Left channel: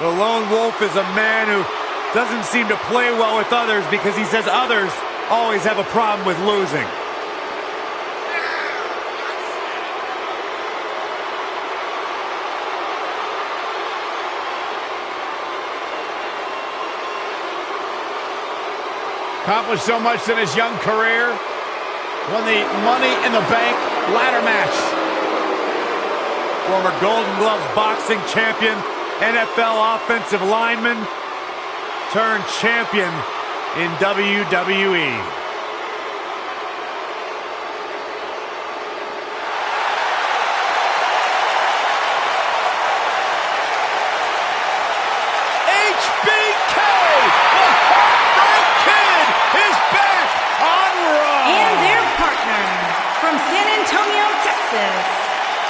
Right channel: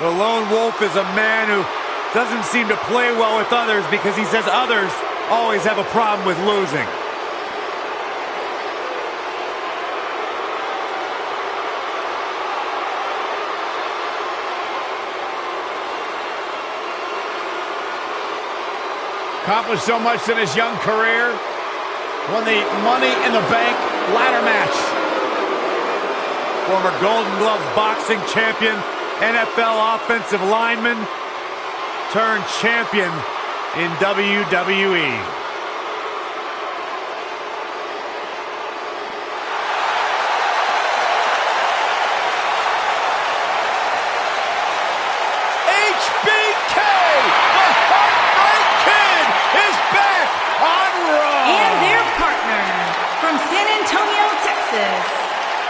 The lone wolf is a man who doesn't seem to play well with others because he says others always have a problem with losing. Accomplished so much in his young career. Won the Money in the Bank ladder match. Former Golden Gloves boxing champion, NFL offensive lineman, turned champion in WWE. HBK, the Heartbreak Kid, is back on Raw. And their partner from San Antonio, Texas,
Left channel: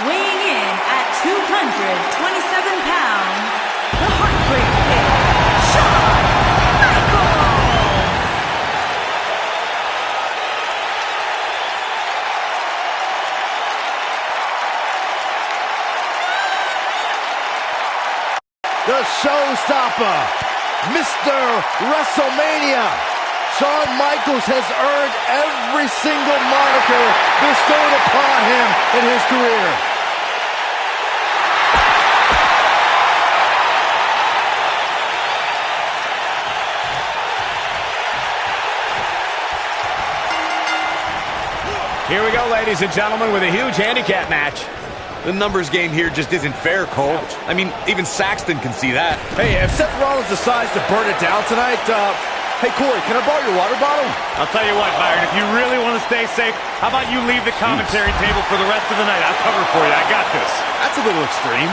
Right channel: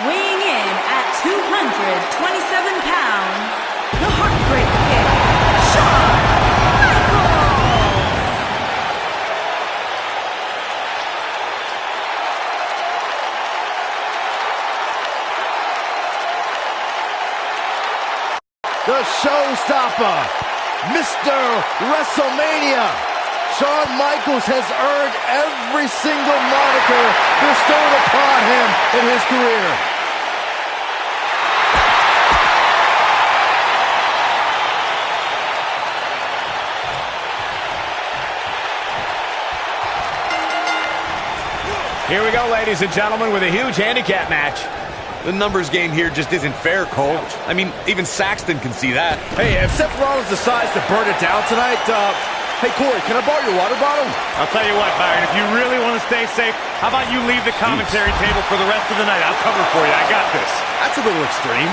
weighing in at 227 pounds, the Heartbreak Kid, Shawn Michaels. The showstopper, Mr. WrestleMania. Shawn Michaels has earned every single moniker bestowed upon him in his career. Here we go, ladies and gentlemen, with a huge handicap match. The numbers game here just isn't fair, Cole. Ouch. I mean, even Saxton can see that. Hey, if Seth Rollins decides to burn it down tonight, hey, Corey, can I borrow your water bottle? I'll tell you what, Byron, if you really want to stay safe, how about you leave the commentary table for the rest of the night? I'll cover for you. I got this. That's a little extreme.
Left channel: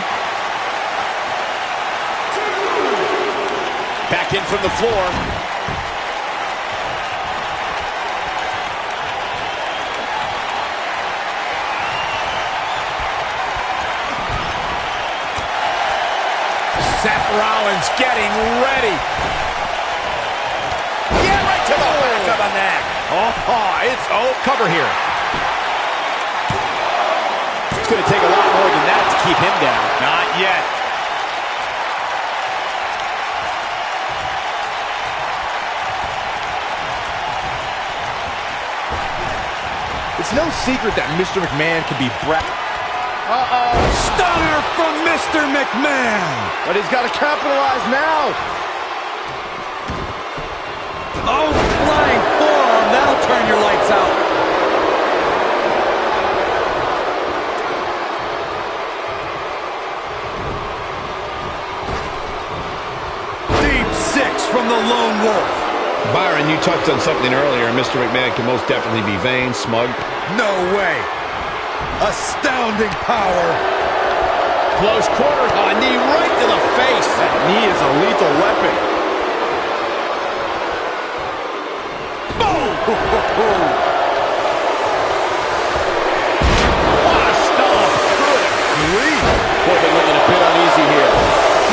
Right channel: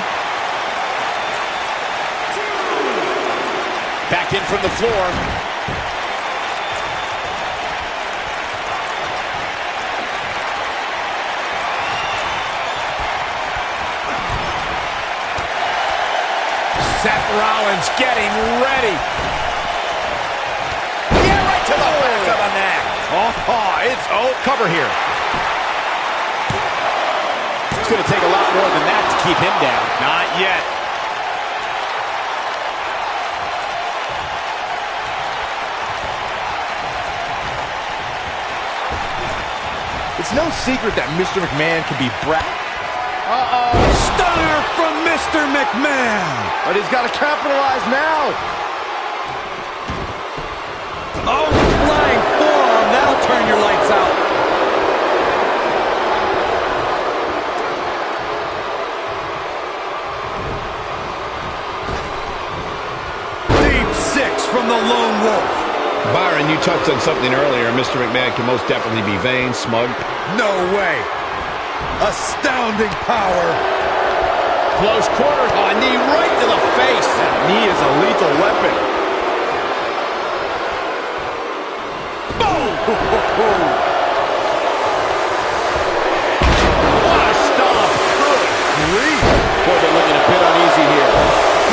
Back in from the floor. Seth Rollins getting ready. Yeah, right to the back of the neck. Oh, cover here. It's going to take a lot more than that to keep him down. Not yet. It's no secret that Mr. McMahon can be Stunner from Mr. McMahon. but he's got to capitalize now. Oh, flying forearm. That'll turn your lights out. Deep six from the lone wolf. Byron, you touched on something earlier. Mr. McMahon can most definitely be vain, smug. No way. Astounding power. Close quarter. Oh, a knee right to the face. That knee is a lethal weapon. Boom! What a stomp. Good grief. Boy, they're looking a bit uneasy here.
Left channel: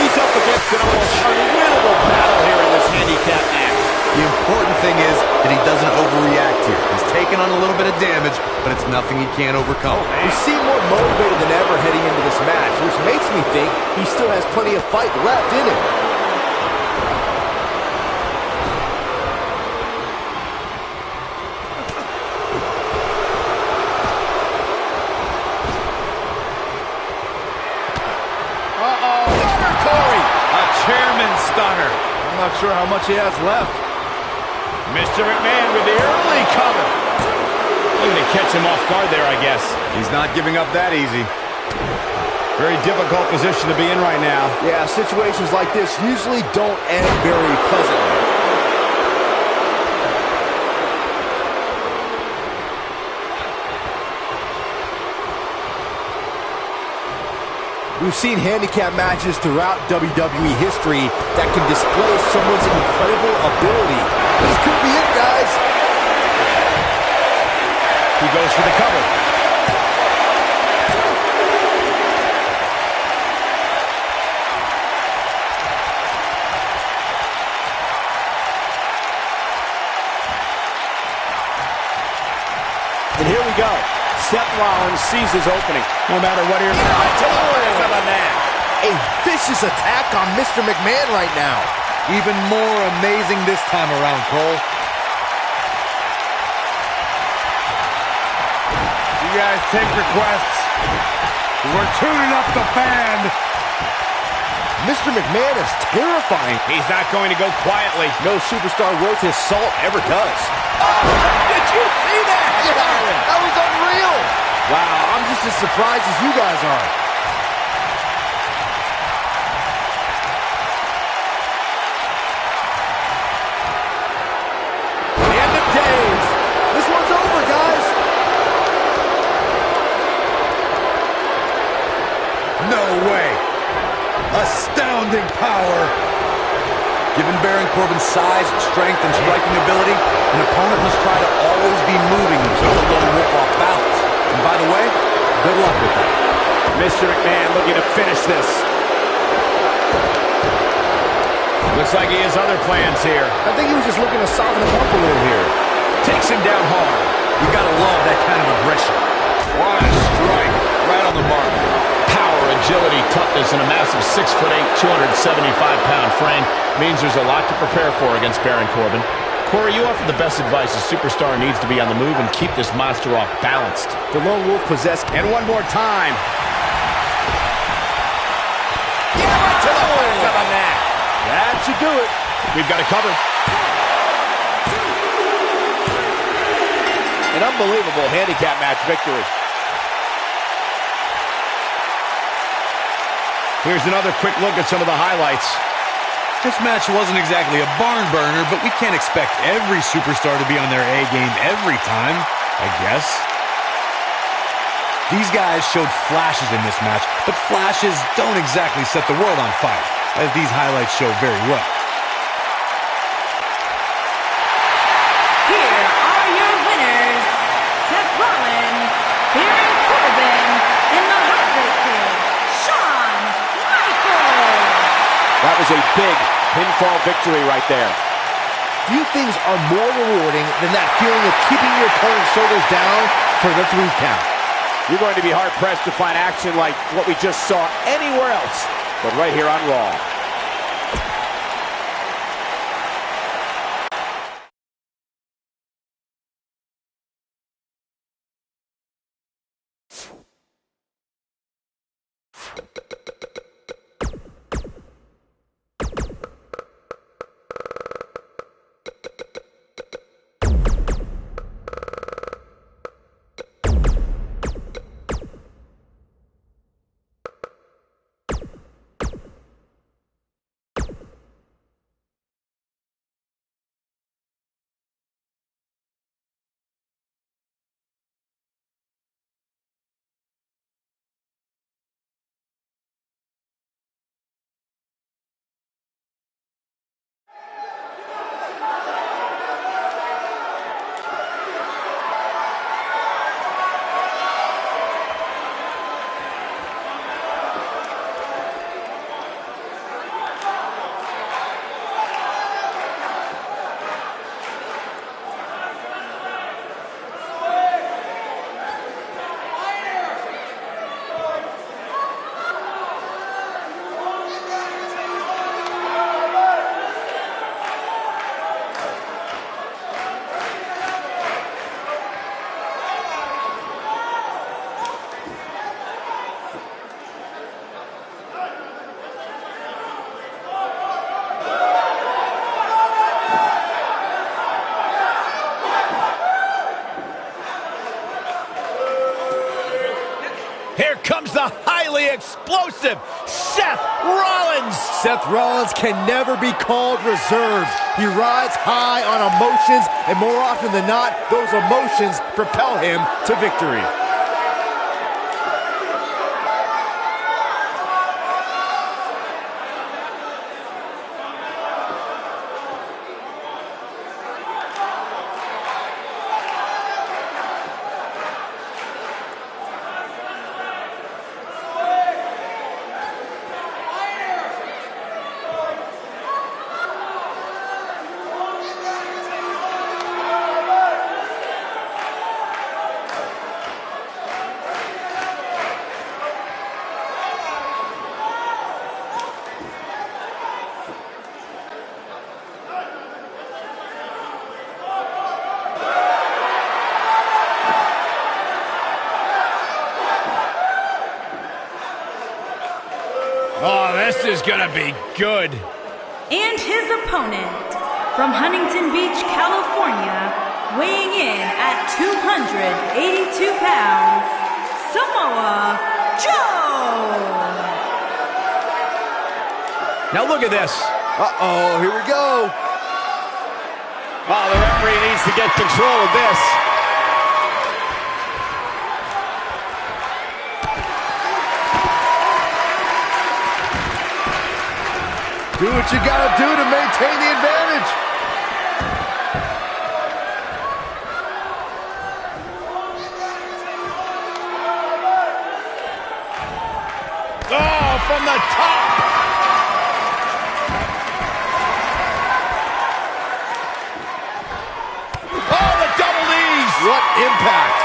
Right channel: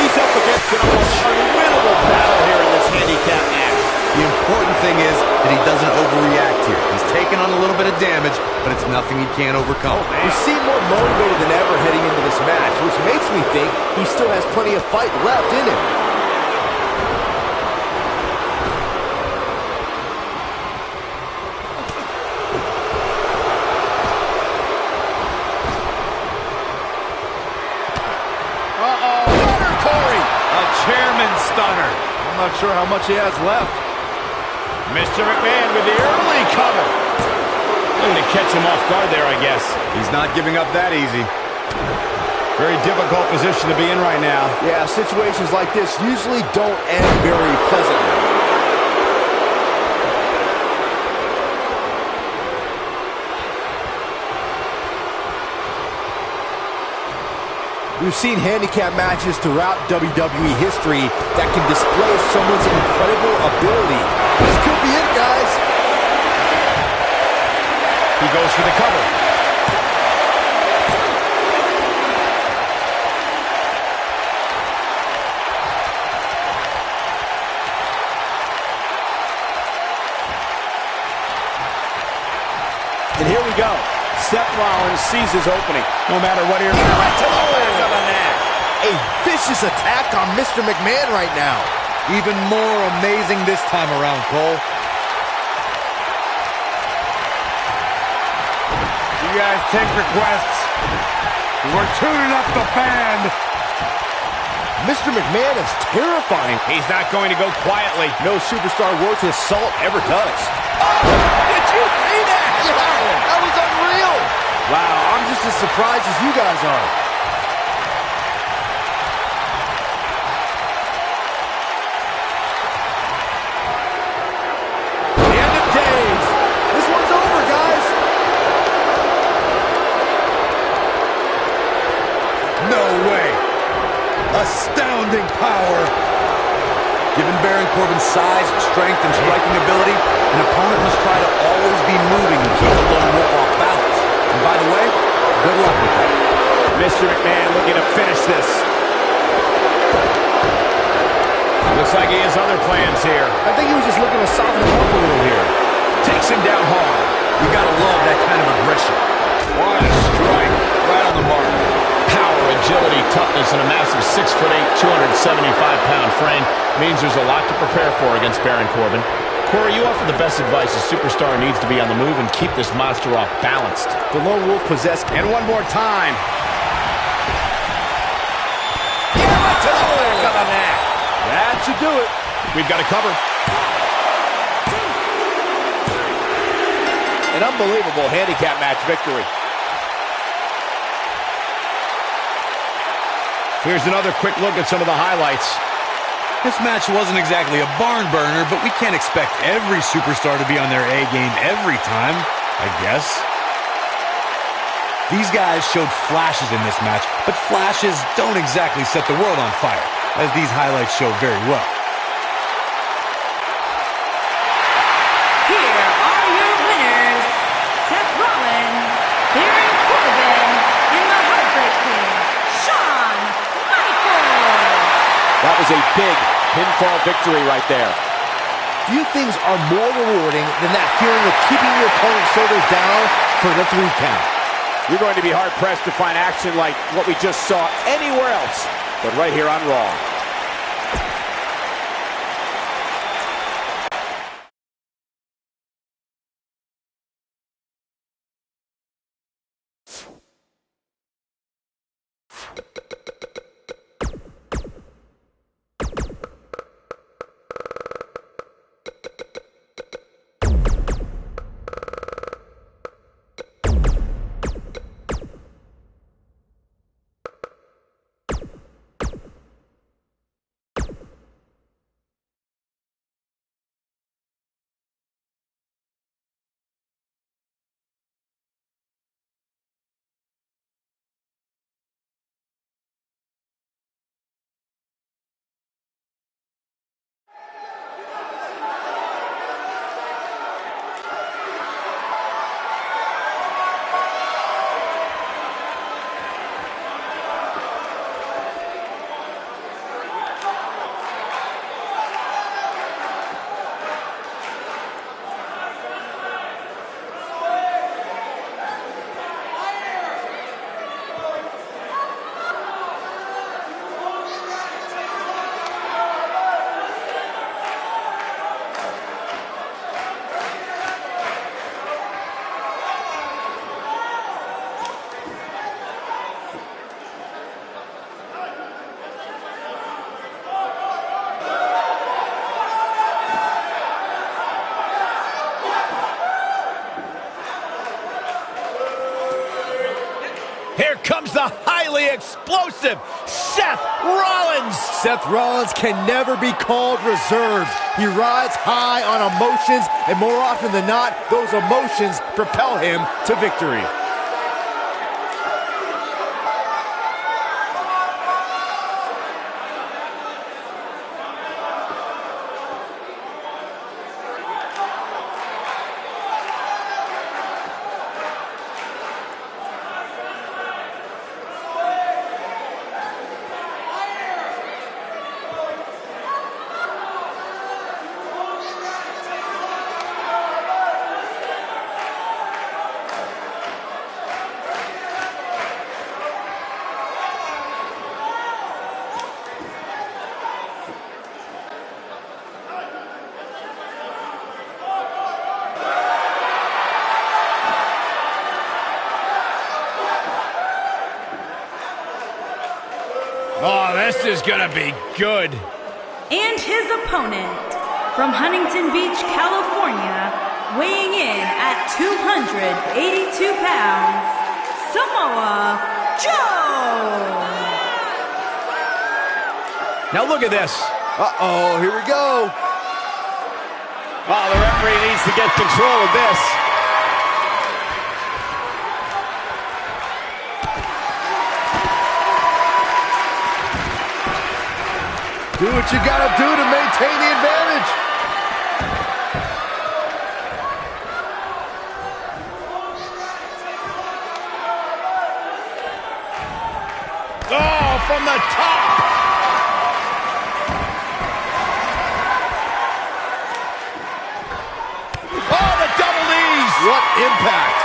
He's up against an almost unwinnable battle here in this handicap match. The important thing is that he doesn't overreact here. He's taken on a little bit of damage, but it's nothing he can't overcome. He seemed more motivated than ever heading into this match, which makes me think he still has plenty of fight left in him. Stunner, Corey. A chairman stunner. I'm not sure how much he has left. Mr. McMahon with the early cover. Looking to catch him off guard there, I guess. He's not giving up that easy. Very difficult position to be in right now. Yeah, situations like this usually don't end very pleasantly. We've seen handicap matches throughout WWE history that can display someone's incredible ability. This could be it, guys. He goes for the cover. And here we go. Seth Rollins sees his opening. No matter what here. Right to the back of the neck. a vicious attack on Mr. McMahon right now. Even more amazing this time around, Cole. You guys take requests. We're tuning up the band. Mr. McMahon is terrifying. He's not going to go quietly. No superstar worth his salt ever does. Oh, did you see that? Yeah, that was unreal. Wow, I'm just as surprised as you guys are. The end of days. This one's over, guys. No way. Astounding power. Given Baron Corbin's size, strength, and striking ability, an opponent must try to always be moving and keep the lone wolf off balance. And by the way, good luck with that. Mr. McMahon looking to finish this. Looks like he has other plans here. I think he was just looking to soften him up a little here. Takes him down hard. You gotta love that kind of aggression. What a strike. Right on the mark. Power, agility, toughness, and a massive 6'8", 275-pound frame means there's a lot to prepare for against Baron Corbin. Corey, you offer the best advice. A superstar needs to be on the move and keep this monster off balanced. The lone wolf possessed. And one more time. Yeah, right to the back of the neck. That should do it. We've got to cover. An unbelievable handicap match victory. Here's another quick look at some of the highlights. This match wasn't exactly a barn burner, but we can't expect every superstar to be on their A game every time, I guess. These guys showed flashes in this match, but flashes don't exactly set the world on fire, as these highlights show very well. Here are your winners, Seth Rollins, Baron Corbin, and the Heartbreak Kid, Shawn Michaels. That was a big pinfall victory right there. Few things are more rewarding than that feeling of keeping your opponent's shoulders down for the 3 count. You're going to be hard-pressed to find action like what we just saw anywhere else, but right here on Raw. Here comes the highly explosive Seth Rollins. Seth Rollins can never be called reserved. He rides high on emotions, and more often than not, those emotions propel him to victory. Oh, this is gonna be good. And his opponent, from Huntington Beach, California, weighing in at 282 pounds, Samoa Joe! Now look at this. Uh-oh, here we go. Oh, the referee needs to get control of this. Do what you gotta do to maintain the advantage. Oh, from the top. Oh, the double knees. What impact.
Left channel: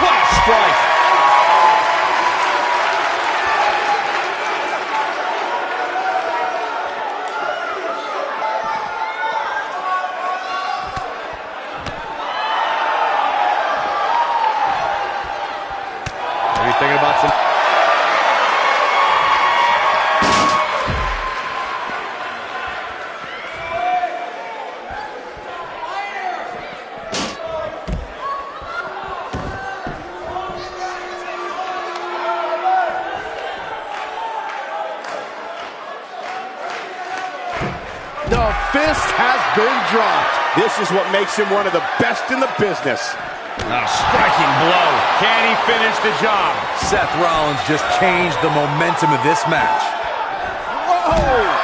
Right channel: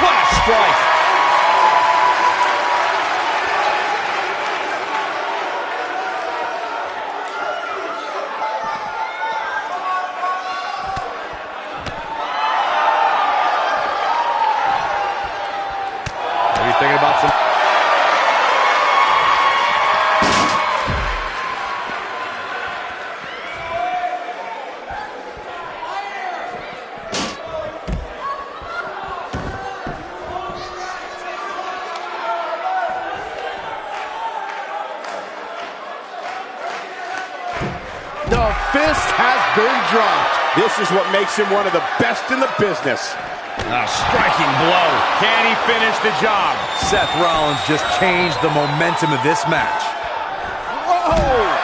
What a strike. Are you thinking about some... The fist has been dropped. This is what makes him one of the best in the business. A striking blow. Can he finish the job? Seth Rollins just changed the momentum of this match. Whoa!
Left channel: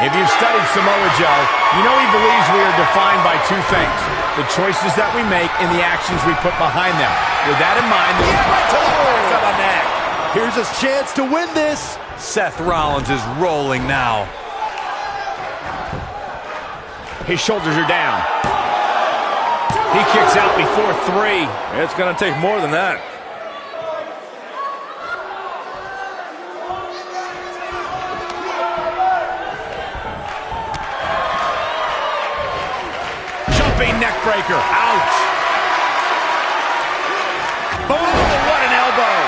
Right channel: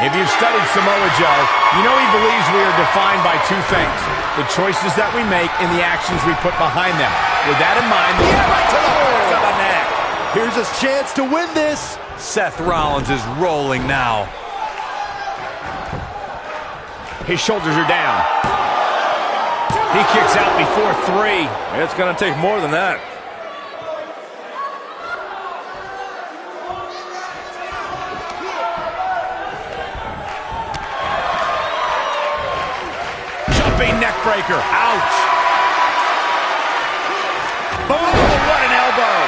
If you've studied Samoa Joe, you know he believes we are defined by two things: the choices that we make and the actions we put behind them. With that in mind, right to the back of the neck. Here's his chance to win this. Seth Rollins is rolling now. His shoulders are down. He kicks out before 3. It's going to take more than that. Neck breaker. Ouch. Boom. What an elbow.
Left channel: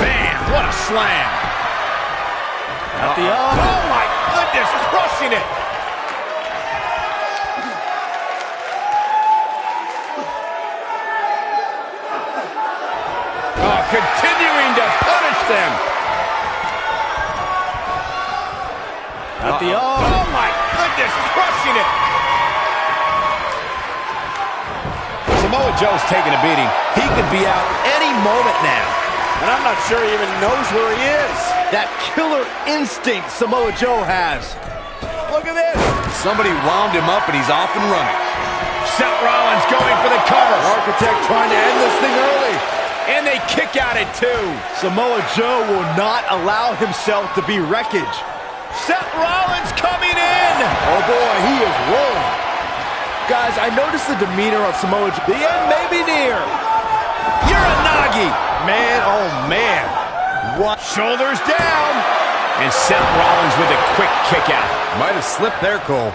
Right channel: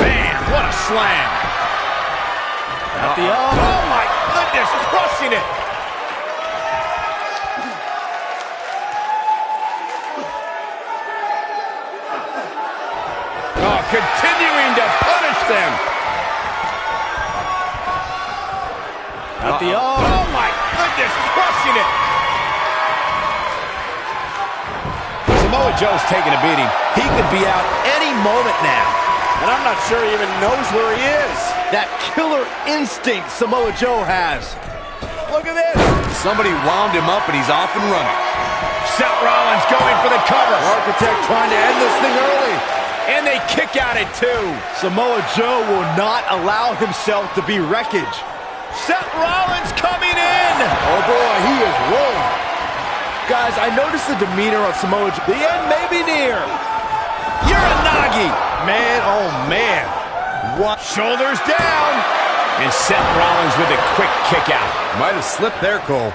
Bam. What a slam. At the oh my goodness. Crushing it. Continuing to punish them. At the oh my goodness, crushing it. Samoa Joe's taking a beating. He could be out any moment now. And I'm not sure he even knows where he is. That killer instinct Samoa Joe has. Look at this. Somebody wound him up and he's off and running. Seth Rollins going for the cover. Architect trying to end this thing early. And they kick out at 2. Samoa Joe will not allow himself to be wreckage. Seth Rollins coming in. Oh boy, he is rolling. Guys, I noticed the demeanor of Samoa Joe. The end may be near. Uranagi. Man, oh man. What? Shoulders down. And Seth Rollins with a quick kick out. Might have slipped there, Cole.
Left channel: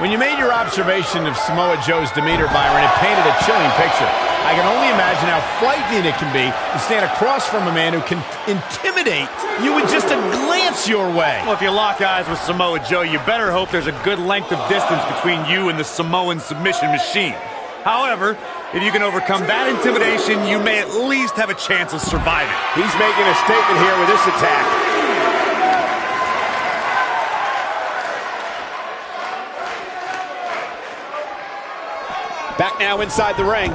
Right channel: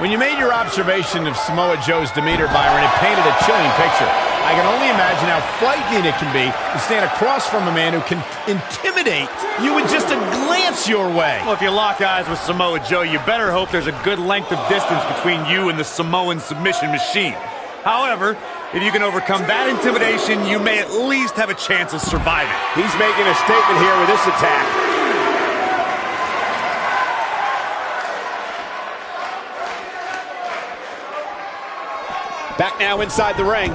When you made your observation of Samoa Joe's demeanor, Byron, it painted a chilling picture. I can only imagine how frightening it can be to stand across from a man who can intimidate you with just a glance your way. Well, if you lock eyes with Samoa Joe, you better hope there's a good length of distance between you and the Samoan submission machine. However, if you can overcome that intimidation, you may at least have a chance of surviving. He's making a statement here with this attack. Back now inside the ring.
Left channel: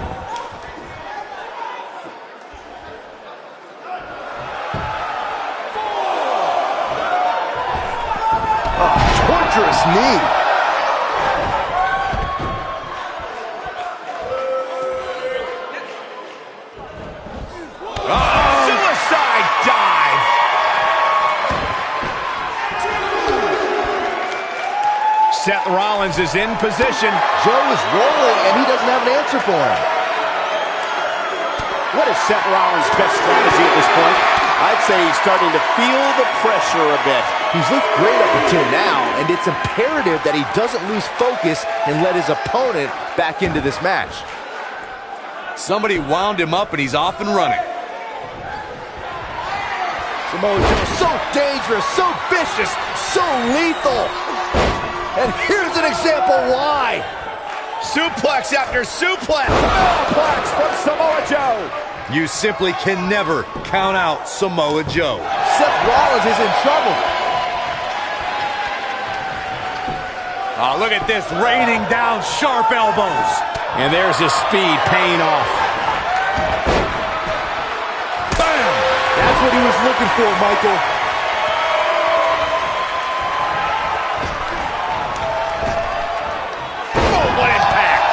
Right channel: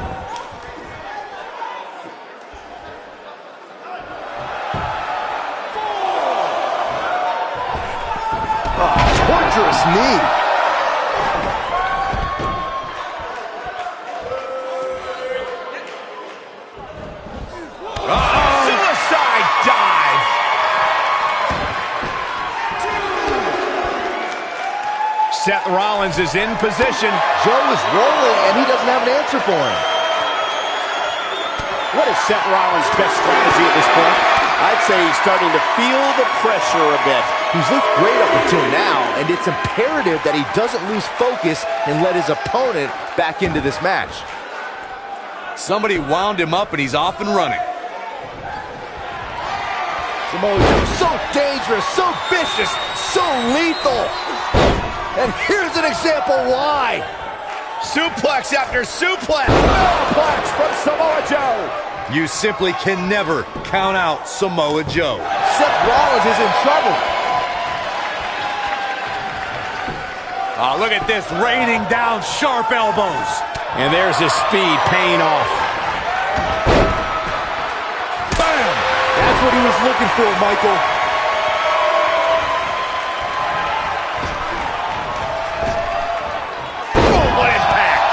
Torturous knee. Suicide dive. Seth Rollins is in position. Joe is rolling, and he doesn't have an answer for him. What is Seth Rollins' best strategy at this point? I'd say he's starting to feel the pressure a bit. He's looked great up until now, and it's imperative that he doesn't lose focus and let his opponent back into this match. Somebody wound him up, and he's off and running. Samoa Joe, so dangerous, so vicious, so lethal. And here's an example why. Suplex after suplex. Suplex from Samoa Joe. You simply can never count out Samoa Joe. Seth Rollins is in trouble. Oh, look at this, raining down sharp elbows. And there's his speed paying off. Bam! That's what he was looking for, Michael. Oh, what impact!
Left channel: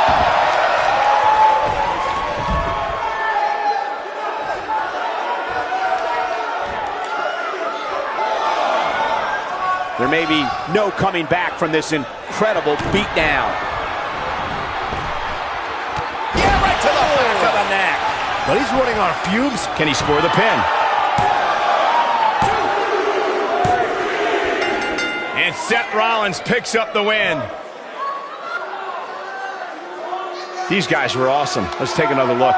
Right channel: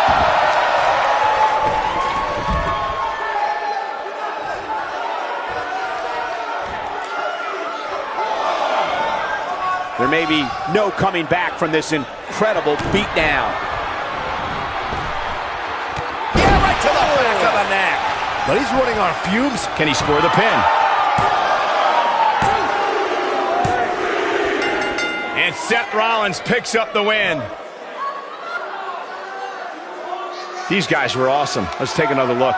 There may be no coming back from this incredible beatdown. Yeah, right to the back of the neck. But he's running on fumes. Can he score the pin? And Seth Rollins picks up the win. These guys were awesome. Let's take another look.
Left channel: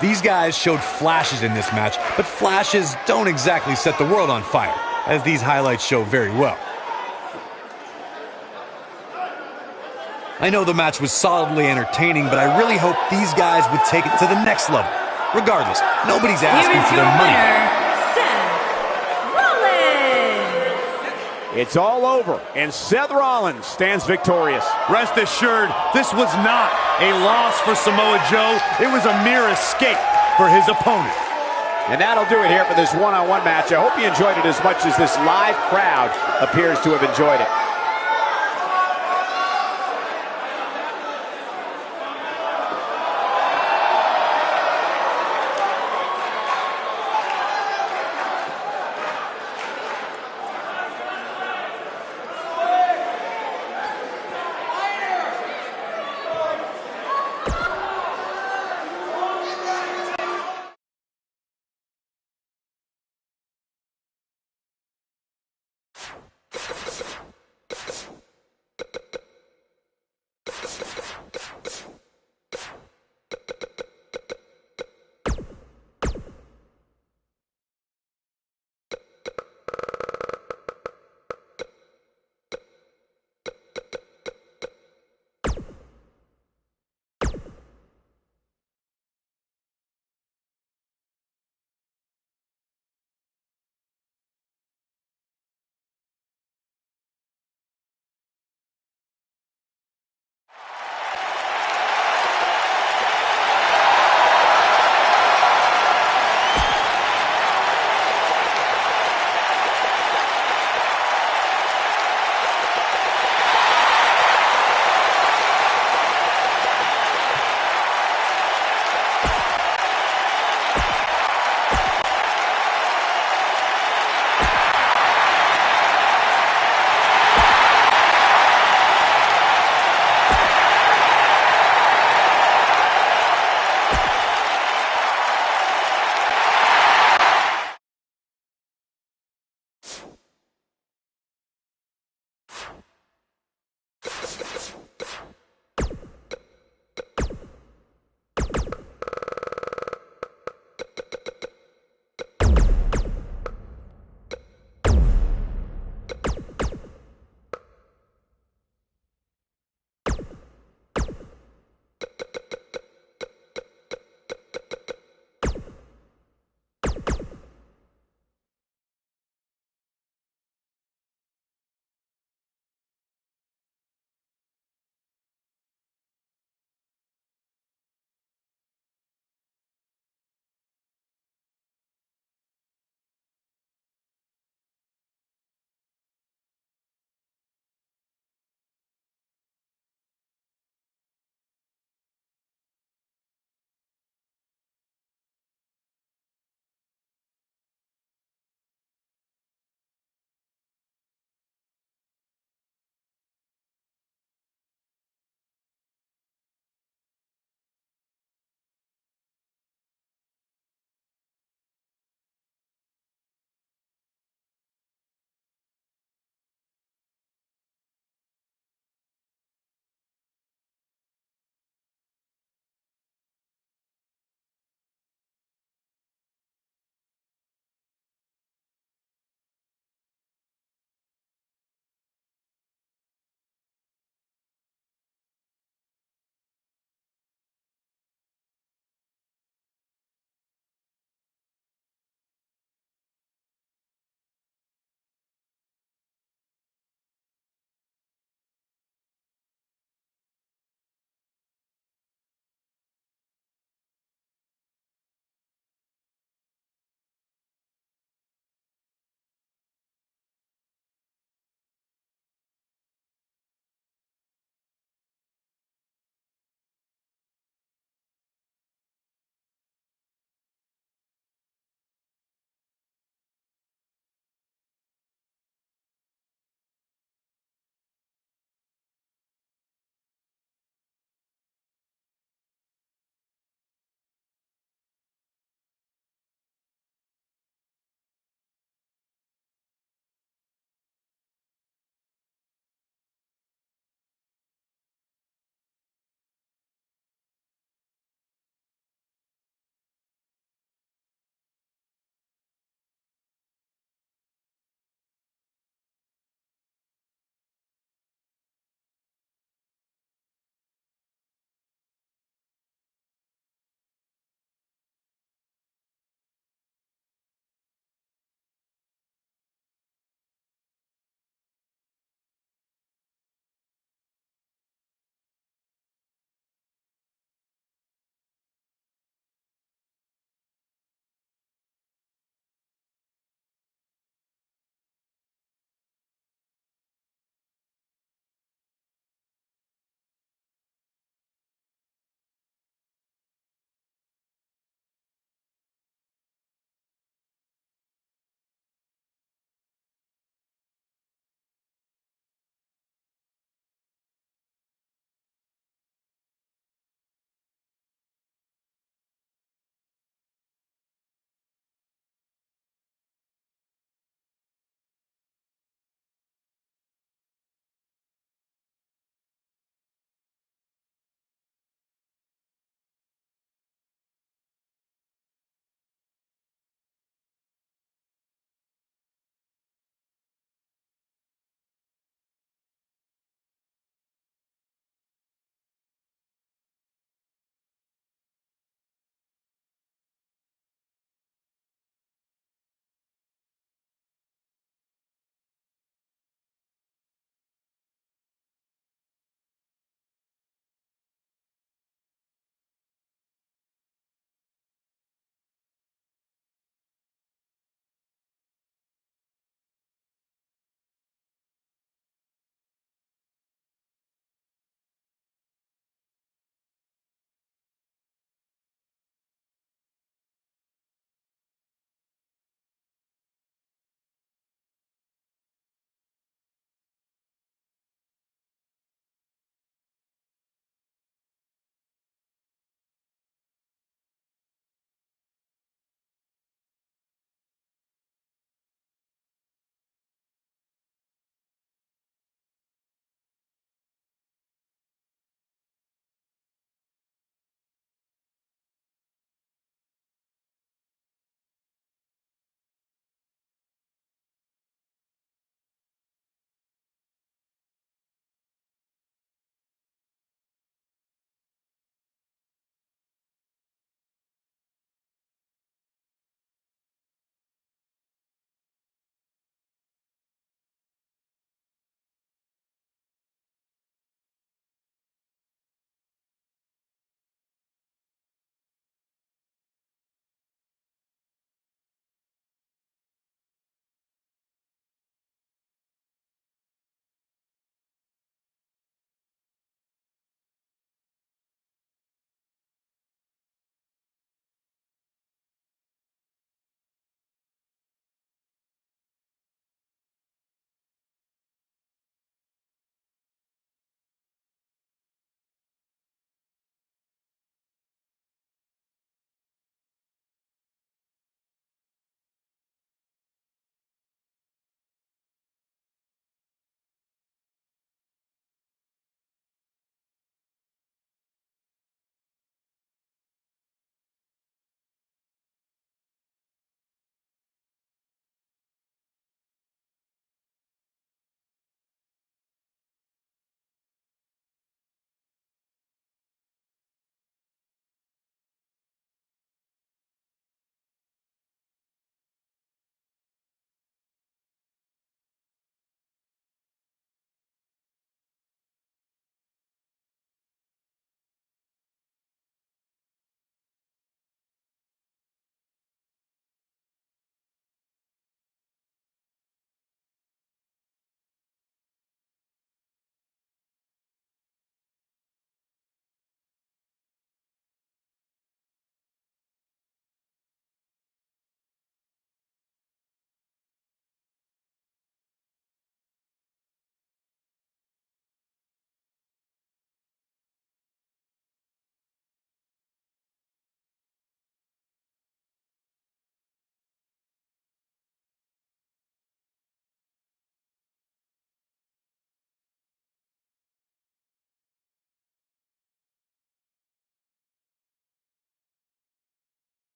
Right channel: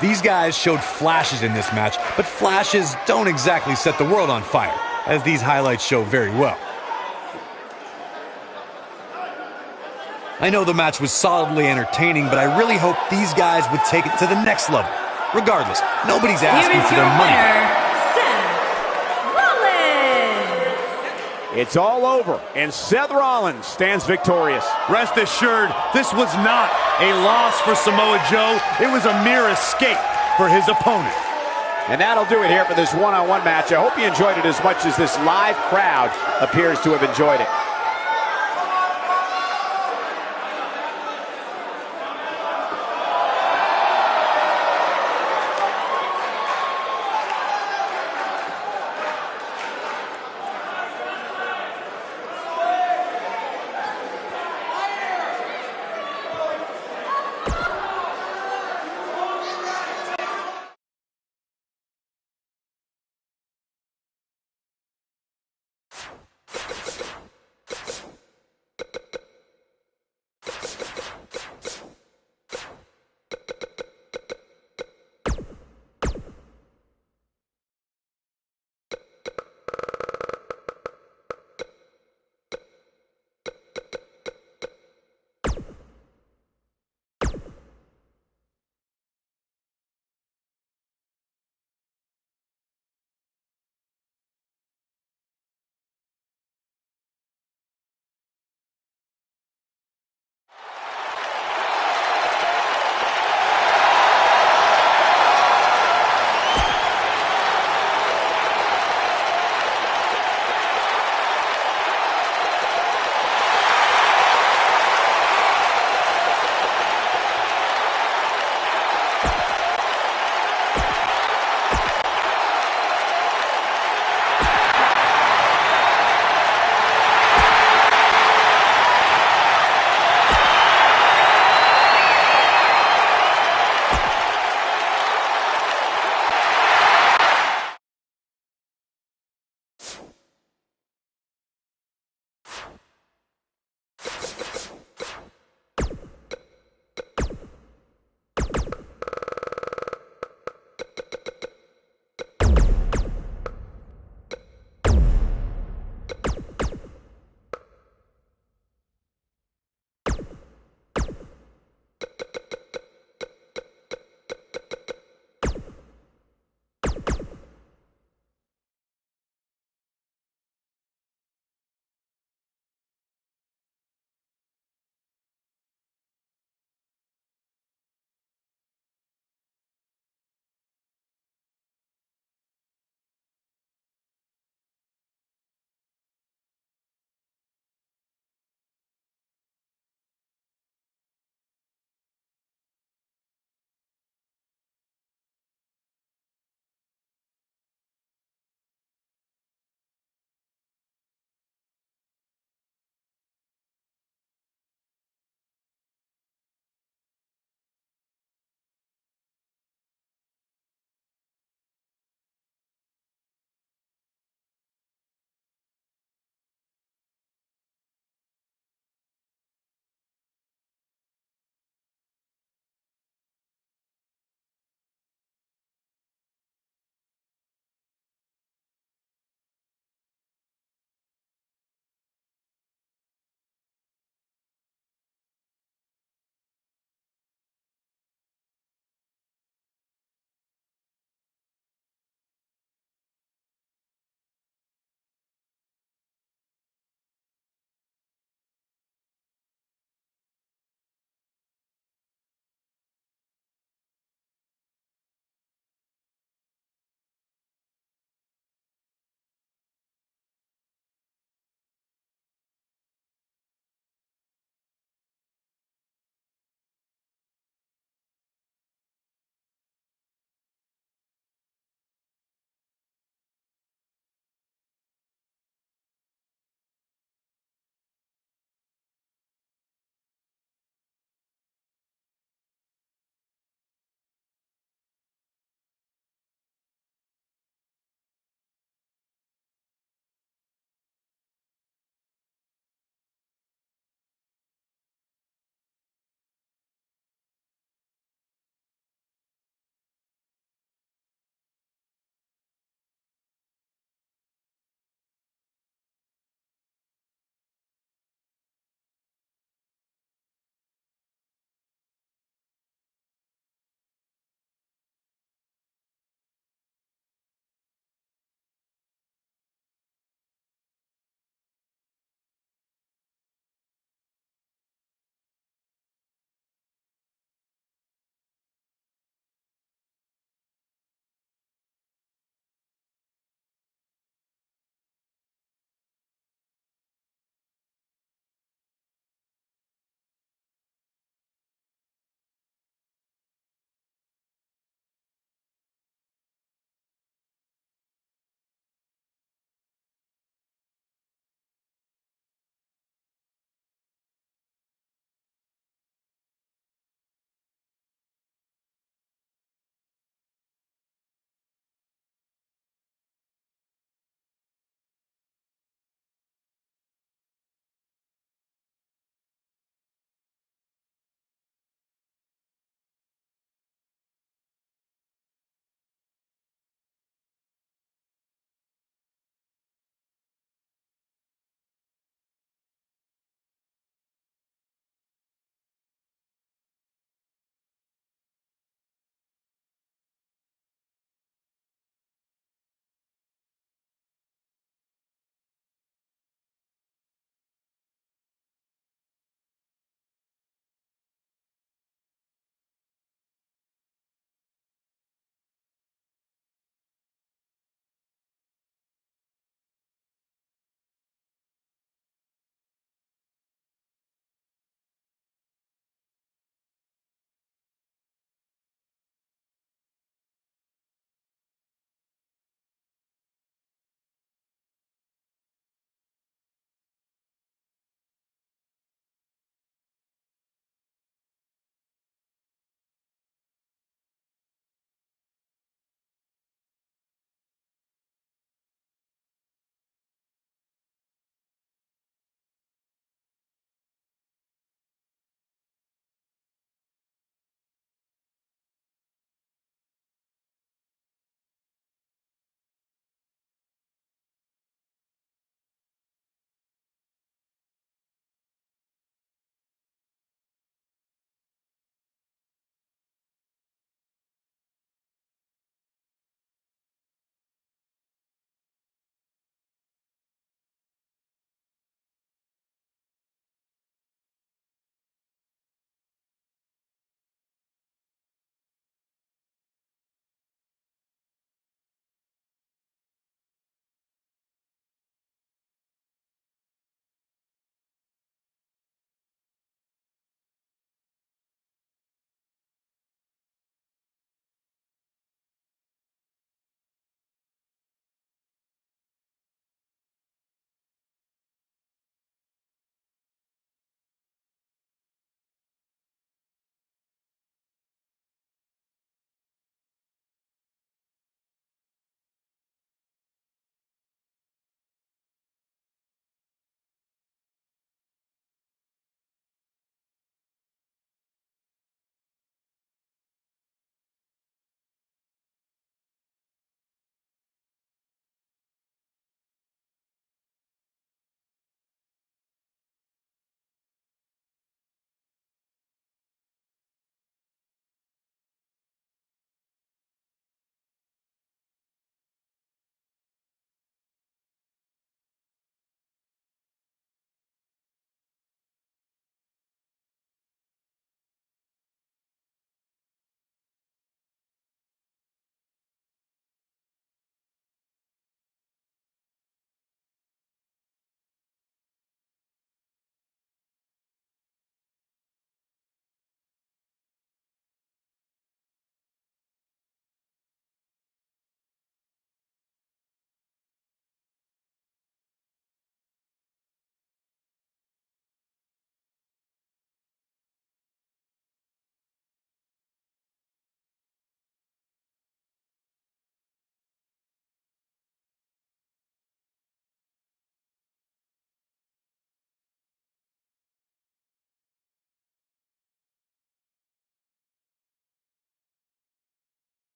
These guys showed flashes in this match, but flashes don't exactly set the world on fire, as these highlights show very well. I know the match was solidly entertaining, but I really hope these guys would take it to the next level. Regardless, nobody's asking for their money. Here is your winner, Seth Rollins. It's all over, and Seth Rollins stands victorious. Rest assured, this was not a loss for Samoa Joe. It was a mere escape for his opponent. And that'll do it here for this one-on-one match. I hope you enjoyed it as much as this live crowd appears to have enjoyed it.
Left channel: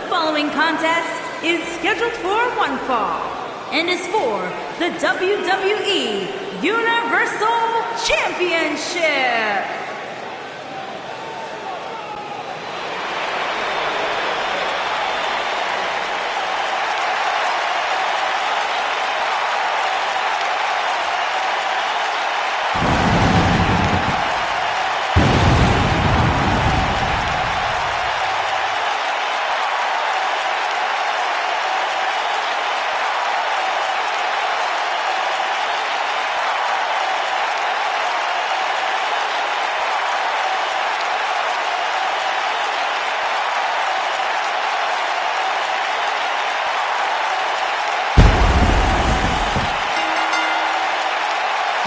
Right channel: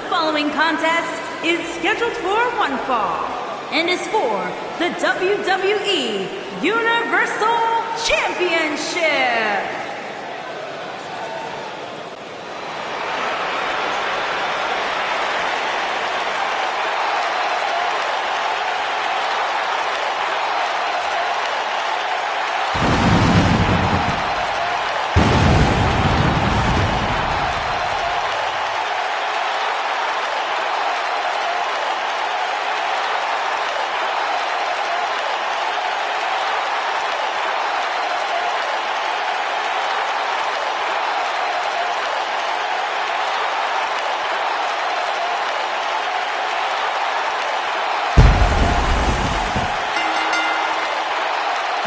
The following contest is scheduled for one fall and is for the WWE Universal Championship.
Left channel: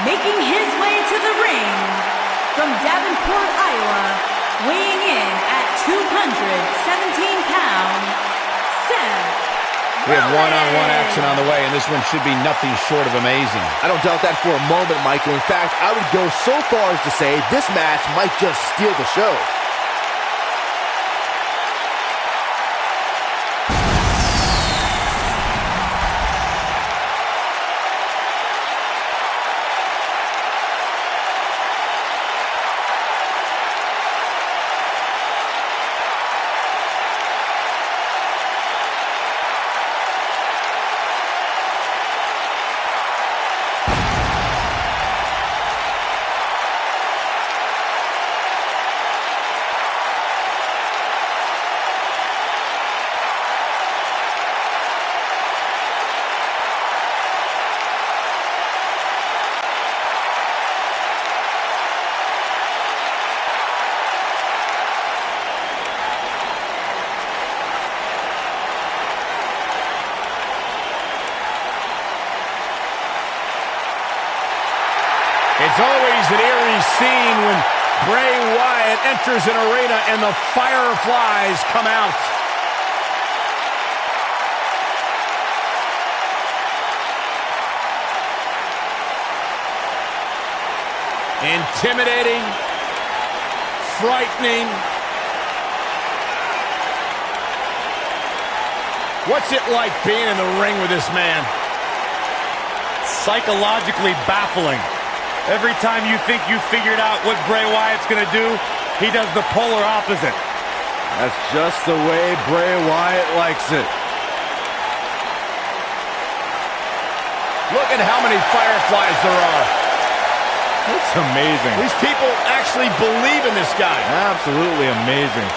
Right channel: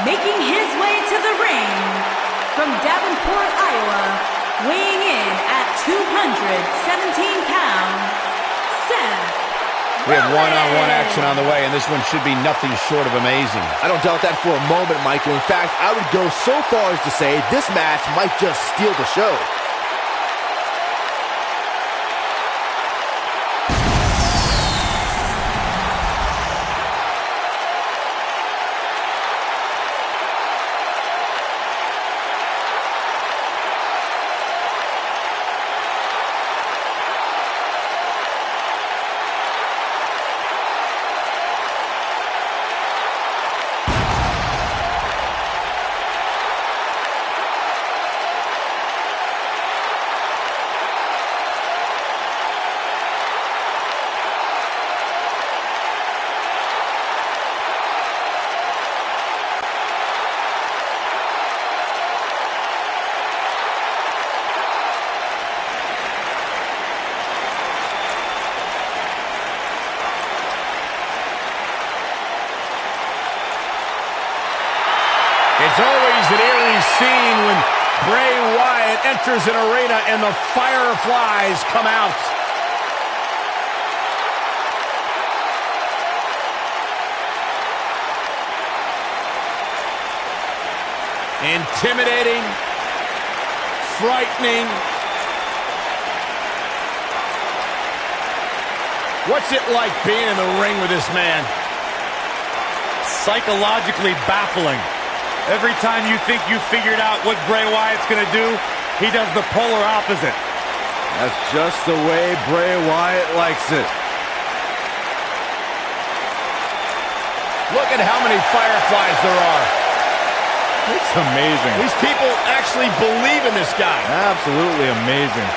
Making his way to the ring from Davenport, Iowa, weighing in at 217 pounds, Seth We have Rollins. one-on-one action on the way, and this one should be nothing short of amazing. I don't doubt that for a moment, Michael. In fact, I would go so far as to say this match might just steal the show. It's always an eerie scene when Bray Wyatt enters an arena and the fireflies come out. Intimidating, frightening. What's it like being in the ring with this man? Psychologically baffling. Every time you think you figured out what Bray Wyatt's going to do, he does the polar opposite. That's just the way Bray Wyatt likes it. Look at how many fireflies there are. It's amazing. These people actually believe in this guy. Absolutely amazing.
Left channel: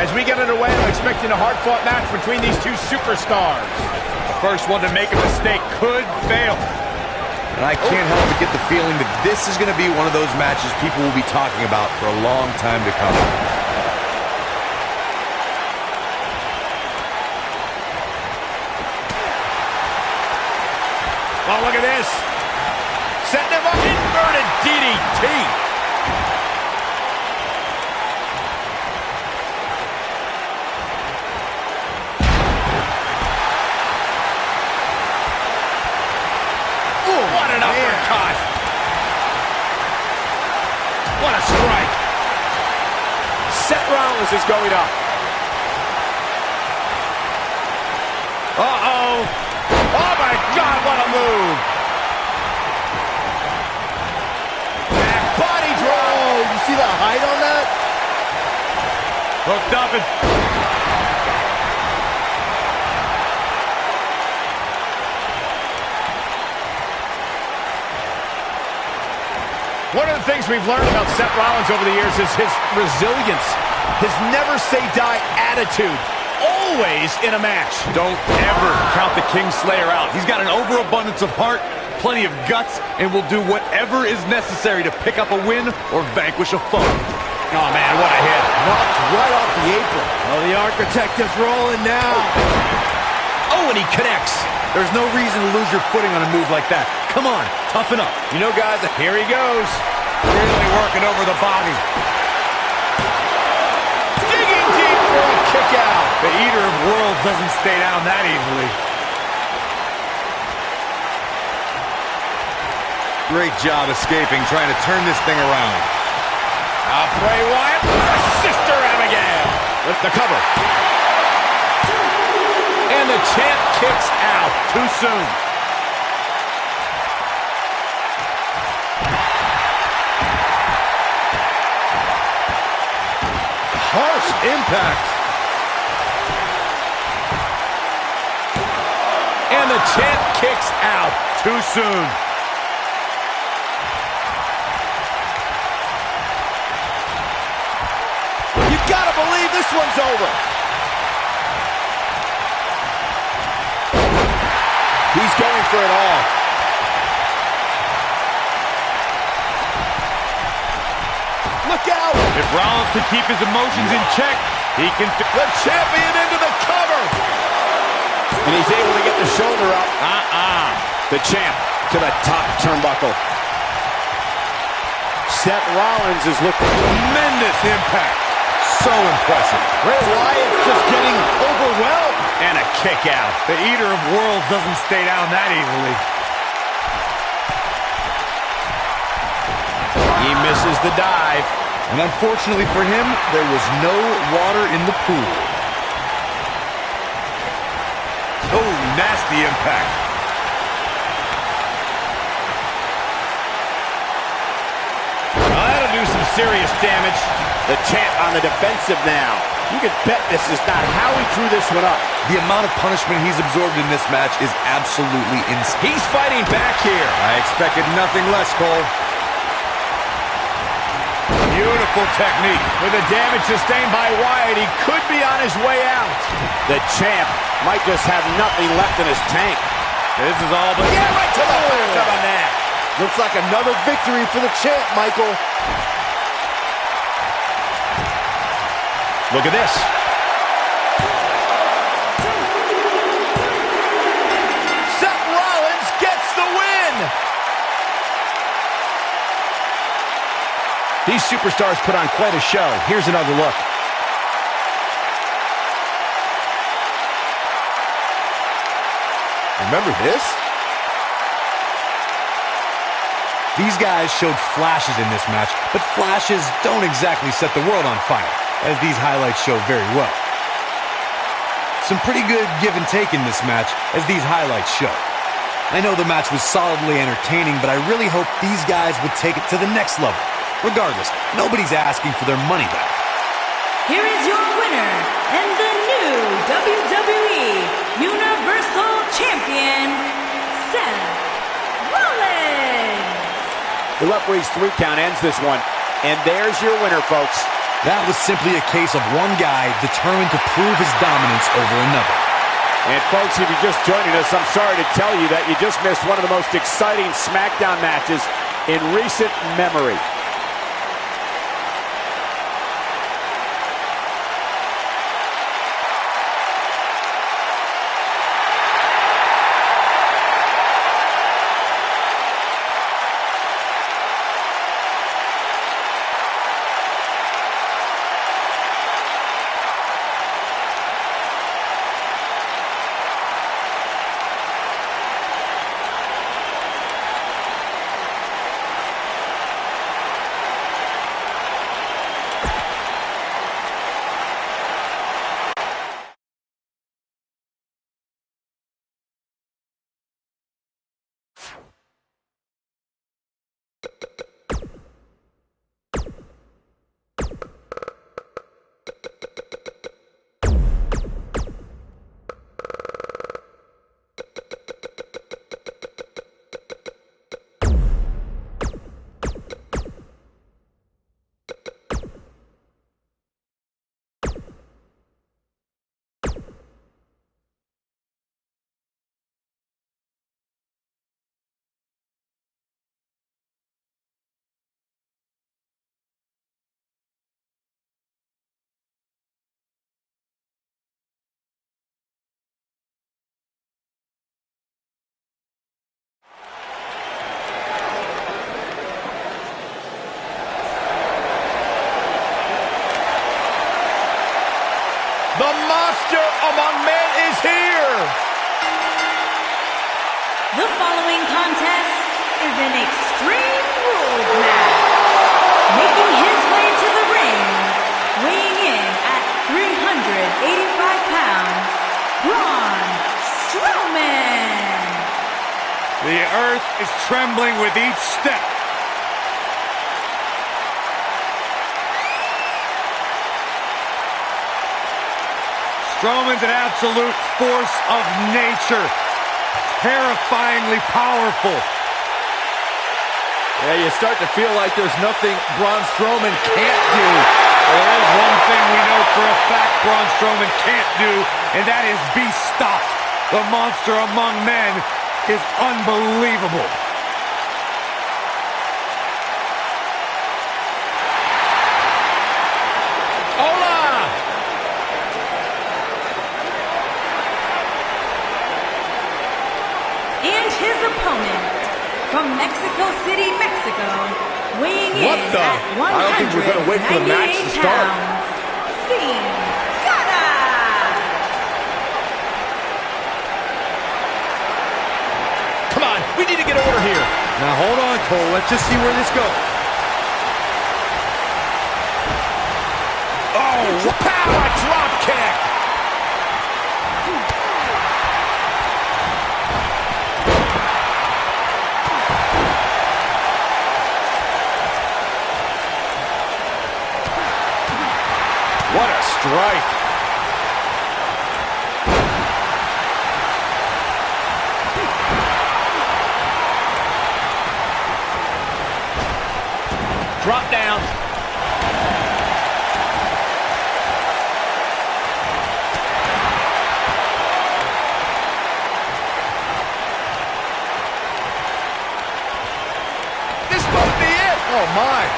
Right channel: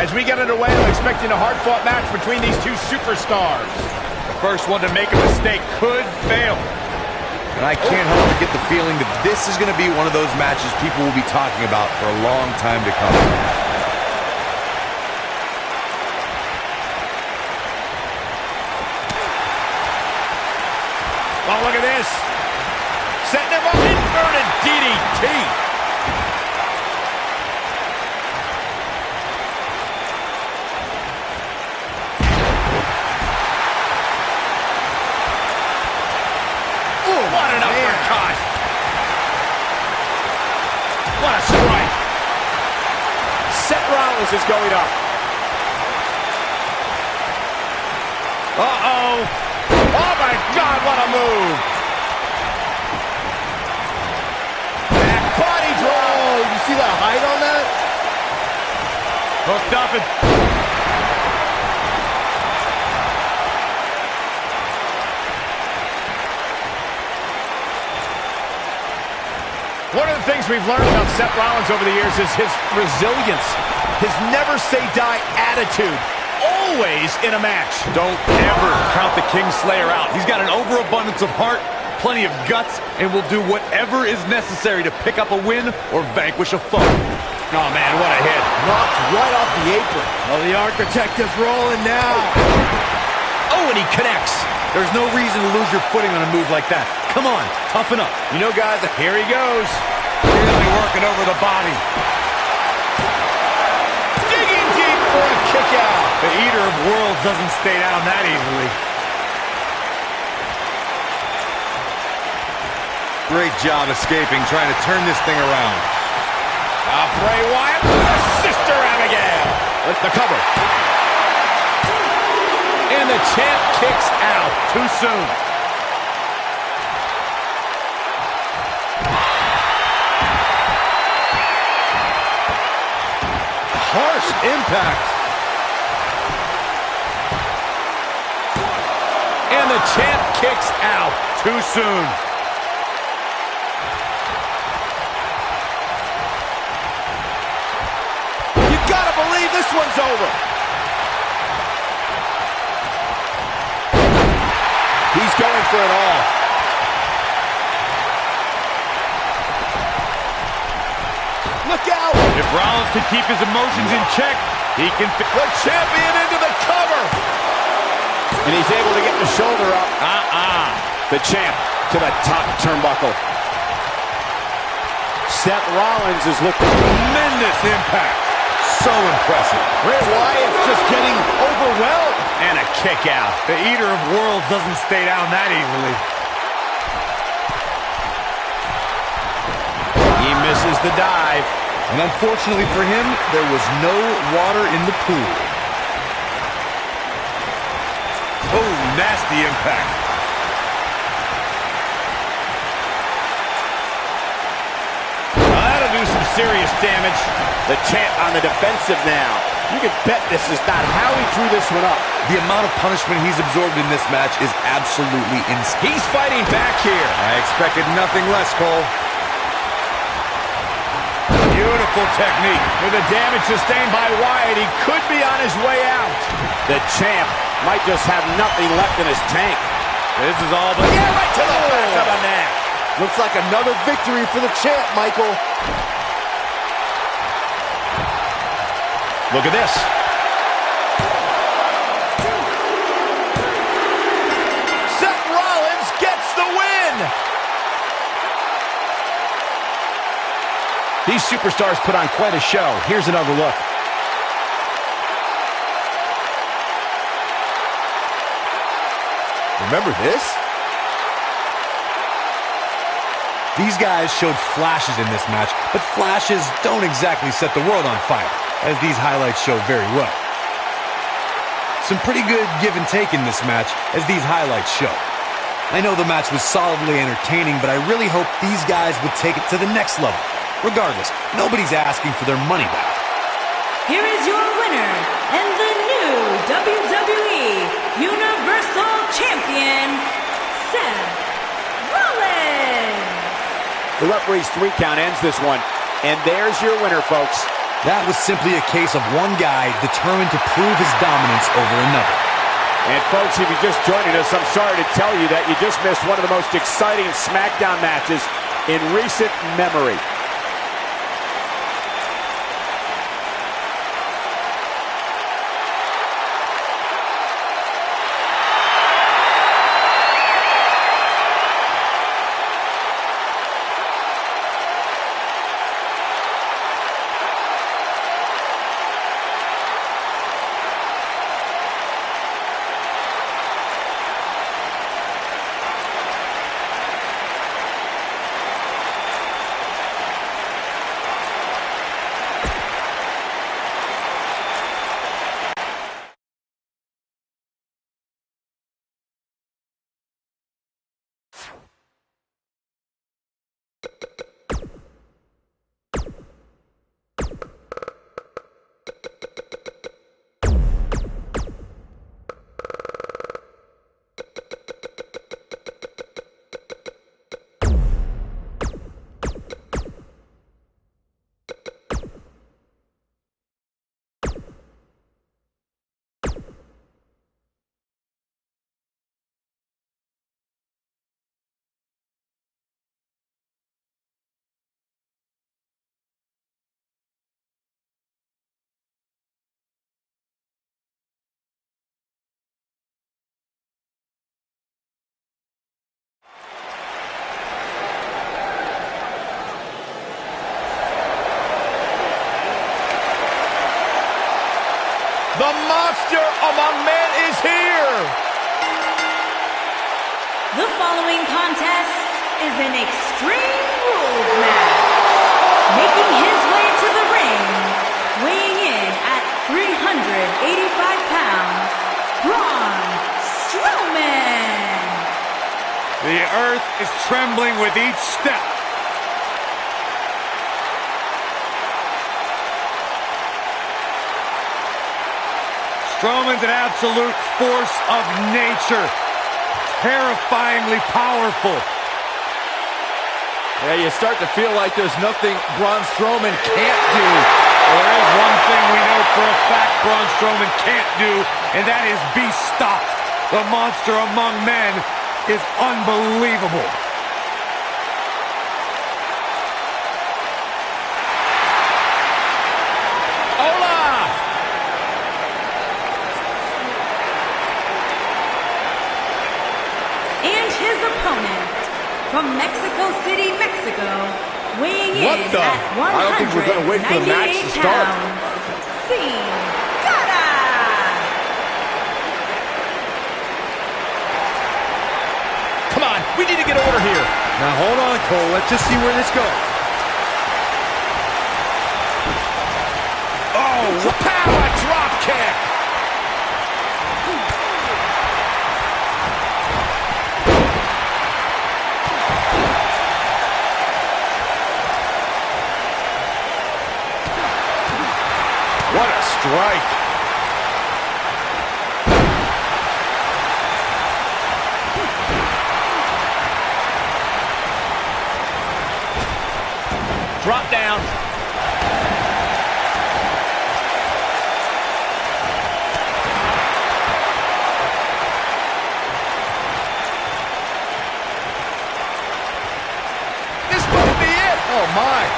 As we get underway, I'm expecting a hard-fought match between these two superstars. The first one to make a mistake could fail. And I can't help but get the feeling that this is going to be one of those matches people will be talking about for a long time to come. Oh, look at this. Setting him up. Inverted DDT. What an uppercut! What a strike! Seth Rollins is going up. Uh-oh! Oh my God, what a move! Back body drop! Oh, you see the height on that? Hooked up and... One of the things we've learned about Seth Rollins over the years is his resilience, his never-say-die attitude, always in a match. Don't ever count the Kingslayer out. He's got an overabundance of heart, plenty of guts, and will do whatever is necessary to pick up a win or vanquish a foe. Oh, man, what a hit. Knocked right off the apron. Oh, the Architect is rolling now. Oh, and he connects. There's no reason to lose your footing on a move like that. Come on, toughen up. You know, guys, here he goes. Really working over the body. Digging deep for a kick out. The Eater of Worlds doesn't stay down that easily. Great job escaping, trying to turn this thing around. Bray Wyatt with a Sister Abigail. With the cover. And the champ kicks out. Too soon. Harsh impact. And the champ kicks out. Too soon. You gotta believe this one's over. He's going for it all. Look out! If Rollins can keep his emotions in check, he can... The champion into the cover! And he's able to get the shoulder up. The champ to the top turnbuckle. Seth Rollins is looking... Tremendous impact. So impressive. Bray Wyatt's just getting overwhelmed. And a kick out. The Eater of Worlds doesn't stay down that easily. He misses the dive. And unfortunately for him, there was no water in the pool. Oh, nasty impact. Well, that'll do some serious damage. The champ on the defensive now. You can bet this is not how he drew this one up. The amount of punishment he's absorbed in this match is absolutely insane. He's fighting back here. I expected nothing less, Cole. Beautiful technique. With the damage sustained by Wyatt, he could be on his way out. The champ might just have nothing left in his tank. This is all but... Yeah, right to the back of the neck. Looks like another victory for the champ, Michael. Look at this. Seth Rollins gets the win. These superstars put on quite a show. Here's another look. Remember this? These guys showed flashes in this match, but flashes don't exactly set the world on fire, as these highlights show very well. Some pretty good give and take in this match, as these highlights show. I know the match was solidly entertaining, but I really hope these guys would take it to the next level. Regardless, nobody's asking for their money back. Here is your winner and the new WWE Universal Champion, Seth Rollins. The referee's 3 count ends this one. And there's your winner, folks. That was simply a case of one guy determined to prove his dominance over another. And folks, if you're just joining us, I'm sorry to tell you that you just missed one of the most exciting SmackDown matches in recent memory. The monster among men is here. The following contest is an Extreme Rules match. Making his way to the ring, weighing in at 385 pounds, Braun Strowman. The earth is trembling with each step. Strowman's an absolute force of nature. Terrifyingly powerful. Yeah, you start to feel like there's nothing Braun Strowman can't do. Well, there is one thing we know for a fact Braun Strowman can't do, and that is be stopped. The monster among men is unbelievable. Hola! And his opponent, from Mexico City, Mexico, weighing in What the? at 198 I don't think we're gonna wait for the match to start. pounds, Sin Cara. Come on, we need to get order here. Now hold on, Cole. Let's just see where this goes. Oh, power drop kick. What a strike. Drop down. This might be it. Oh, my.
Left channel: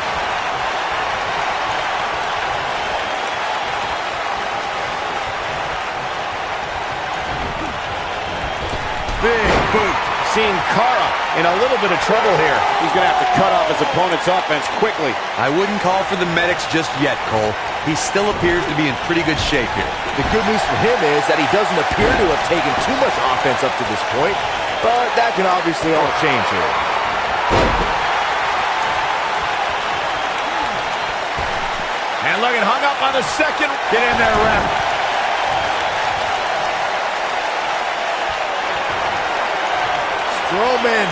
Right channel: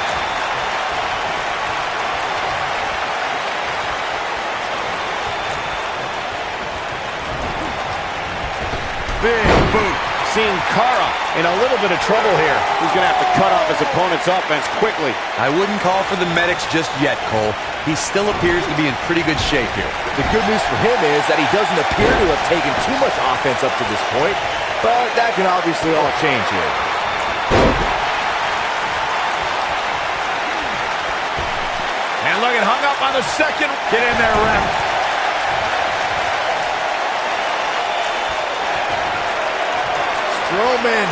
Big boot. Sin Cara in a little bit of trouble here. He's going to have to cut off his opponent's offense quickly. I wouldn't call for the medics just yet, Cole. He still appears to be in pretty good shape here. The good news for him is that he doesn't appear to have taken too much offense up to this point, but that can obviously all change here. And look, it hung up on the second. Get in there, ref. Strowman.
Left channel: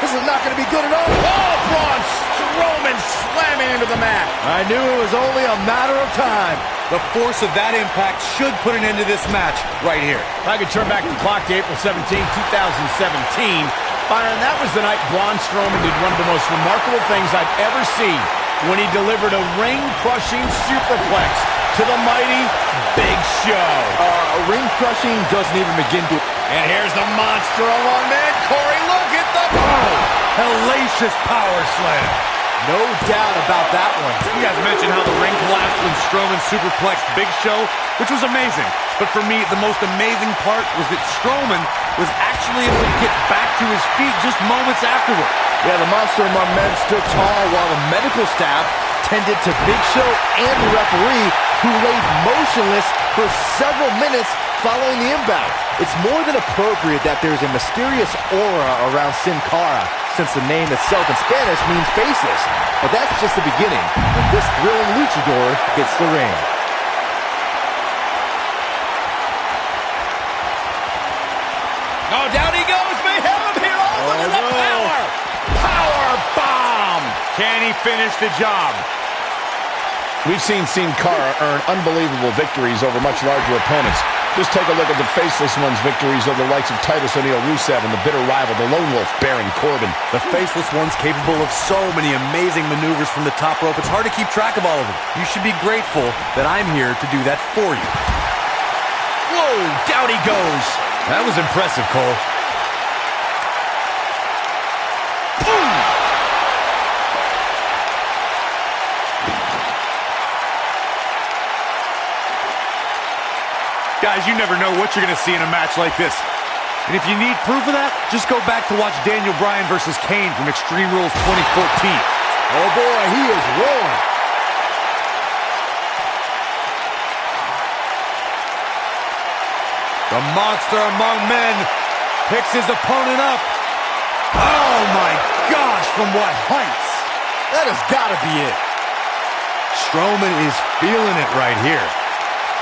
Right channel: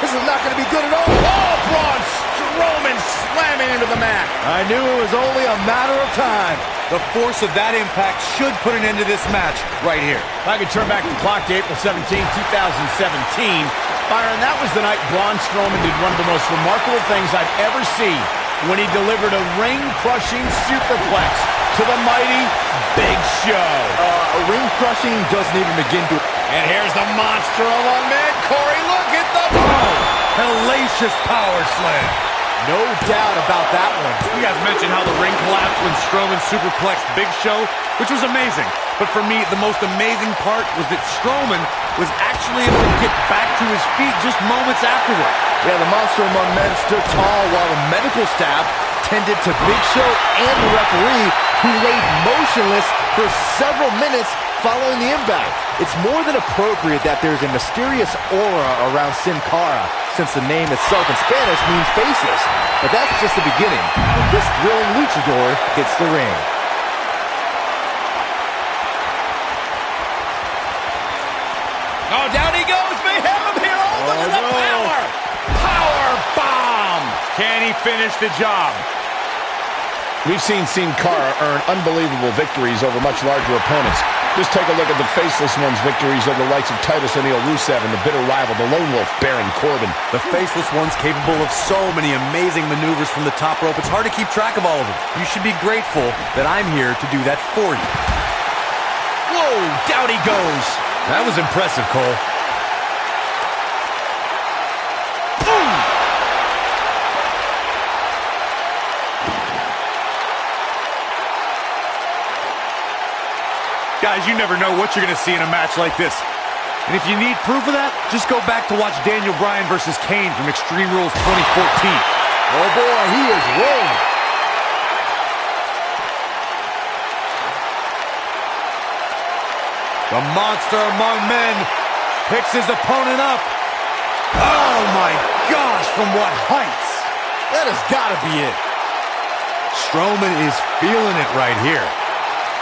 This is not going to be good at all. Oh, Braun Strowman slamming into the mat. I knew it was only a matter of time. The force of that impact should put an end to this match right here. If I could turn back the clock to April 17, 2017, Byron, that was the night Braun Strowman did one of the most remarkable things I've ever seen when he delivered a ring-crushing superplex to the mighty Big Show. Ring-crushing doesn't even begin to... And here's the monster among men. Corey, look at the... Hellacious power slam. No doubt about that one. You guys mentioned how the ring collapsed when Strowman superplexed Big Show, which was amazing. But for me, the most amazing part was that Strowman was actually able to get back to his feet just moments afterward. Yeah, the monster among men stood tall while the medical staff tended to Big Show and the referee, who laid motionless for several minutes following the impact. It's more than appropriate that there's a mysterious aura around Sin Cara, since the name itself in Spanish means faceless. But that's just the beginning when this thrilling luchador hits the ring. Oh, down he goes. May have him here. Oh, look at the power. Power bomb. Can he finish the job? We've seen Sin Cara earn unbelievable victories over much larger opponents. Just take a look at the Faceless One's victories over the likes of Titus O'Neil, Rusev, and the bitter rival, the Lone Wolf, Baron Corbin. The Faceless One's capable of so many amazing maneuvers from the top rope. It's hard to keep track of all of them. You should be grateful that I'm here to do that for you. Whoa, down he goes. That was impressive, Cole. Boom! Guys, you never know what you're going to see in a match like this. And if you need proof of that, just go back to watch Daniel Bryan versus Kane from Extreme Rules 2014. Oh boy, he is rolling. The monster among men picks his opponent up. Oh my gosh, from what heights? That has got to be it. Strowman is feeling it right here.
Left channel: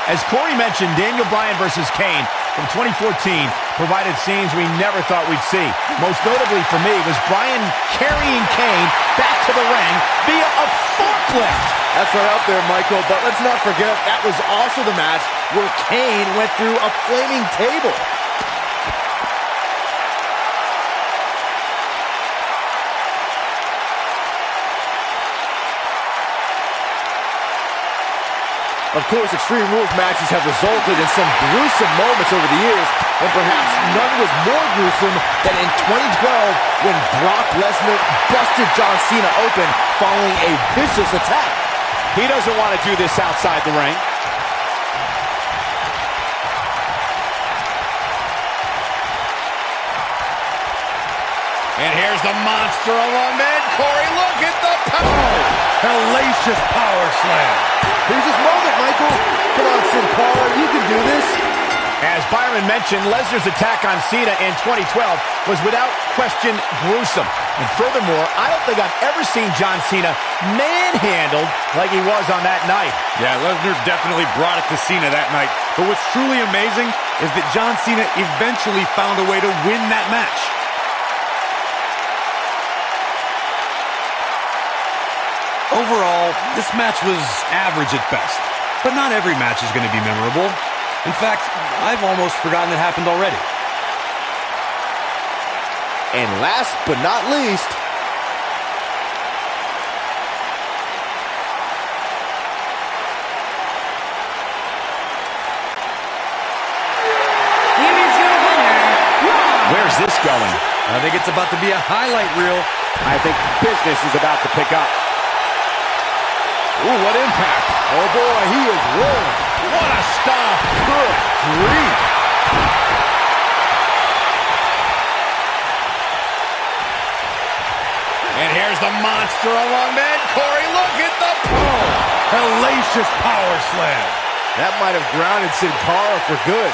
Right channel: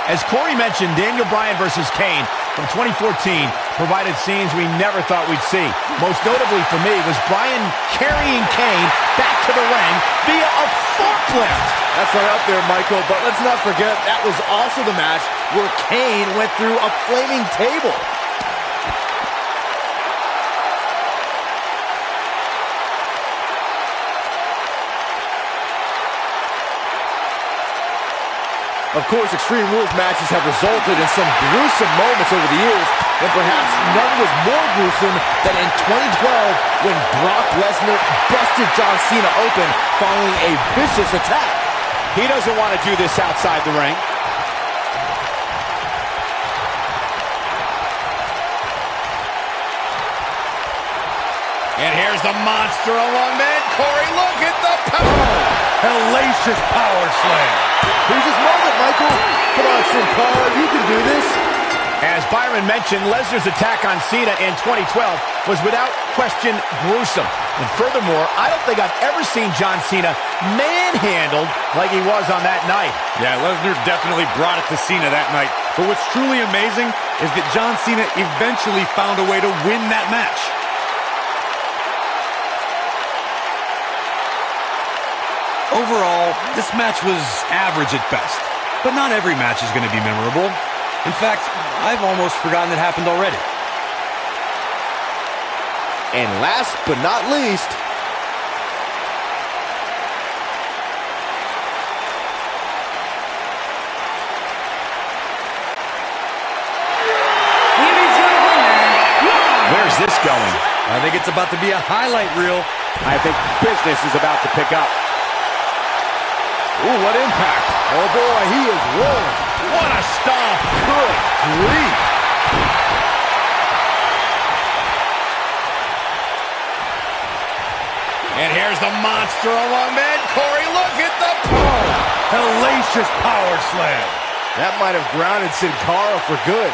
As Corey mentioned, Daniel Bryan versus Kane from 2014 provided scenes we never thought we'd see. Most notably for me was Bryan carrying Kane back to the ring via a forklift. That's right up there, Michael, but let's not forget that was also the match where Kane went through a flaming table. Of course, Extreme Rules matches have resulted in some gruesome moments over the years, and perhaps none was more gruesome than in 2012 when Brock Lesnar busted John Cena open following a vicious attack. He doesn't want to do this outside the ring. And here's the monster among men. Corey, look at the power. Hellacious power slam. Here's his moment, Michael. Come on, Sin Cara, you can do this. As Byron mentioned, Lesnar's attack on Cena in 2012 was without question gruesome. And furthermore, I don't think I've ever seen John Cena manhandled like he was on that night. Yeah, Lesnar definitely brought it to Cena that night. But what's truly amazing is that John Cena eventually found a way to win that match. Overall, this match was average at best. But not every match is going to be memorable. In fact, I've almost forgotten it happened already. And last but not least, Here is your winner, Braun. Where's this going? I think it's about to be a highlight reel. I think business is about to pick up. ooh, what impact. Oh boy, he is rolling. What a stomp. Good grief. And here's the monster among men. Corey, look at the power. Hellacious power slam. That might have grounded Sin Cara for good.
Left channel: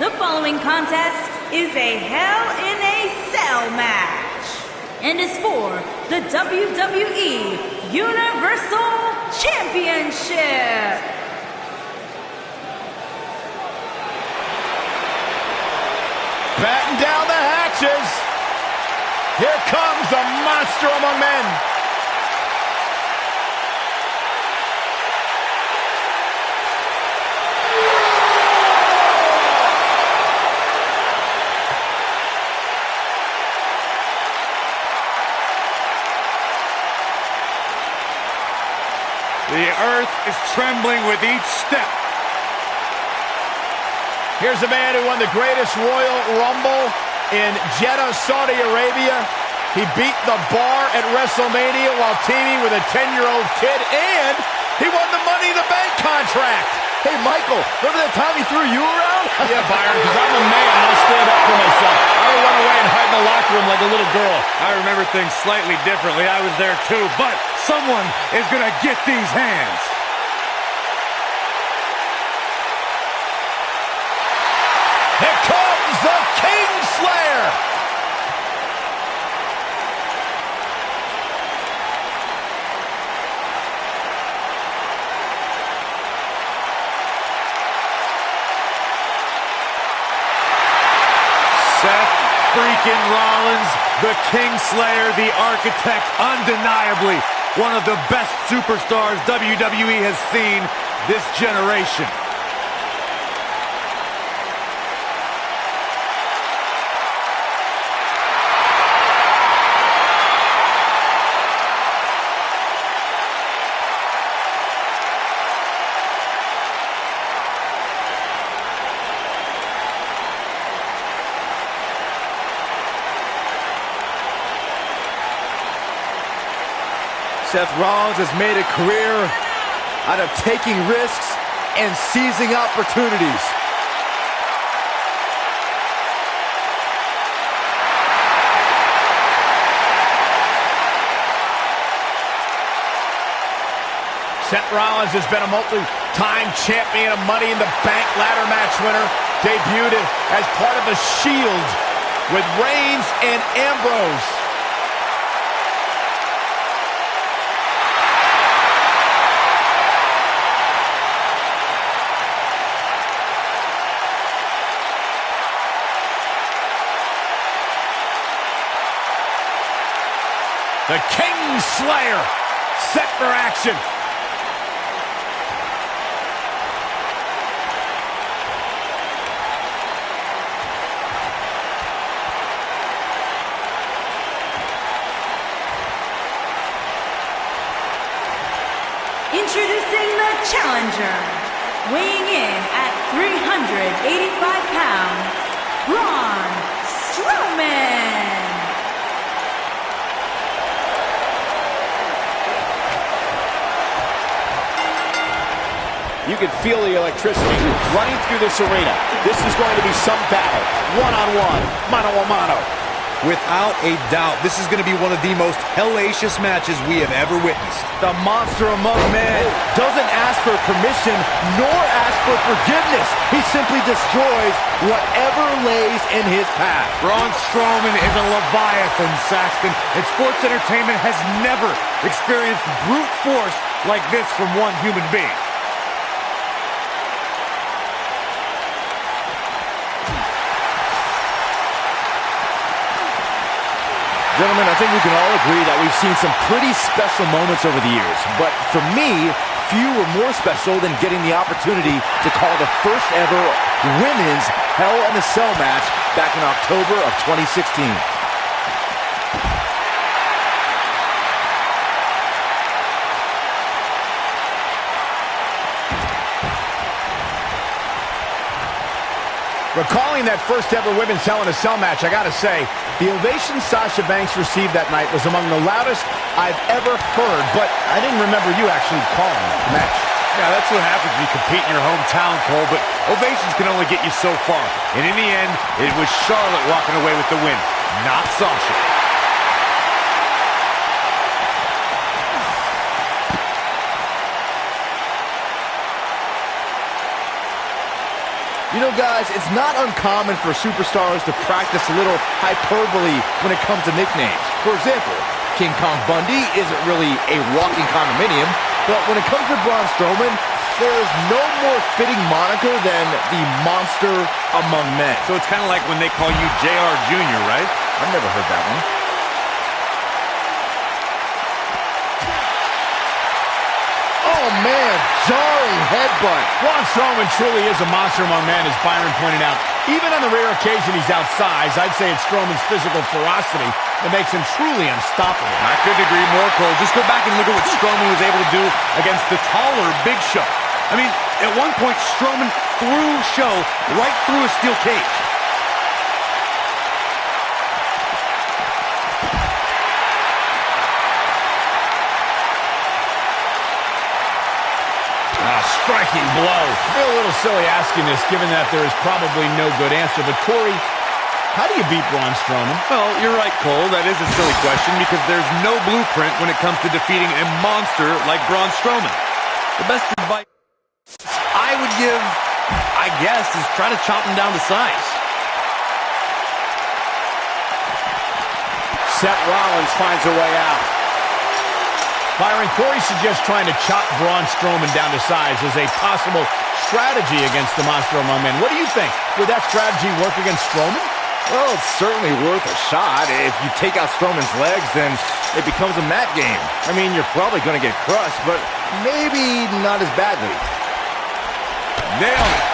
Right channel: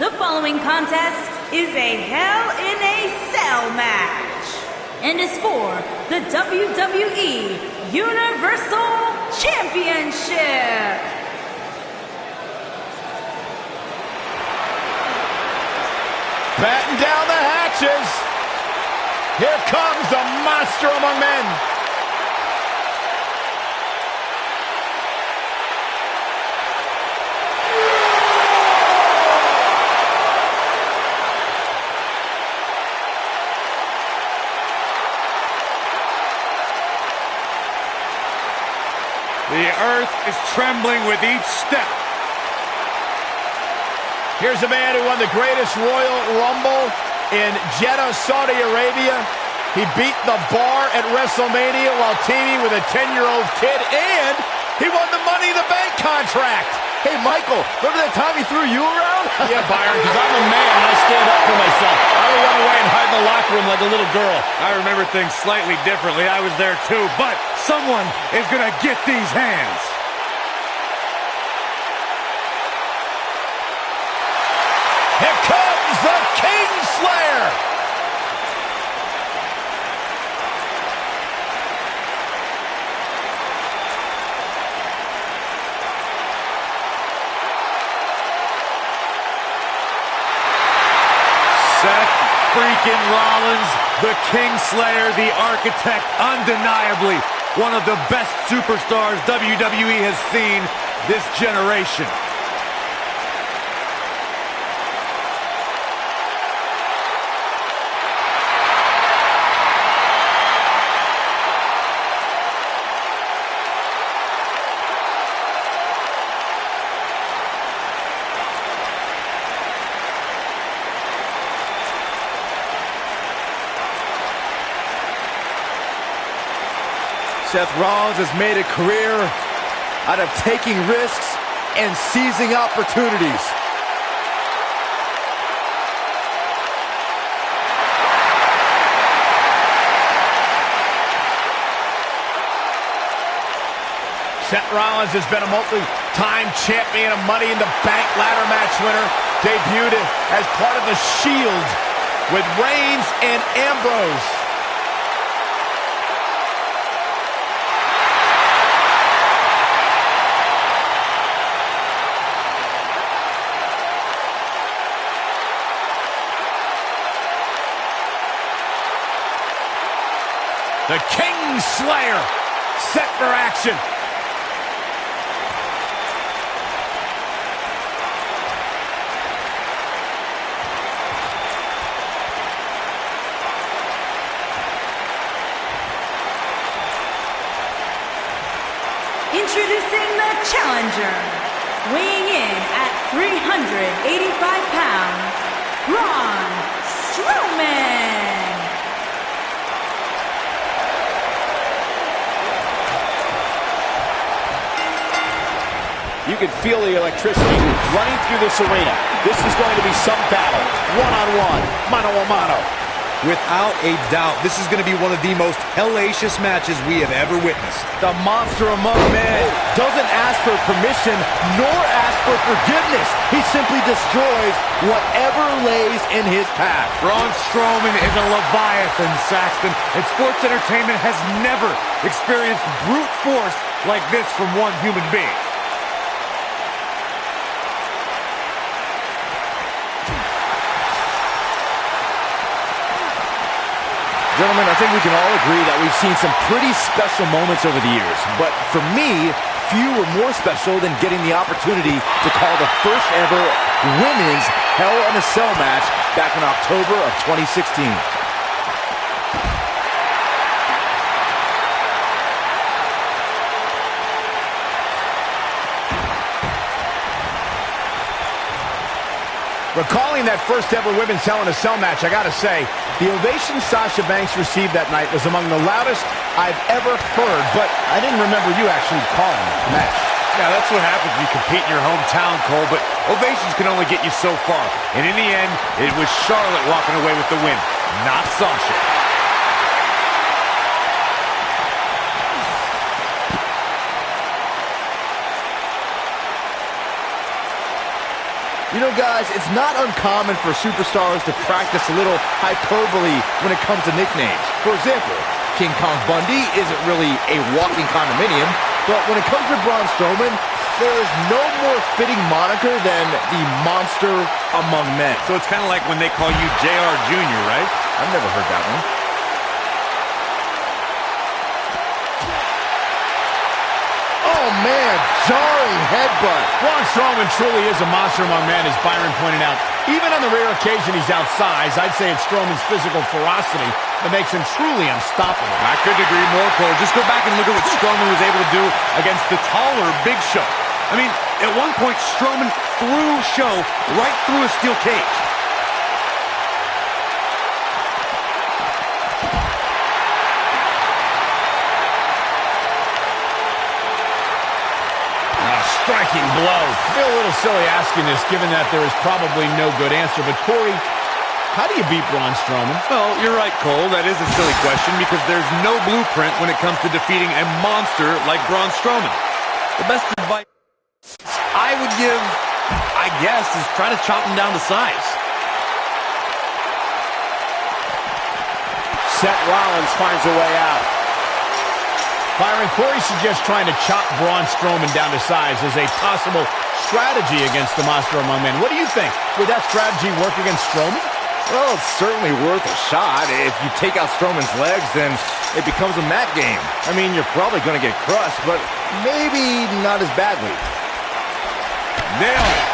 The following contest is a Hell in a Cell match and is for the WWE Universal Championship. Batten down the hatches. Here comes the monster among men. The earth is trembling with each step. Here's a man who won the greatest Royal Rumble in Jeddah, Saudi Arabia. He beat the Bar at WrestleMania while teaming with a 10-year-old kid, and he won the Money in the Bank contract. Hey, Michael, remember that time he threw you around? Yeah, Byron, because I'm a man and I stand up for myself. I don't run away and hide in the locker room like a little girl. I remember things slightly differently. I was there too, but someone is going to get these hands. Here comes Kingslayer! Seth freaking Rollins, the Kingslayer, the architect, undeniably one of the best superstars WWE has seen this generation. Seth Rollins has made a career out of taking risks and seizing opportunities. Seth Rollins has been a multi-time champion, a Money in the Bank ladder match winner, debuted as part of the Shield with Reigns and Ambrose. The Kingslayer set for action. Introducing the challenger, weighing in at 385 pounds, Braun Strowman. You can feel the electricity running through this arena. This is going to be some battle. One-on-one, mano-a-mano. Without a doubt, this is going to be one of the most hellacious matches we have ever witnessed. The monster among men doesn't ask for permission nor ask for forgiveness. He simply destroys whatever lays in his path. Braun Strowman is a Leviathan, Saxton, and sports entertainment has never experienced brute force like this from one human being. Gentlemen, I think we can all agree that we've seen some pretty special moments over the years. But for me, few were more special than getting the opportunity to call the first ever women's Hell in a Cell match back in October of 2016. Recalling that first ever women's Hell in a Cell match, I gotta say, the ovation Sasha Banks received that night was among the loudest I've ever heard, but I didn't remember you actually calling the match. Yeah, that's what happens when you compete in your hometown, Cole, but ovations can only get you so far. And in the end, it was Charlotte walking away with the win, not Sasha. You know, guys, it's not uncommon for superstars to practice a little hyperbole when it comes to nicknames. For example, King Kong Bundy isn't really a walking condominium, but when it comes to Braun Strowman, there is no more fitting moniker than the monster among men. So it's kind of like when they call you JR Jr., right? I've never heard that one. Oh, man, jarring headbutt. Braun Strowman truly is a monster among men, as Byron pointed out. Even on the rare occasion he's outsized, I'd say it's Strowman's physical ferocity that makes him truly unstoppable. I couldn't agree more, Cole. Just go back and look at what Strowman was able to do against the taller Big Show. I mean, at one point, Strowman threw Show right through a steel cage. Striking blow. I feel a little silly asking this, given that there is probably no good answer. But, Corey, how do you beat Braun Strowman? Well, you're right, Cole. That is a silly question because there's no blueprint when it comes to defeating a monster like Braun Strowman. The best advice I would give, I guess, is try to chop him down to size. Seth Rollins finds a way out. Byron, Corey suggests trying to chop Braun Strowman down to size as a possible strategy against the monster among men. What do you think? Would that strategy work against Strowman? Well, it's certainly worth a shot. If you take out Strowman's legs, then it becomes a mat game. I mean, you're probably going to get crushed, but maybe not as badly. Nailed it.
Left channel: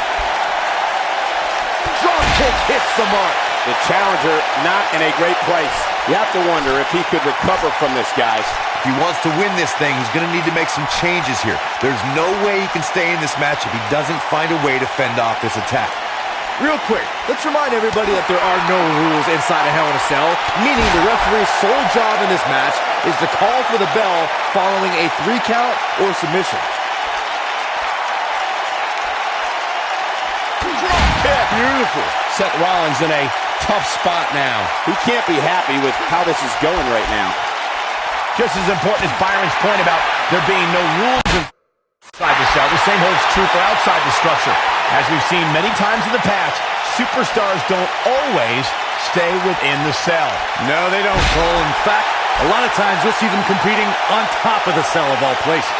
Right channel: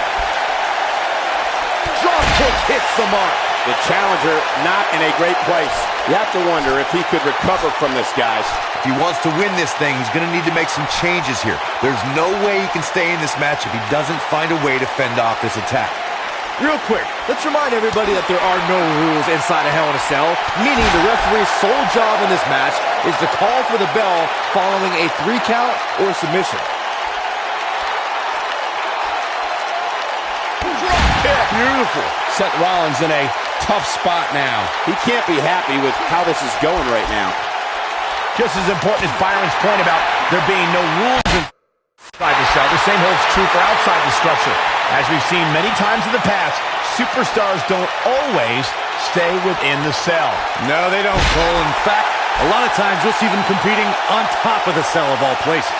Drop kick hits the mark. The challenger not in a great place. You have to wonder if he could recover from this, guys. If he wants to win this thing, he's going to need to make some changes here. There's no way he can stay in this match if he doesn't find a way to fend off this attack. Real quick, let's remind everybody that there are no rules inside a Hell in a Cell, meaning the referee's sole job in this match is to call for the bell following a 3 count or submission. Drop kick. Beautiful. Seth Rollins in a tough spot now. He can't be happy with how this is going right now. Just as important as Byron's point about there being no rules inside the cell, the same holds true for outside the structure. As we've seen many times in the past, superstars don't always stay within the cell. No, they don't, Cole. In fact, a lot of times you'll see them competing on top of the cell of all places.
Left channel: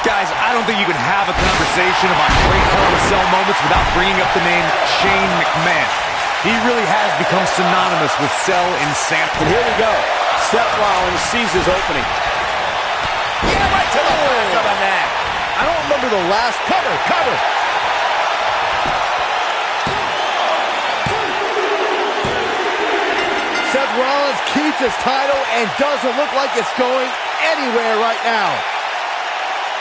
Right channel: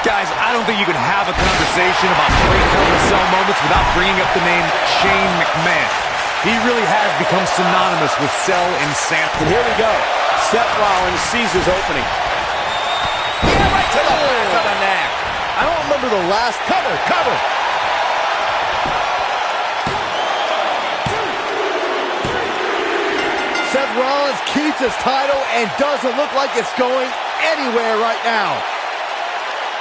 Guys, I don't think you can have a conversation about great Hell in a Cell moments without bringing up the name Shane McMahon. He really has become synonymous with cell insanity. And here we go. Seth Rollins sees his opening. Yeah, right to the back of the neck. I don't remember the last cover. Seth Rollins keeps his title and doesn't look like it's going anywhere right now.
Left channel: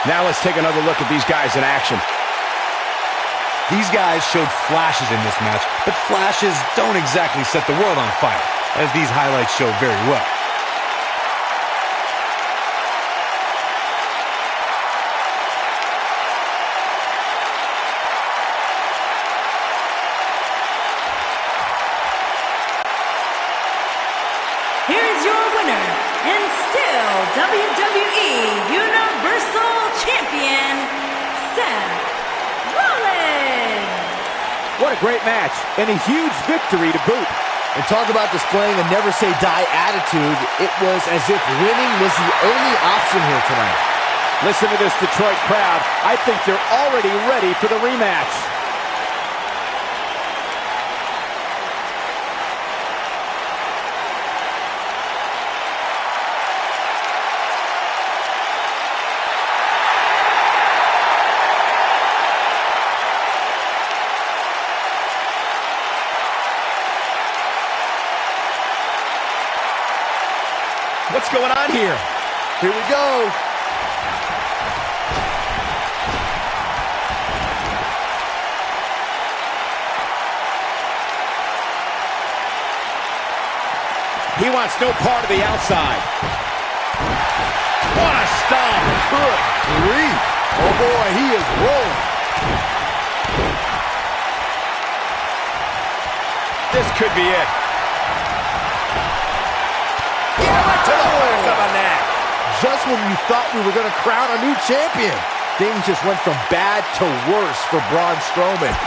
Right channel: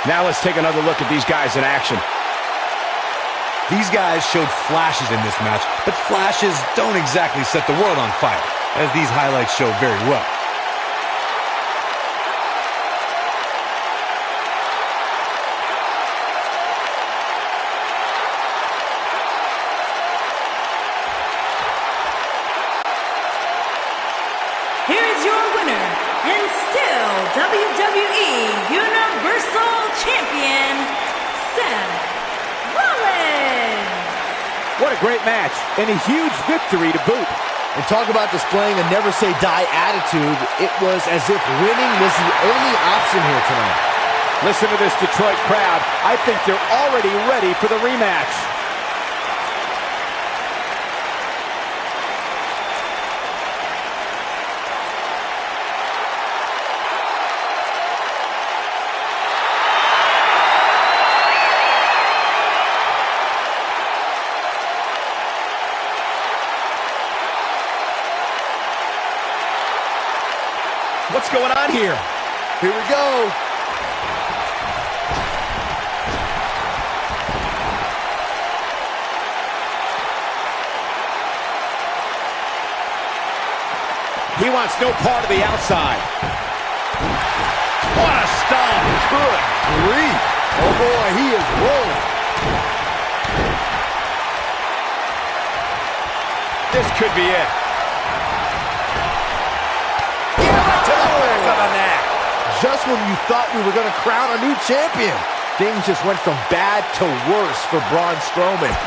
Now let's take another look at these guys in action. These guys showed flashes in this match, but flashes don't exactly set the world on fire, as these highlights show very well. Here is your winner, and still WWE Universal Champion, Seth Rollins. What a great match, and a huge victory to boot. And talk about displaying a never-say-die attitude. It was as if winning was the only option here tonight. Listen to this Detroit crowd. I think they're already ready for the rematch. What's going on here? Here we go. He wants no part of the outside. What a stomp. Good grief. Oh boy, he is rolling. This could be it. Yeah, right to the back of the neck. Just when you thought we were going to crown a new champion, things just went from bad to worse for Braun Strowman.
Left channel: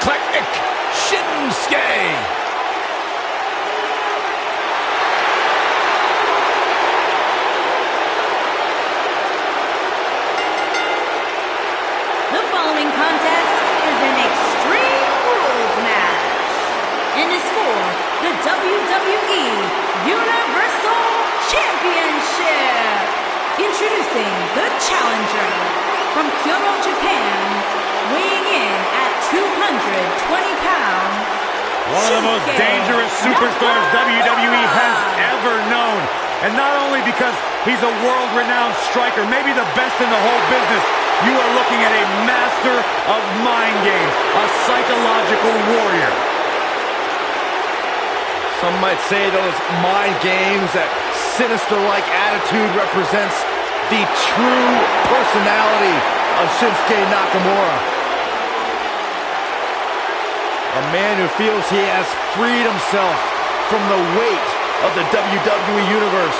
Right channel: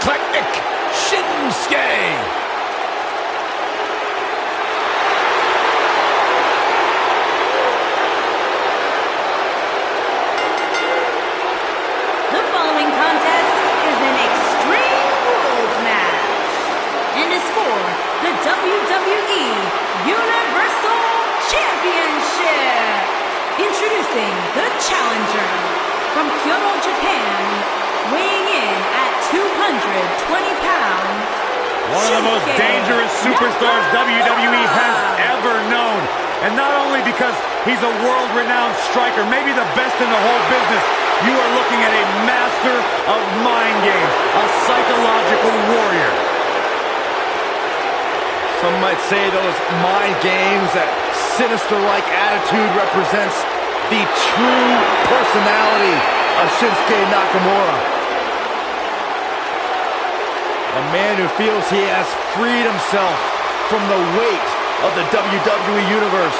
eclectic Shinsuke. The following contest is an Extreme Rules match and is for the WWE Universal Championship. Introducing the challenger from Kyoto, Japan, weighing in at 220 pounds. One of the most dangerous superstars WWE has ever known. And not only because he's a world-renowned striker, maybe the best in the whole business, you are looking at a master of mind games, a psychological warrior. Some might say those mind games, that sinister-like attitude represents the true personality of Shinsuke Nakamura. A man who feels he has freed himself from the weight of the WWE Universe.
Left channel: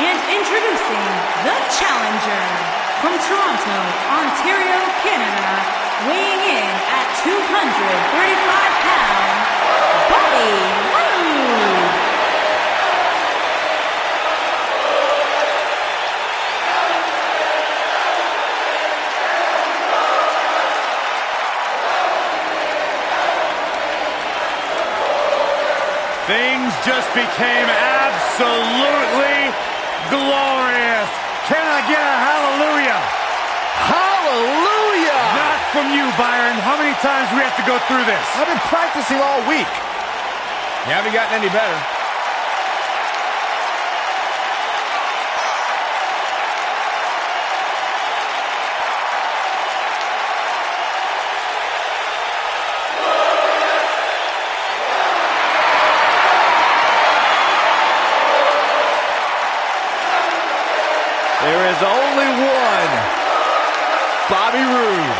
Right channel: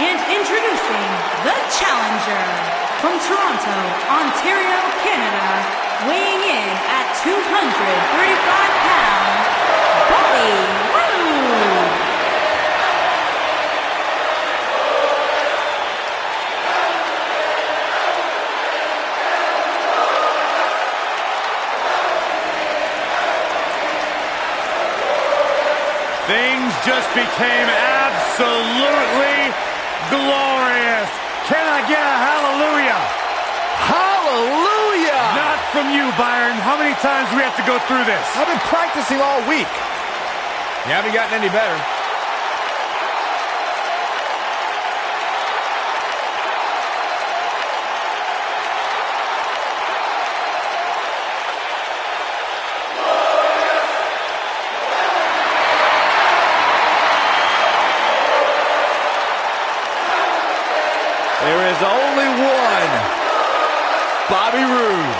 And introducing the challenger from Toronto, Ontario, Canada, weighing in at 235 pounds, Bobby Roode. Things just became absolutely glorious. Can I get a hallelujah? Hallelujah! Not from you, Byron. How many times do we have to go through this? I've been practicing all week. You haven't gotten any better. There is only one Bobby Roode.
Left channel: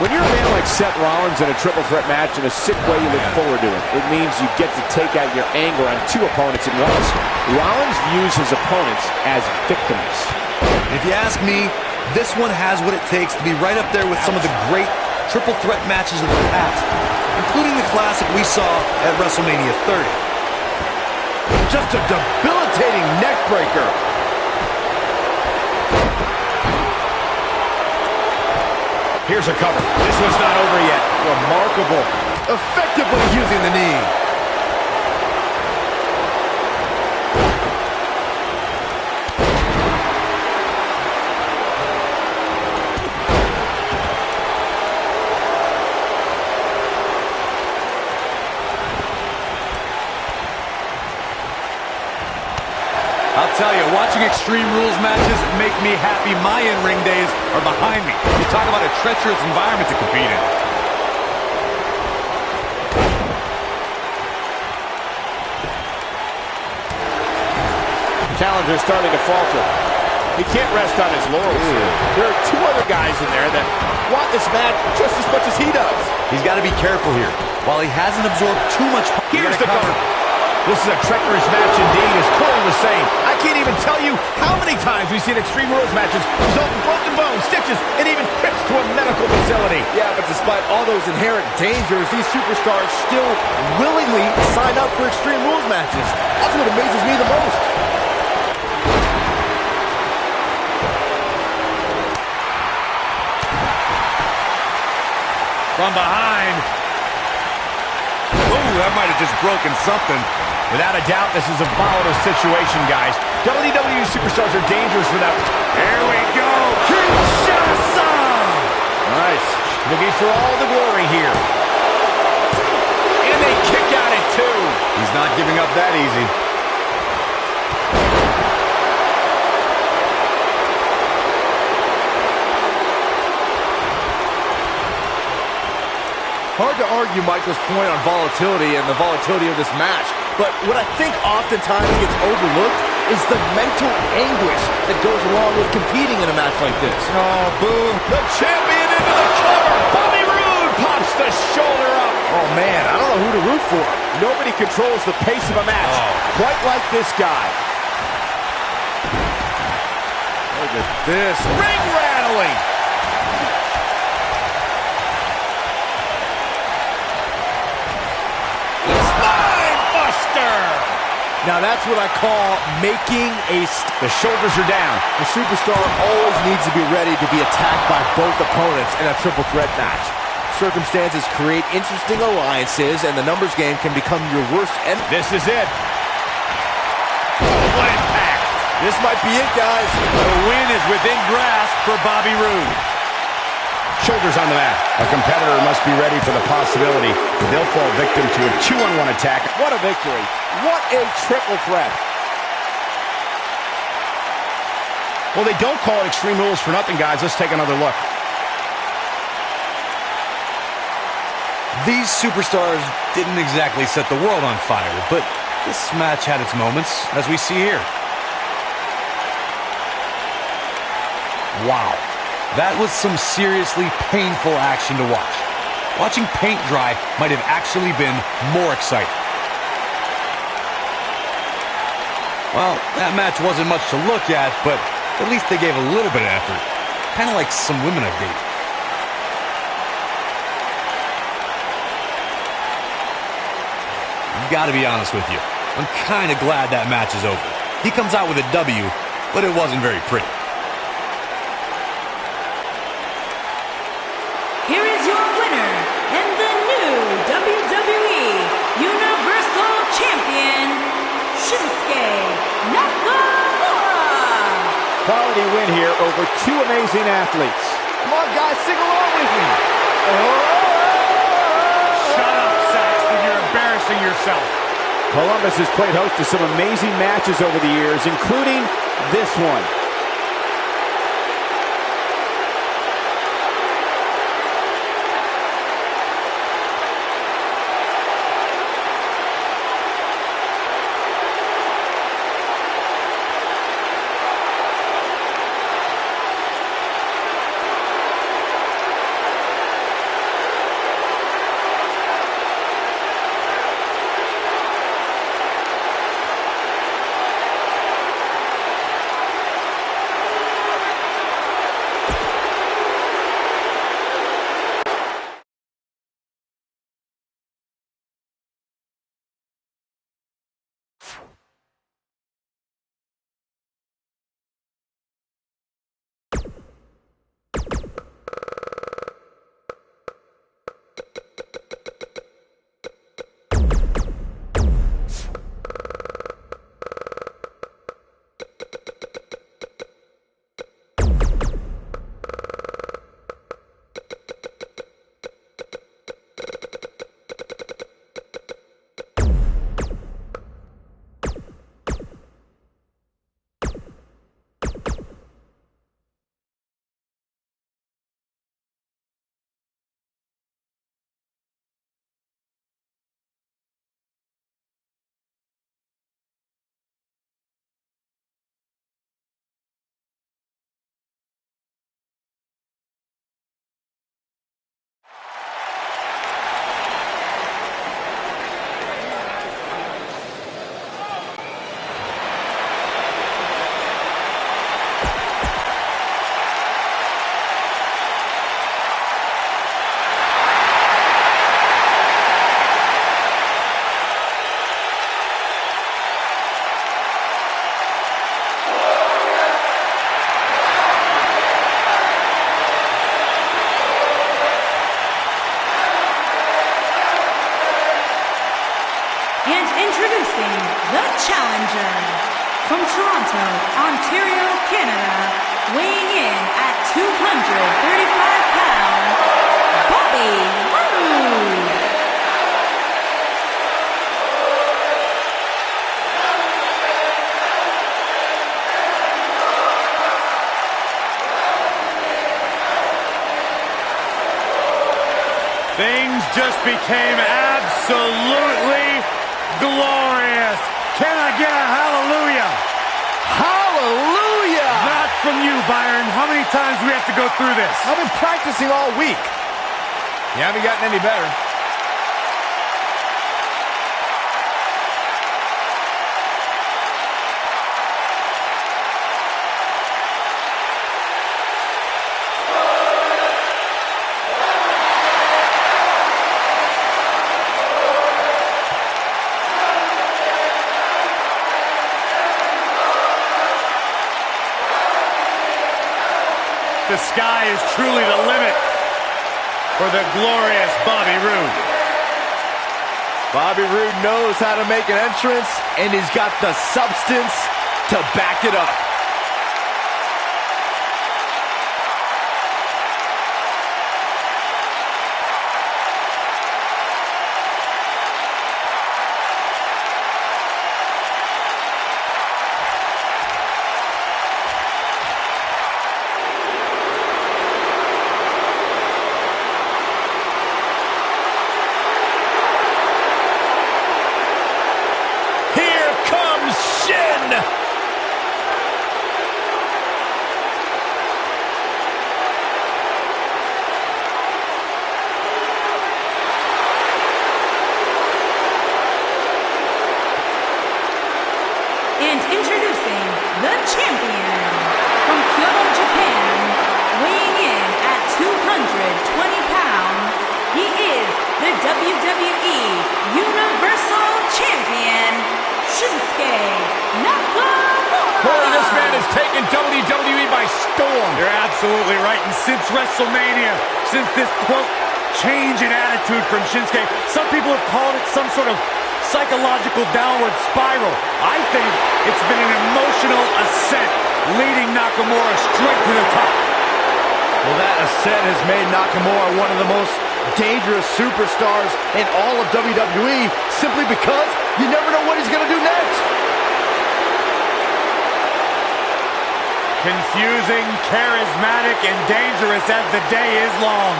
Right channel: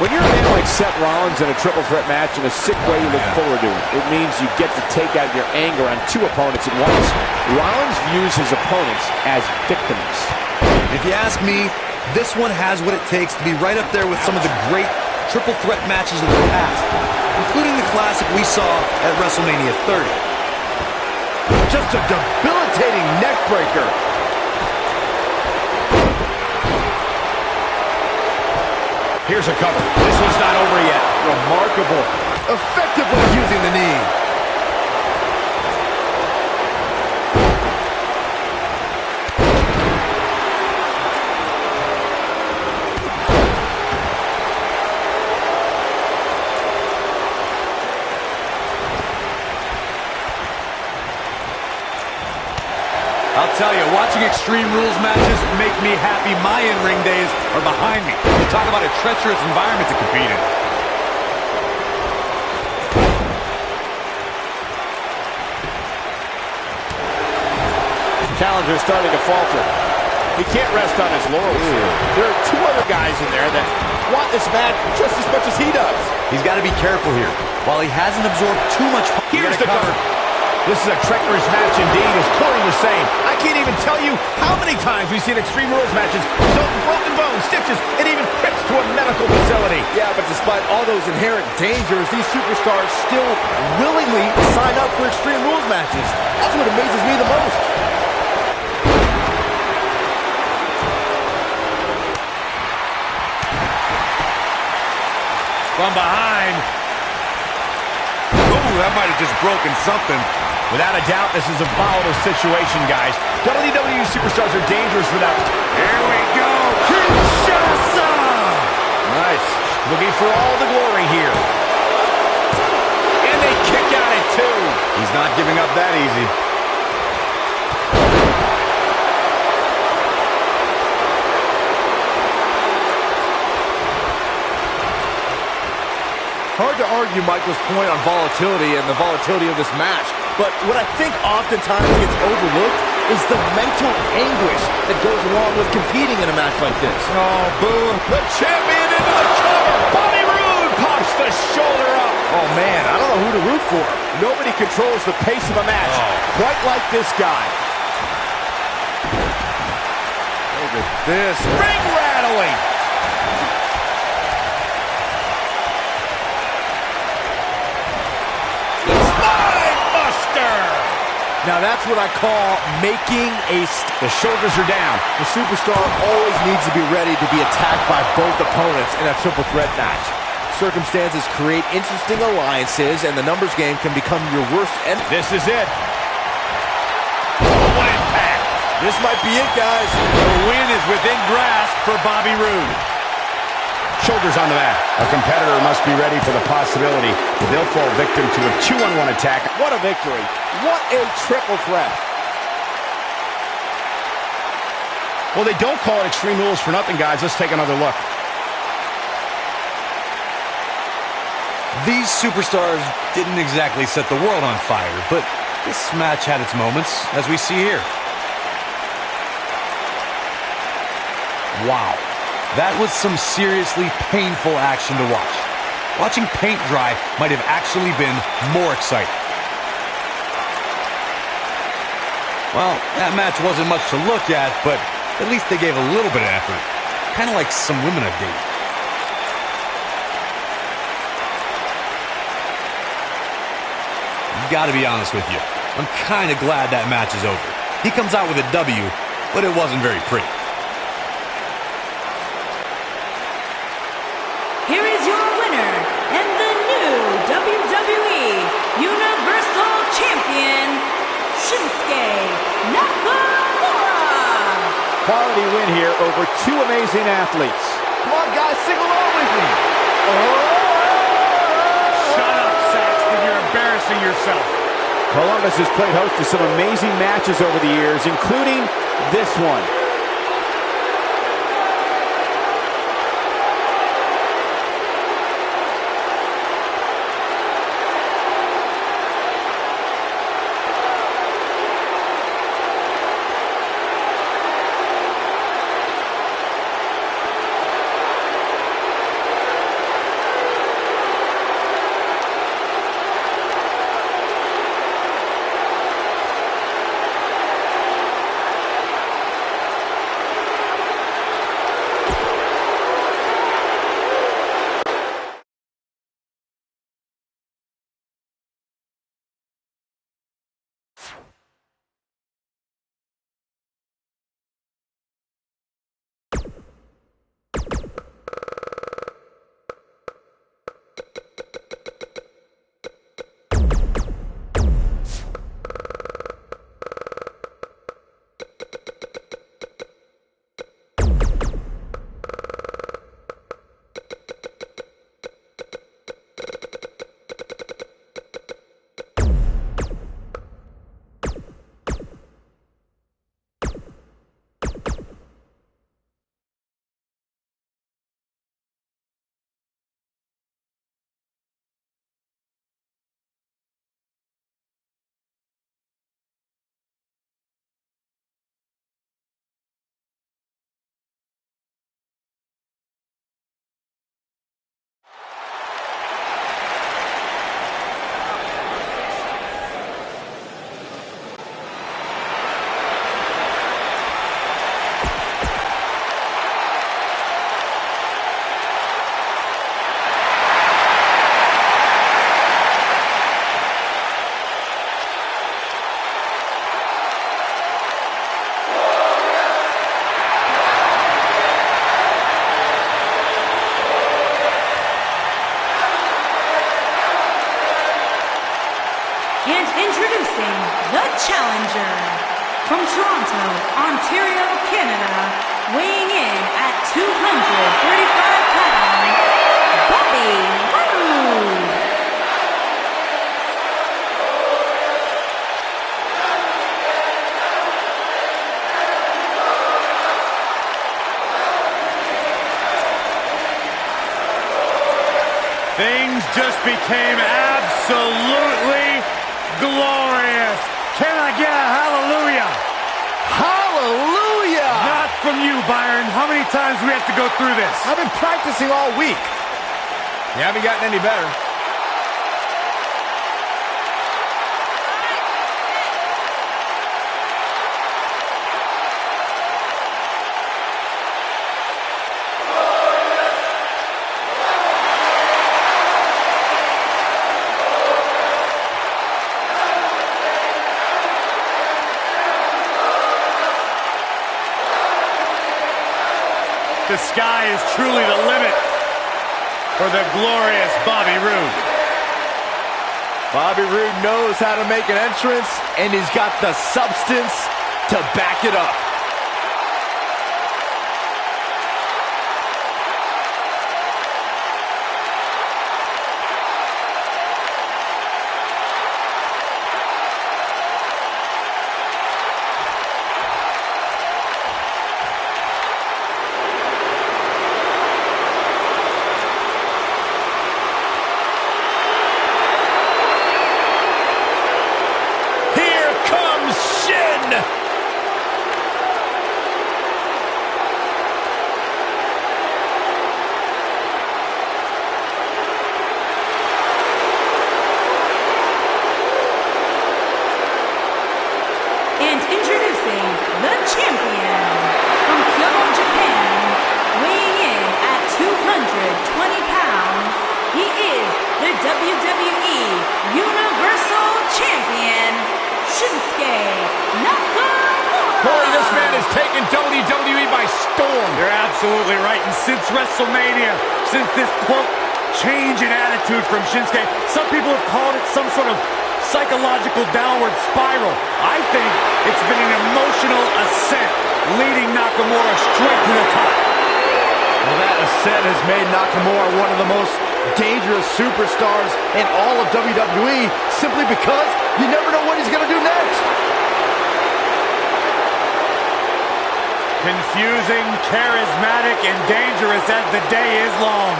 When you're a man like Seth Rollins in a triple threat match, in a sick way you look forward to it. It means you get to take out your anger on two opponents at once. Rollins views his opponents as victims. If you ask me, this one has what it takes to be right up there with some of the great triple threat matches of the past, including the classic we saw at WrestleMania 30. Just a debilitating neck breaker. Here's a cover. This one's not over yet. Remarkable. Effectively using the knee. I'll tell you, watching Extreme Rules matches make me happy. My in-ring days are behind me. You talk about a treacherous environment to compete in. Challenger starting to falter. He can't rest on his laurels. There are two other guys in there that want this match just as much as he does. He's got to be careful here. While he hasn't absorbed too much... Here's the cover. This is a treacherous match indeed, as Corey was saying. I can't even tell you how many times we've seen Extreme Rules matches result in broken bones, stitches, and even trips to a medical facility. Yeah, but despite all those inherent dangers, these superstars still willingly sign up for Extreme Rules matches. That's what amazes me the most. from behind. Ooh, that might have just broken something. Without a doubt, this is a volatile situation, guys. WWE superstars are dangerous without... Here we go. Kinshasa! Nice. Looking for all the glory here. And they kick out at 2. He's not giving up that easy. Hard to argue Michael's point on volatility and the volatility of this match, but what I think oftentimes gets overlooked is the mental anguish that goes along with competing in a match like this. Oh, boo. The champion into the cover. Bobby Roode pops the shoulder up. Oh, man, I don't know who to root for. Nobody controls the pace of a match quite like this guy. Look at this. Ring rattling. Now that's what I call making a... The shoulders are down. The superstar always needs to be ready to be attacked by both opponents in a triple threat match. Circumstances create interesting alliances, and the numbers game can become your worst enemy. This is it. Oh, what impact. This might be it, guys. The win is within grasp for Bobby Roode. Shoulders on the mat. A competitor must be ready for the possibility that they'll fall victim to a 2-on-1 attack. What a victory. What a triple threat. Well, they don't call it Extreme Rules for nothing, guys. Let's take another look. These superstars didn't exactly set the world on fire, but this match had its moments, as we see here. Wow. That was some seriously painful action to watch. Watching paint dry might have actually been more exciting. Well, that match wasn't much to look at, but at least they gave a little bit of effort. Kind of like some women I've dated. Gotta be honest with you, I'm kind of glad that match is over. He comes out with a W, but it wasn't very pretty. Here is your winner and the new WWE Universal Champion, Shinsuke Nakamura. Quality win here over 2 amazing athletes. Come on, guys, sing along with me. Shut up, Saxton. You're embarrassing yourself. Columbus has played host to some amazing matches over the years, including this one. introducing the challenger from Toronto, Ontario, Canada, weighing in at 235 pounds, Bobby Roode. Things just became absolutely glorious. Can I get a hallelujah? Hallelujah! Not from you, Byron. How many times do we have to go through this? I've been practicing all week. You haven't gotten any better. The sky is truly the limit for the glorious Bobby Roode. Bobby Roode knows how to make an entrance, and he's got the substance to back it up. And introducing the champion from Kyoto, Japan, weighing in at 220 pounds, he is the WWE Universal Champion, Shinsuke Nakamura. Corey, this man has taken WWE by storm. You're absolutely right. And since WrestleMania, since this, quote, change in attitude from Shinsuke, some people have called it some sort of psychological downward spiral. I think it's been an emotional ascent, leading Nakamura straight to the top. Well, that ascent has made Nakamura one of the most dangerous superstars in all of WWE, simply because you never know what he's going to do next. Confusing, charismatic, and dangerous as the day is long.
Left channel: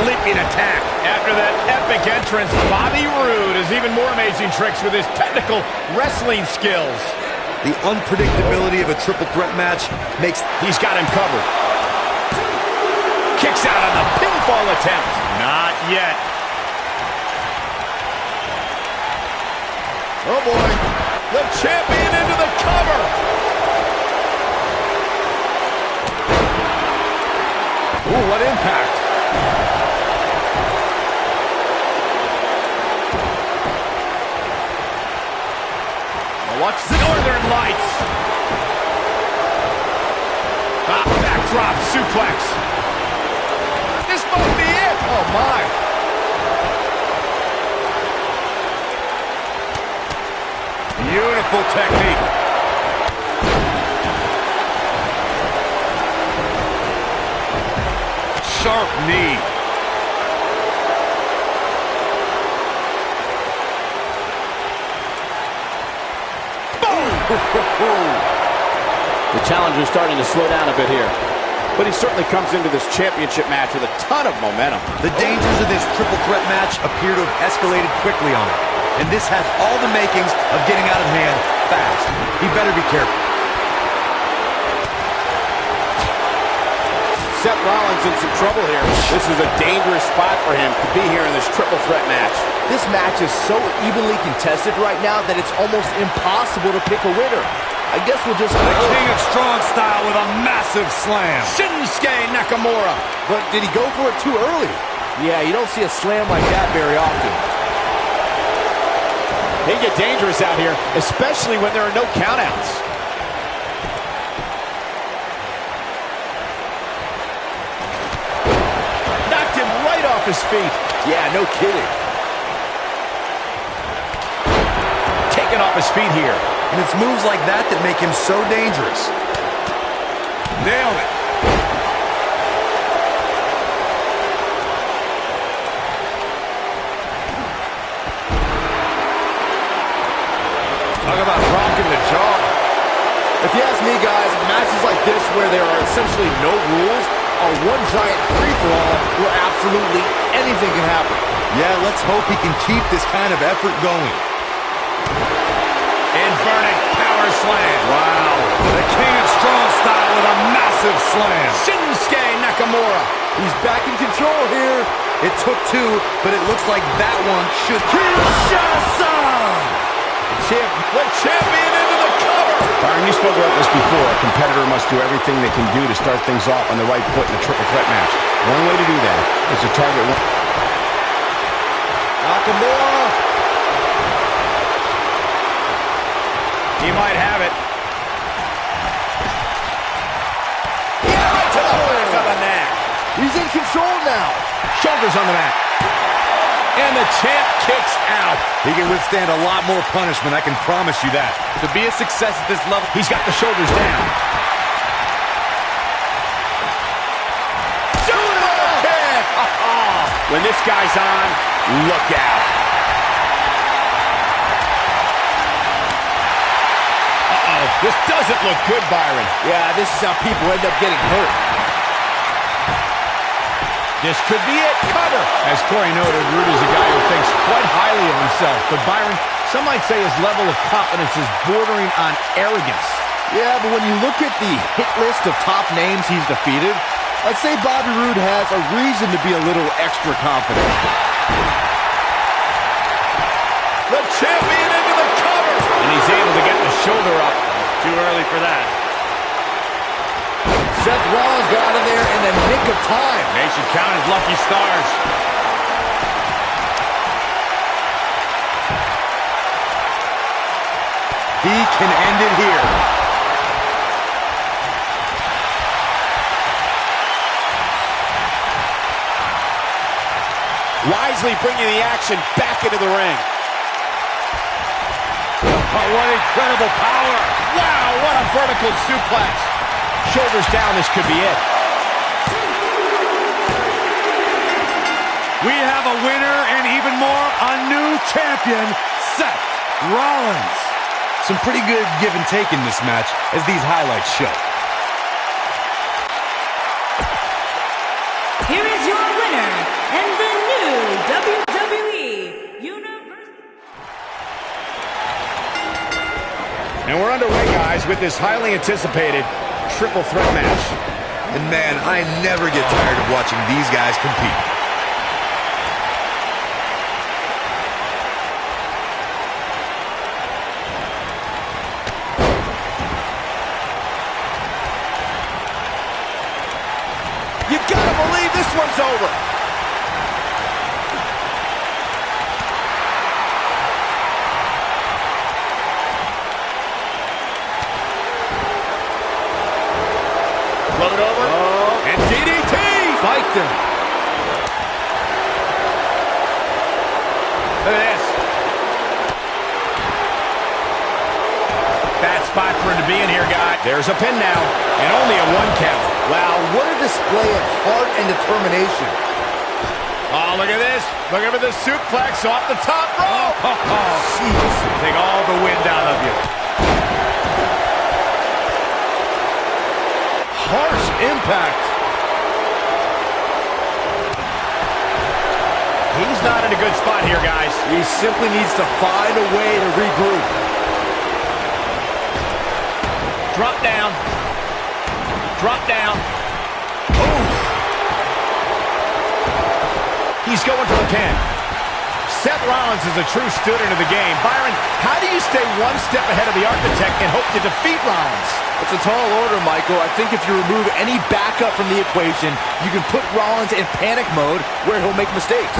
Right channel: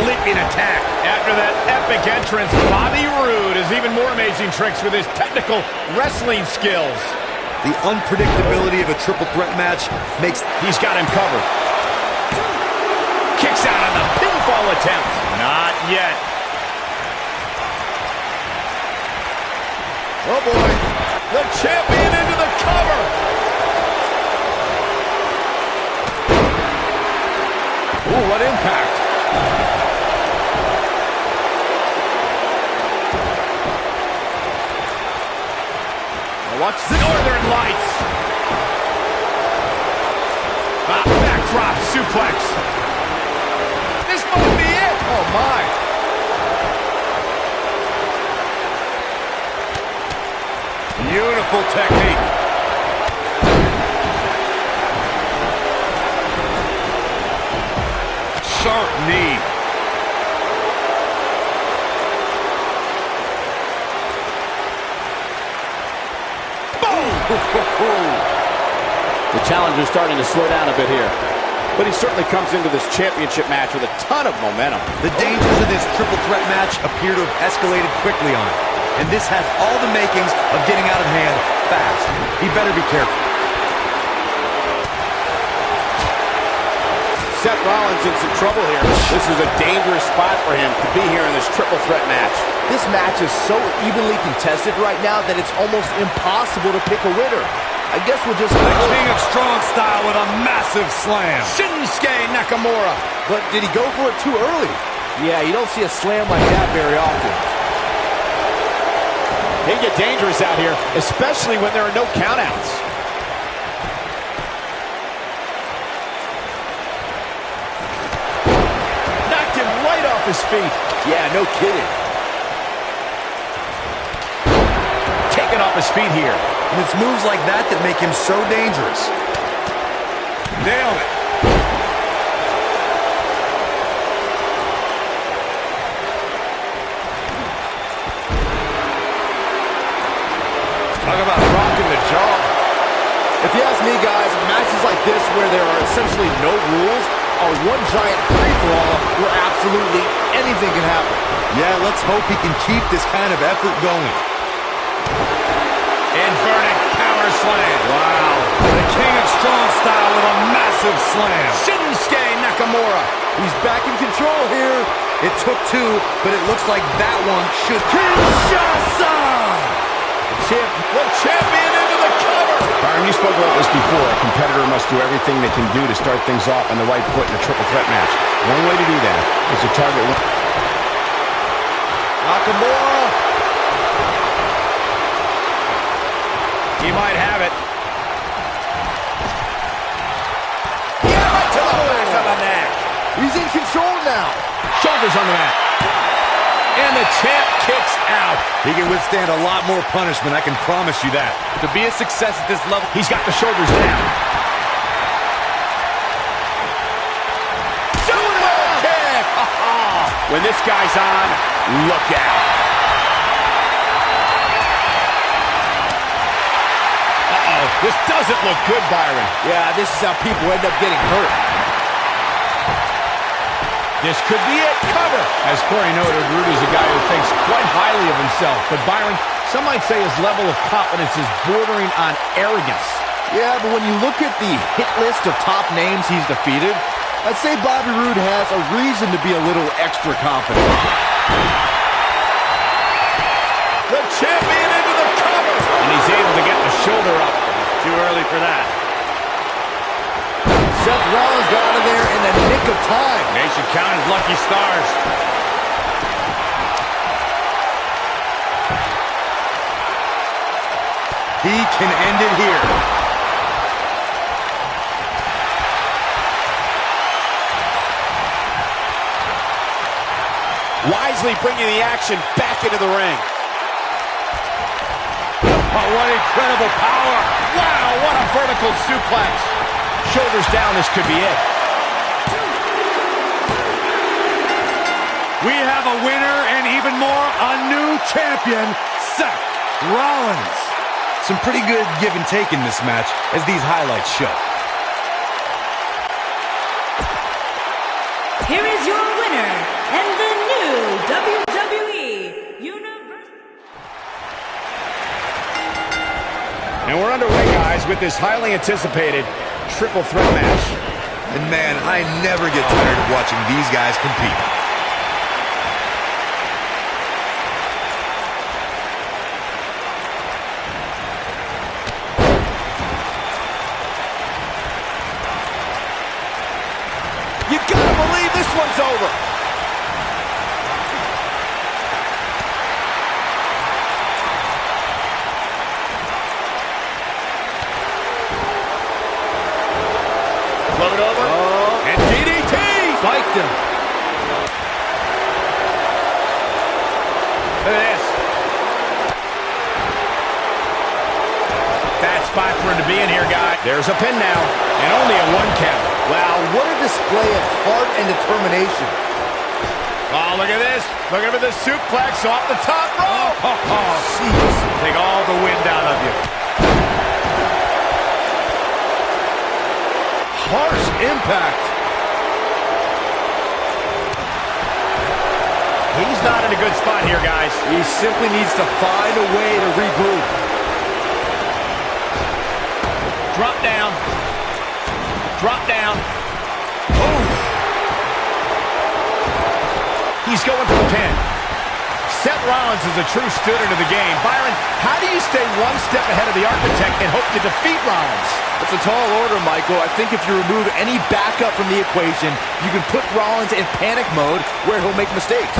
Leaping attack. After that epic entrance, Bobby Roode has even more amazing tricks with his technical wrestling skills. The unpredictability of a triple threat match makes... He's got him covered. Kicks out on the pinfall attempt. Not yet. Oh boy. The champion into the cover. Ooh, what impact. Watch the Northern Lights. Backdrop suplex. This might be it. Oh, my. Beautiful technique. Sharp knee. The challenger's starting to slow down a bit here. But he certainly comes into this championship match with a ton of momentum. The dangers of this triple threat match appear to have escalated quickly on him. And this has all the makings of getting out of hand fast. He better be careful. Seth Rollins in some trouble here. This is a dangerous spot for him to be here in this triple threat match. This match is so evenly contested right now that it's almost impossible to pick a winner. I guess we'll just... The King of Strong Style with a massive slam. Shinsuke Nakamura. But did he go for it too early? Yeah, you don't see a slam like that very often. They get dangerous out here, especially when there are no countouts. off his feet. Yeah, no kidding. Taken off his feet here. And it's moves like that that make him so dangerous. Nailed it. Talk about rocking the jaw. If you ask me, guys, matches like this where there are essentially no rules are one giant free-for-all where absolutely anything can happen. Yeah, let's hope he can keep this kind of effort going. Inverted power slam. Wow. The king of strong style with a massive slam. Shinsuke Nakamura. He's back in control here. It took two, but it looks like that one should... The champion into the cover. Byron, you spoke about this before. A competitor must do everything they can do to start things off on the right foot in a triple threat match. One way to do that is to target one. Nakamura. He might have it. Yeah, right to the back of the neck. He's in control now. Shoulders on the mat. And the champ kicks out. He can withstand a lot more punishment, I can promise you that. To be a success at this level... He's got the shoulders down. Super kick! When this guy's on, look out. Uh-oh, this doesn't look good, Byron. Yeah, this is how people end up getting hurt. This could be it. Cover. As Corey noted, Rude is a guy who thinks quite highly of himself. But Byron, some might say his level of confidence is bordering on arrogance. Yeah, but when you look at the hit list of top names he's defeated, I'd say Bobby Roode has a reason to be a little extra confident. The champion into the cover. And he's able to get the shoulder up. Too early for that. Seth Rollins got out of there in the nick of time. They should count his lucky stars. He can end it here. Wisely bringing the action back into the ring. Oh, what incredible power. Wow, what a vertical suplex. Shoulders down, this could be it. We have a winner and even more, a new champion, Seth Rollins. Some pretty good give and take in this match, as these highlights show. Here is your winner and the new WWE Universal. And we're underway, guys, with this highly anticipated triple threat match. And man, I never get tired of watching these guys compete. You gotta believe this one's over. Float over. Oh. And DDT. Spiked him. Look at this. Bad spot for him to be in here, guy. There's a pin now. And only a 1 count. Wow, what a display of heart and determination. Oh, look at this. Look at the suplex off the top rope. Oh, Jeez. take all the wind out of you. Harsh impact. He's not in a good spot here, guys. He simply needs to find a way to regroup. Drop down. Drop down. Oh. He's going for the pin. Seth Rollins is a true student of the game. Byron, how do you stay one step ahead of the architect and hope to defeat Rollins? It's a tall order, Michael. I think if you remove any backup from the equation, you can put Rollins in panic mode where he'll make mistakes.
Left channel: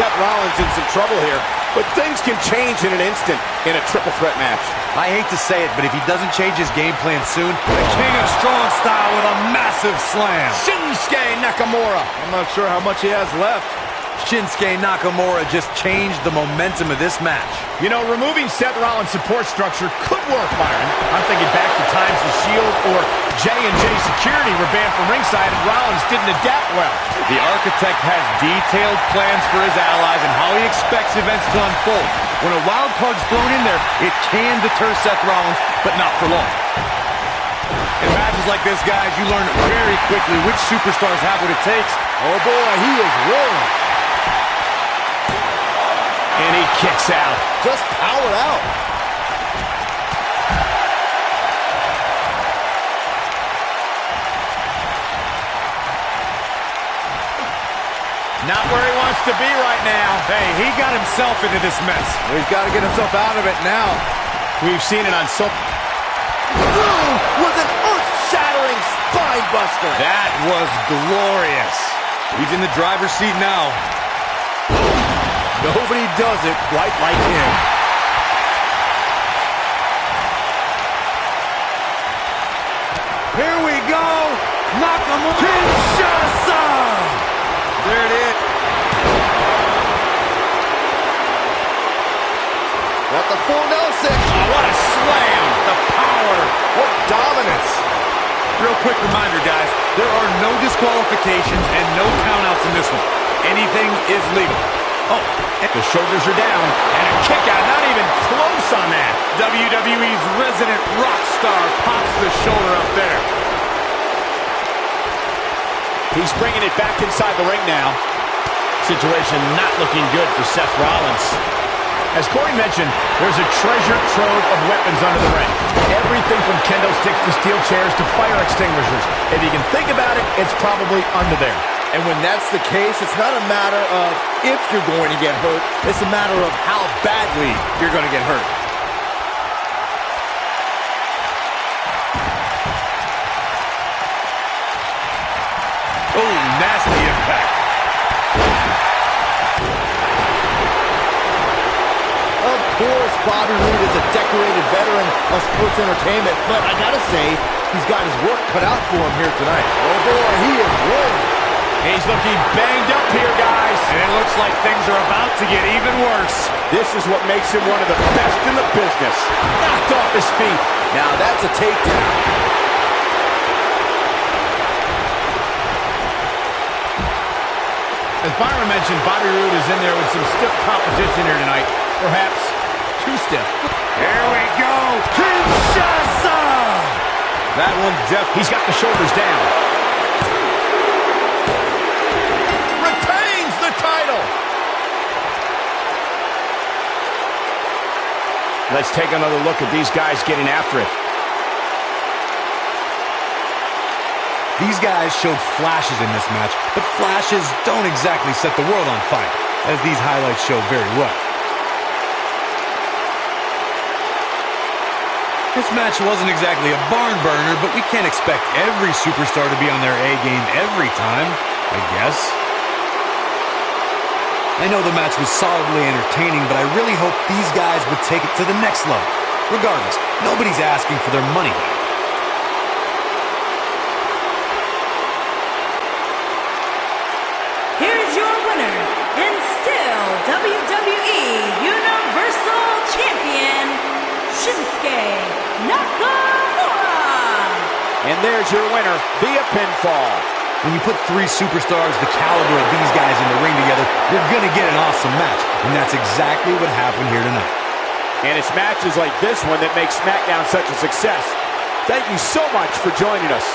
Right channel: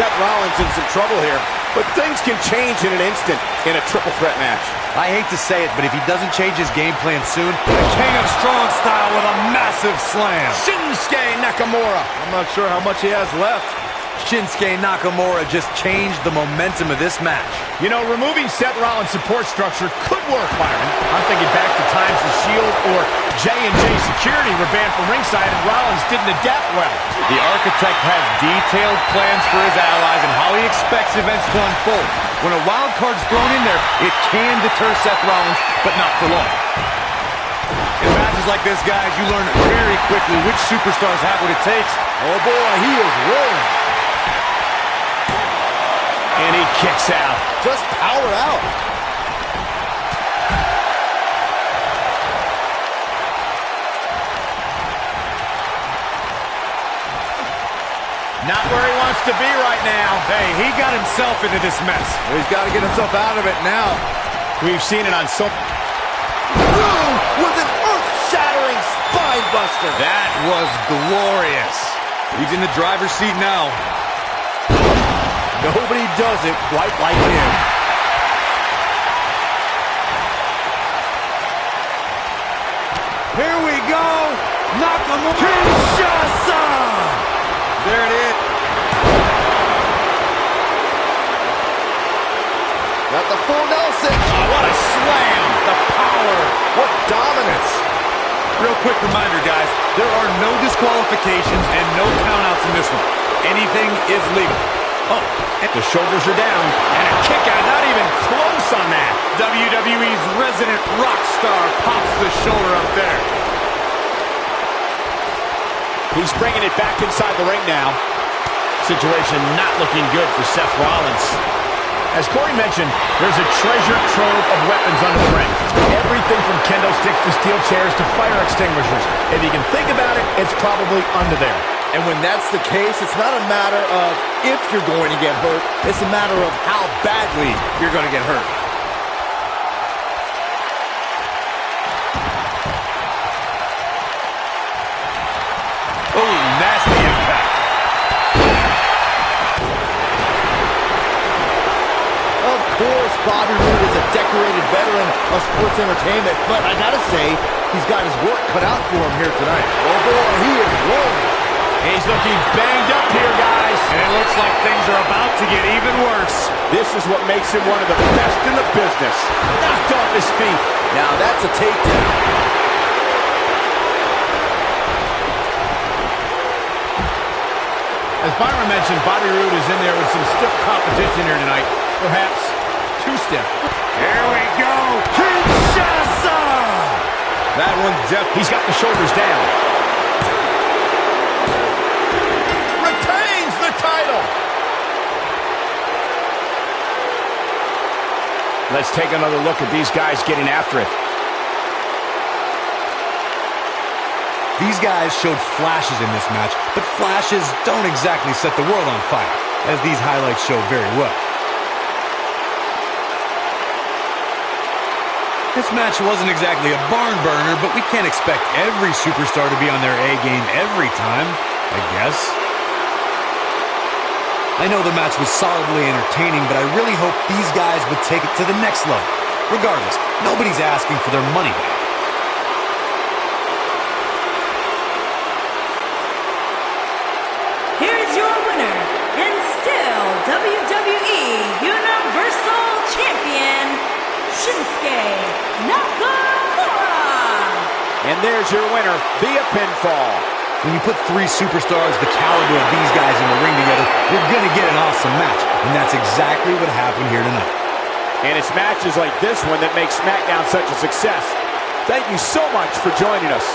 Seth Rollins in some trouble here. But things can change in an instant in a triple threat match. I hate to say it, but if he doesn't change his game plan soon, the King of Strong Style with a massive slam. Shinsuke Nakamura. I'm not sure how much he has left. Shinsuke Nakamura just changed the momentum of this match. You know, removing Seth Rollins' support structure could work, Byron. I'm thinking back to times the Shield or J&J Security were banned from ringside and Rollins didn't adapt well. The Architect has detailed plans for his allies and how he expects events to unfold. When a wild card's thrown in there, it can deter Seth Rollins, but not for long. In matches like this, guys, you learn very quickly which superstars have what it takes. Oh boy, he is rolling. And he kicks out. Just powered out. Not where he wants to be right now. Hey, he got himself into this mess. Well, he's got to get himself out of it now. We've seen it on so... Ooh, with an earth-shattering spine buster. That was glorious. He's in the driver's seat now. Nobody does it quite like him. Here we go. Nakamura. Kinshasa. There it is. Got the full Nelson. Oh, what a slam. The power. What dominance. Real quick reminder, guys. There are no disqualifications and no countouts in this one. Anything is legal. Oh, the shoulders are down, and a kick out, not even close on that. WWE's resident rock star pops the shoulder up there. He's bringing it back inside the ring now. Situation not looking good for Seth Rollins. As Corey mentioned, there's a treasure trove of weapons under the ring. Everything from kendo sticks to steel chairs to fire extinguishers. If you can think about it, it's probably under there. And when that's the case, it's not a matter of if you're going to get hurt. It's a matter of how badly you're going to get hurt. Oh, nasty impact. Of course, Bobby Roode is a decorated veteran of sports entertainment, but I gotta say, he's got his work cut out for him here tonight. Oh boy, he is rolling. He's looking banged up here, guys. And it looks like things are about to get even worse. This is what makes him one of the best in the business. Knocked off his feet. Now that's a takedown. As Byron mentioned, Bobby Roode is in there with some stiff competition here tonight. Perhaps too stiff. Here we go. Kinshasa. That one he's got the shoulders down. Retains the title. Let's take another look at these guys getting after it. These guys showed flashes in this match, but flashes don't exactly set the world on fire, as these highlights show very well. This match wasn't exactly a barn burner, but we can't expect every superstar to be on their A game every time, I guess. I know the match was solidly entertaining, but I really hope these guys would take it to the next level. Regardless, nobody's asking for their money back. Here is your winner, and still WWE Universal Champion, Shinsuke Nakamura. And there's your winner via pinfall. When you put three superstars the caliber of these guys in the ring together, you're going to get an awesome match. And that's exactly what happened here tonight. And it's matches like this one that make SmackDown such a success. Thank you so much for joining us.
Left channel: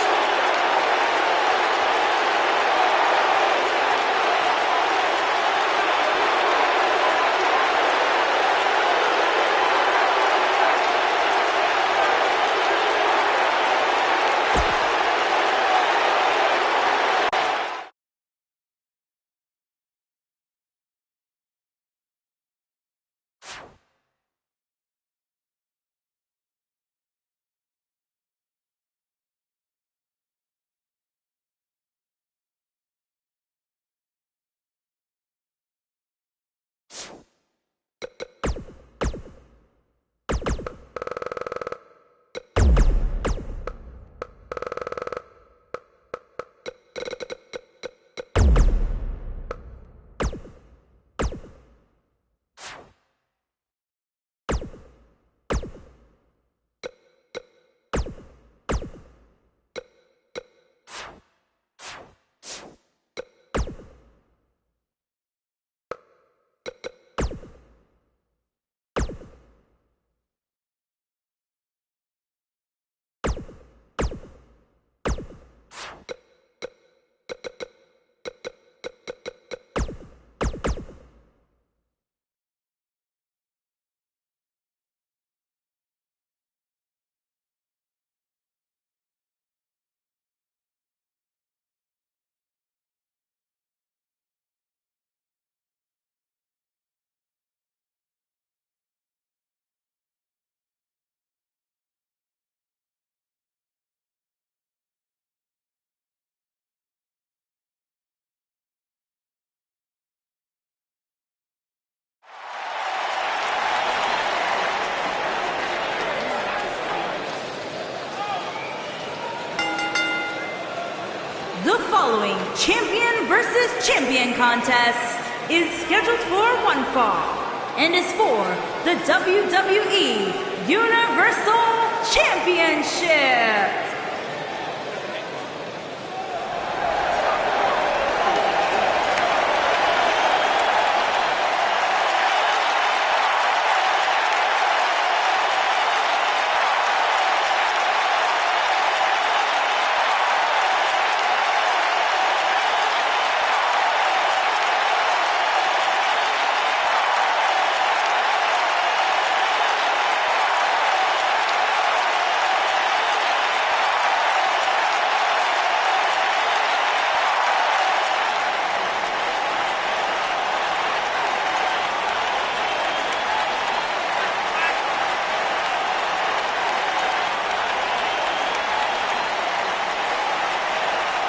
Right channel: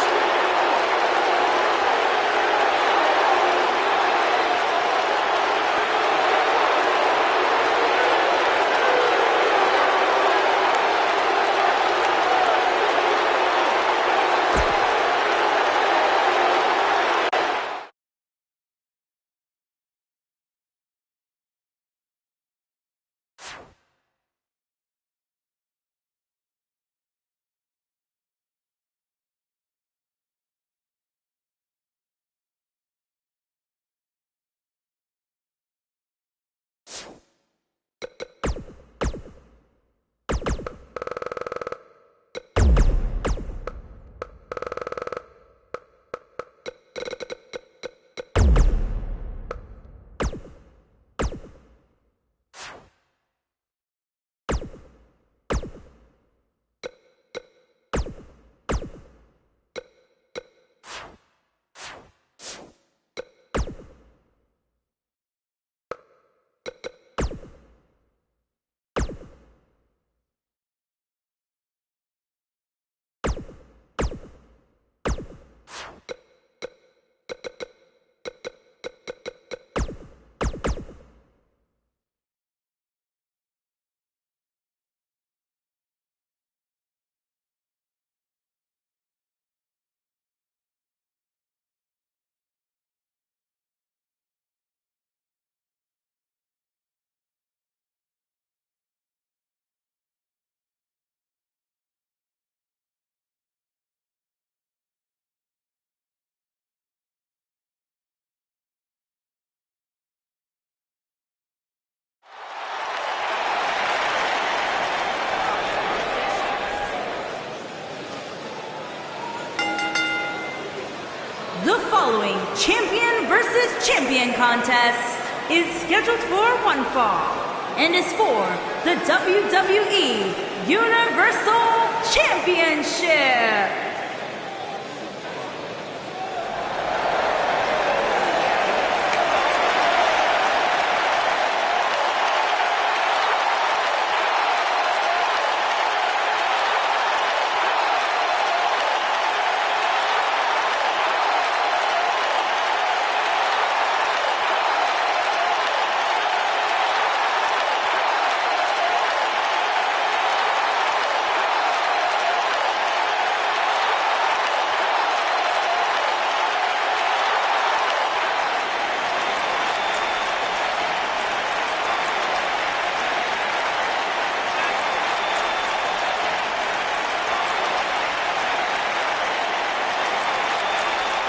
The following champion versus champion contest is scheduled for one fall and is for the WWE Universal Championship.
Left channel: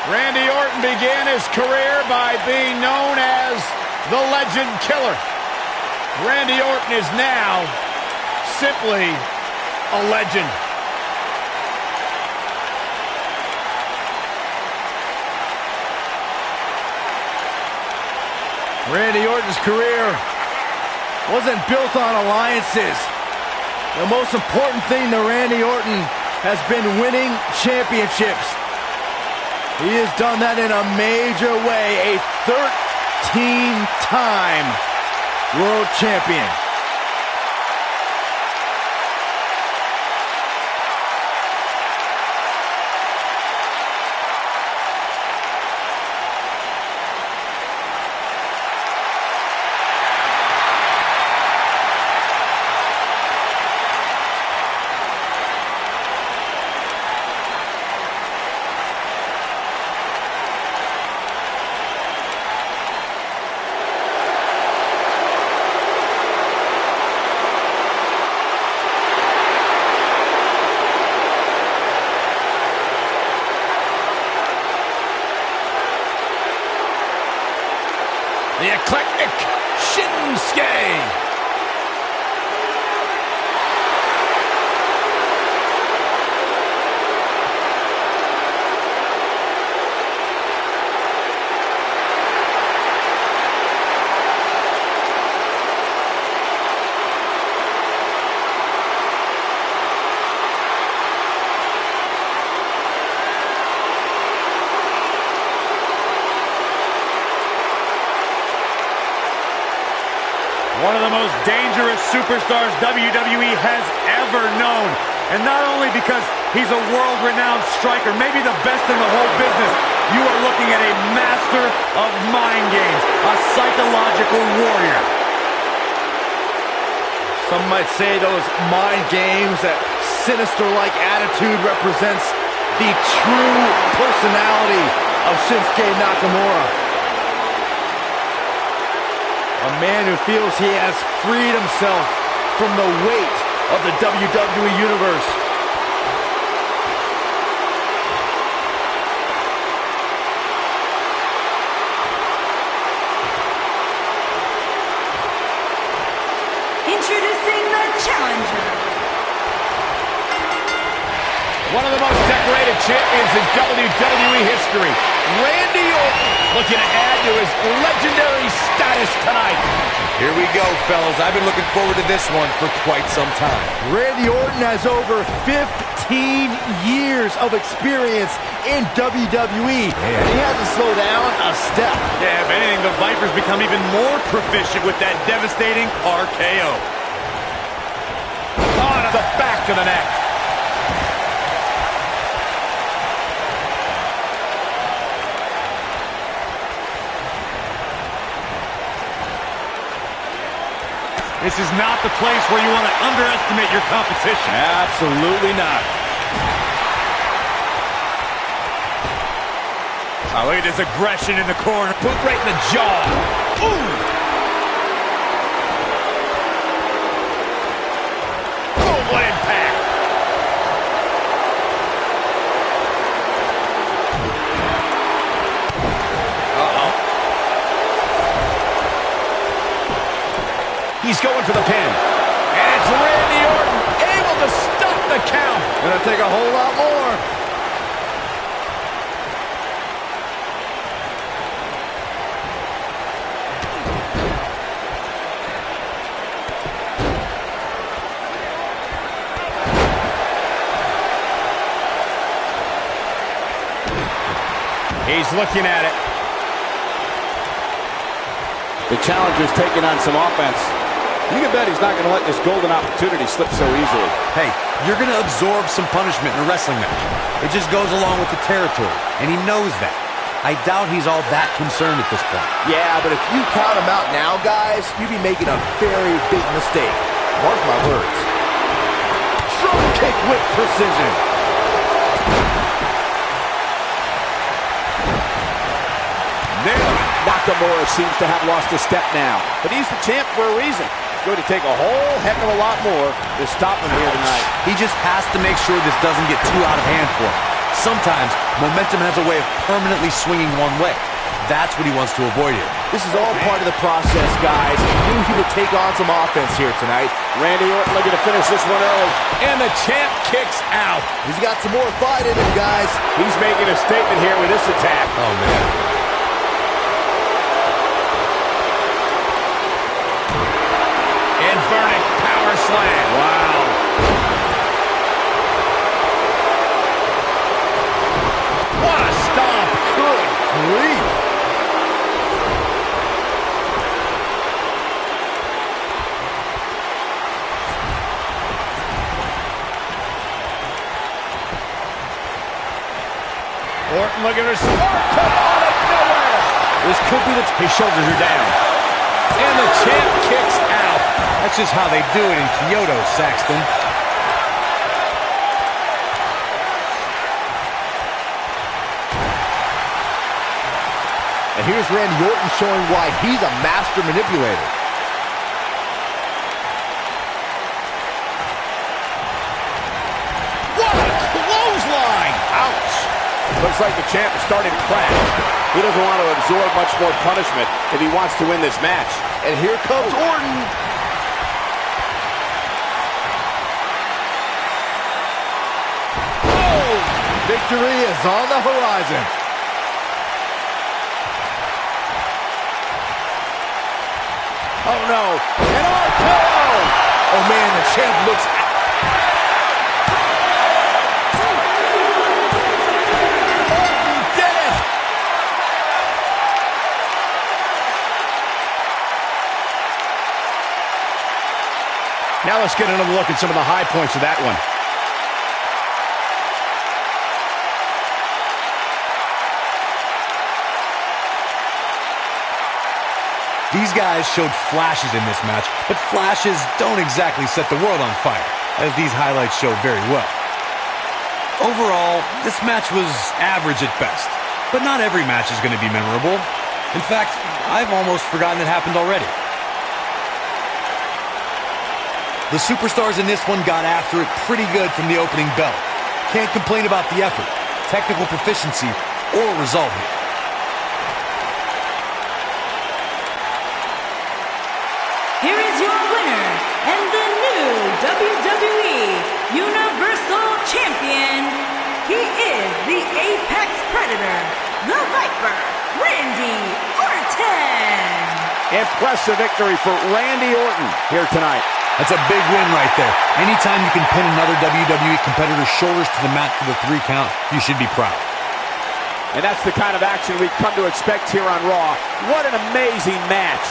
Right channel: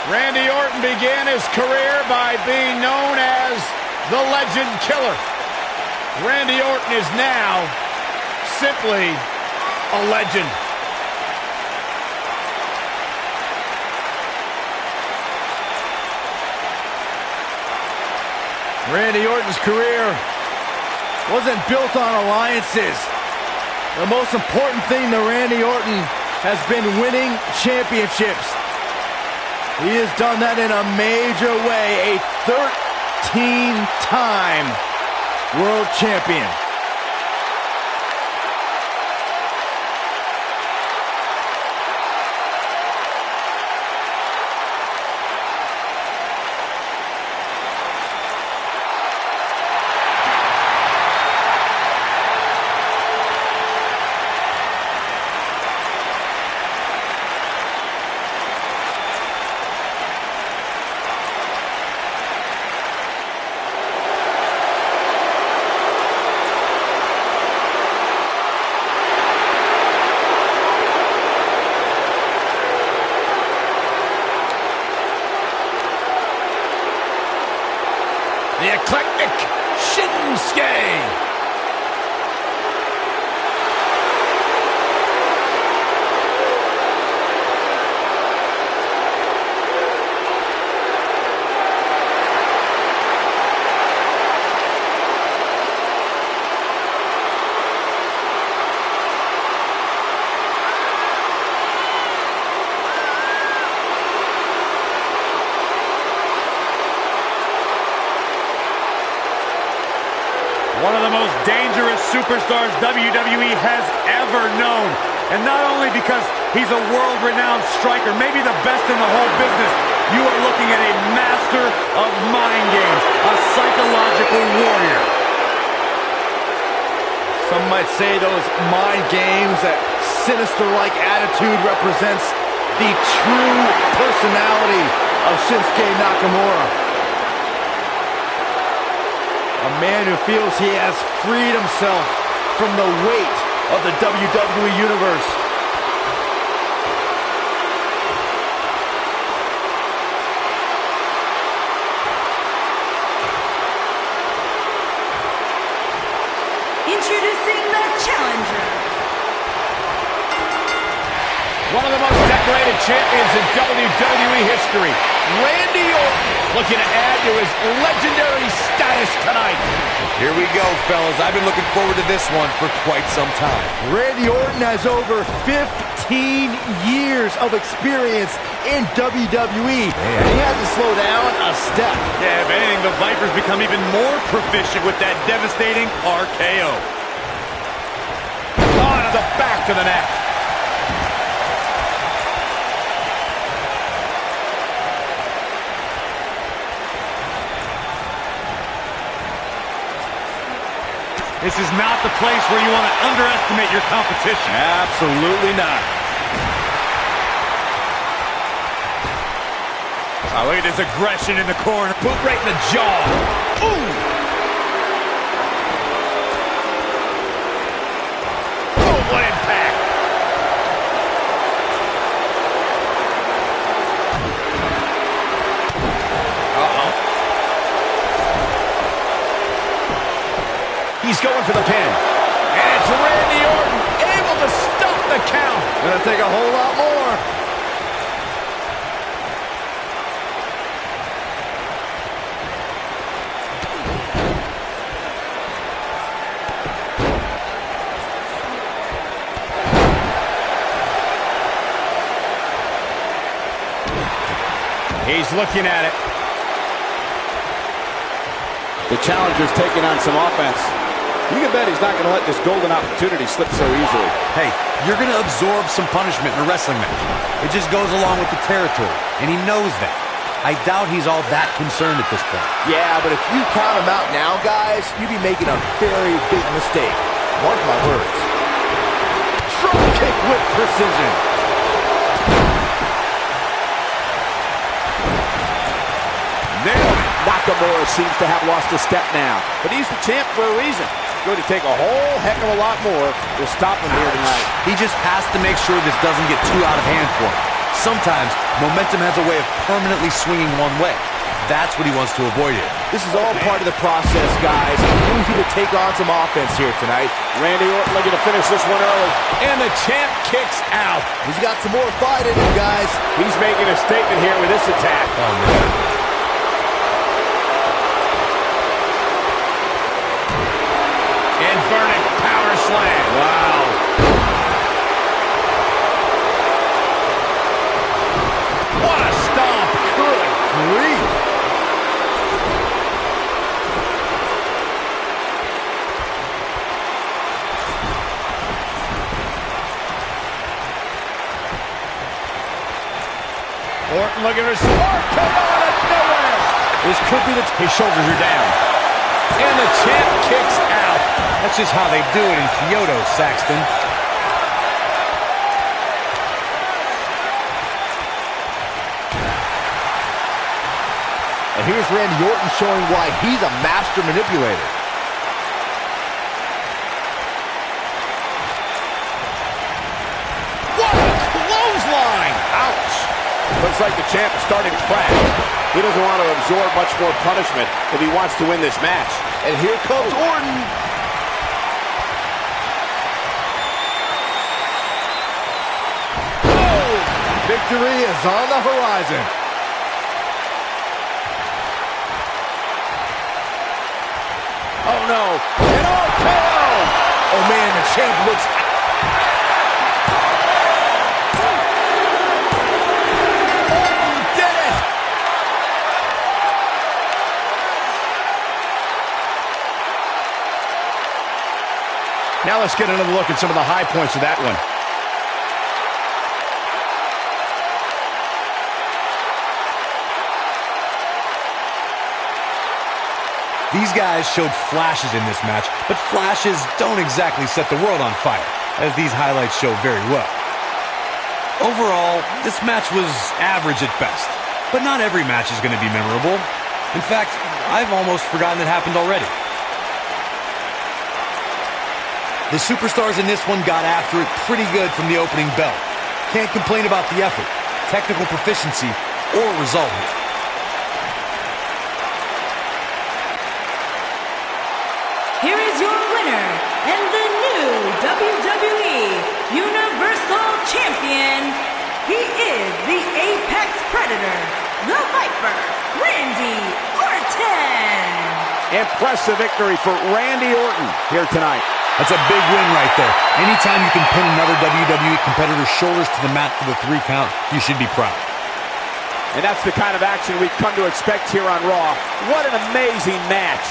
Randy Orton began his career by being known as the Legend Killer. Randy Orton is now simply a legend. Randy Orton's career wasn't built on alliances. The most important thing to Randy Orton has been winning championships. He has done that in a major way, a 13-time world champion. The eclectic Shinsuke. One of the most dangerous superstars WWE has ever known. And not only because he's a world-renowned striker, maybe the best in the whole business, you are looking at a master of mind games, a psychological warrior. Some might say those mind games, that sinister-like attitude represents the true personality of Shinsuke Nakamura. A man who feels he has freed himself from the weight of the WWE Universe. Introducing the challenger. One of the most decorated champions in WWE history, Randy Orton, looking to add to his legendary status tonight. Here we go, fellas. I've been looking forward to this one for quite some time. Randy Orton has over 15 years of experience in WWE, and he had to slow down a step. Yeah, if anything, the Vipers become even more proficient with that devastating RKO. On to the back of the neck. This is not the place where you want to underestimate your competition. Absolutely not. Oh, look at this aggression in the corner. Boot right in the jaw. Ooh! Oh, what impact! He's going for the pin. And it's Randy Orton able to stop the count. Gonna take a whole lot more. He's looking at it. The challenger's taking on some offense. You can bet he's not going to let this golden opportunity slip so easily. Hey, you're going to absorb some punishment in a wrestling match. It just goes along with the territory, and he knows that. I doubt he's all that concerned at this point. Yeah, but if you count him out now, guys, you'd be making a very big mistake. Mark my words. Drop kick with precision. Nailed it. Nakamura seems to have lost a step now, but he's the champ for a reason. It's going to take a whole heck of a lot more to stop him here tonight. He just has to make sure this doesn't get too out of hand for him. Sometimes, momentum has a way of permanently swinging one way. That's what he wants to avoid here. This is all part of the process, guys. He knew he would take on some offense here tonight. Randy Orton looking to finish this one early. And the champ kicks out. He's got some more fight in him, guys. He's making a statement here with this attack. Oh, man. Inverted power slam. Wow. What a stomp. Good grief. Orton looking for some RKO out of nowhere. This could be his shoulders are down. And the champ kicks out. That's just how they do it in Kyoto, Saxton. And here's Randy Orton showing why he's a master manipulator. What a clothesline. Ouch. Looks like the champ is starting to crack. He doesn't want to absorb much more punishment if he wants to win this match. And here comes Orton. Oh! Victory is on the horizon. Oh, no. An RKO. Oh, man, the champ looks... Now let's get another look at some of the high points of that one. These guys showed flashes in this match, but flashes don't exactly set the world on fire, as these highlights show very well. Overall, this match was average at best, but not every match is going to be memorable. In fact, I've almost forgotten it happened already. The superstars in this one got after it pretty good from the opening bell. Can't complain about the effort, technical proficiency, or result here. Here is your winner and the new WWE Universal Champion. He is the Apex Predator, the Viper, Randy Orton. Impressive victory for Randy Orton here tonight. That's a big win right there. Anytime you can pin another WWE competitor's shoulders to the mat for the 3 count, you should be proud. And that's the kind of action we've come to expect here on Raw. What an amazing match.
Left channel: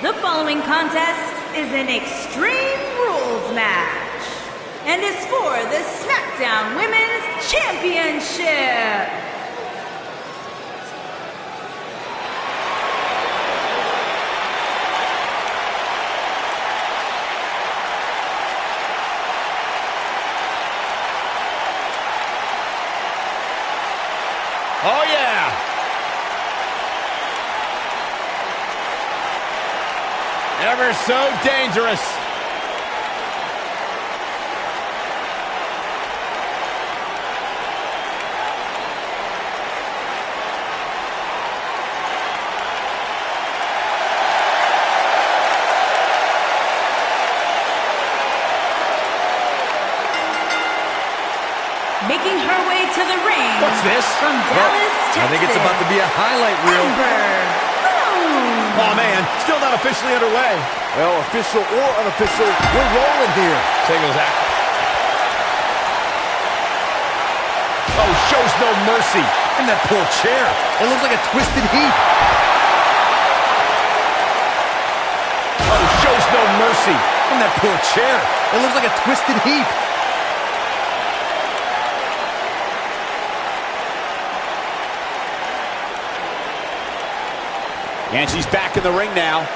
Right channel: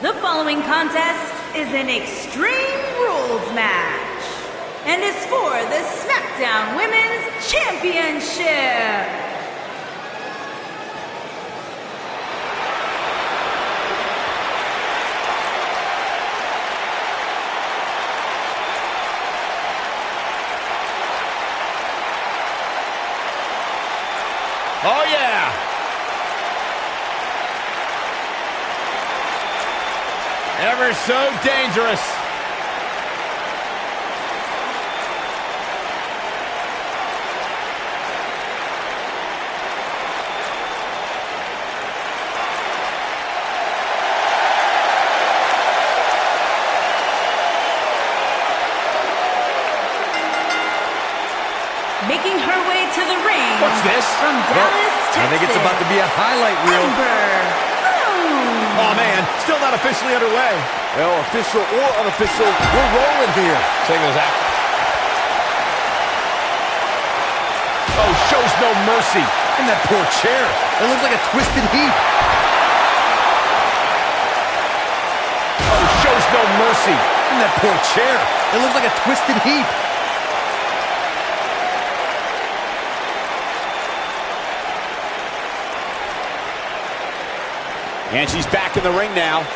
The following contest is an Extreme Rules match and is for the SmackDown Women's Championship. Oh, yeah. Ever so dangerous. Making her way to the ring. What's this? From Dallas, Texas. I think it's about to be a highlight reel. Ember Moon. Oh, man, still not officially underway. Well, official or unofficial, we're rolling here. Singles action. Oh, shows no mercy. And that poor chair. It looks like a twisted heap. Oh, shows no mercy. And that poor chair. It looks like a twisted heap. And she's back in the ring now.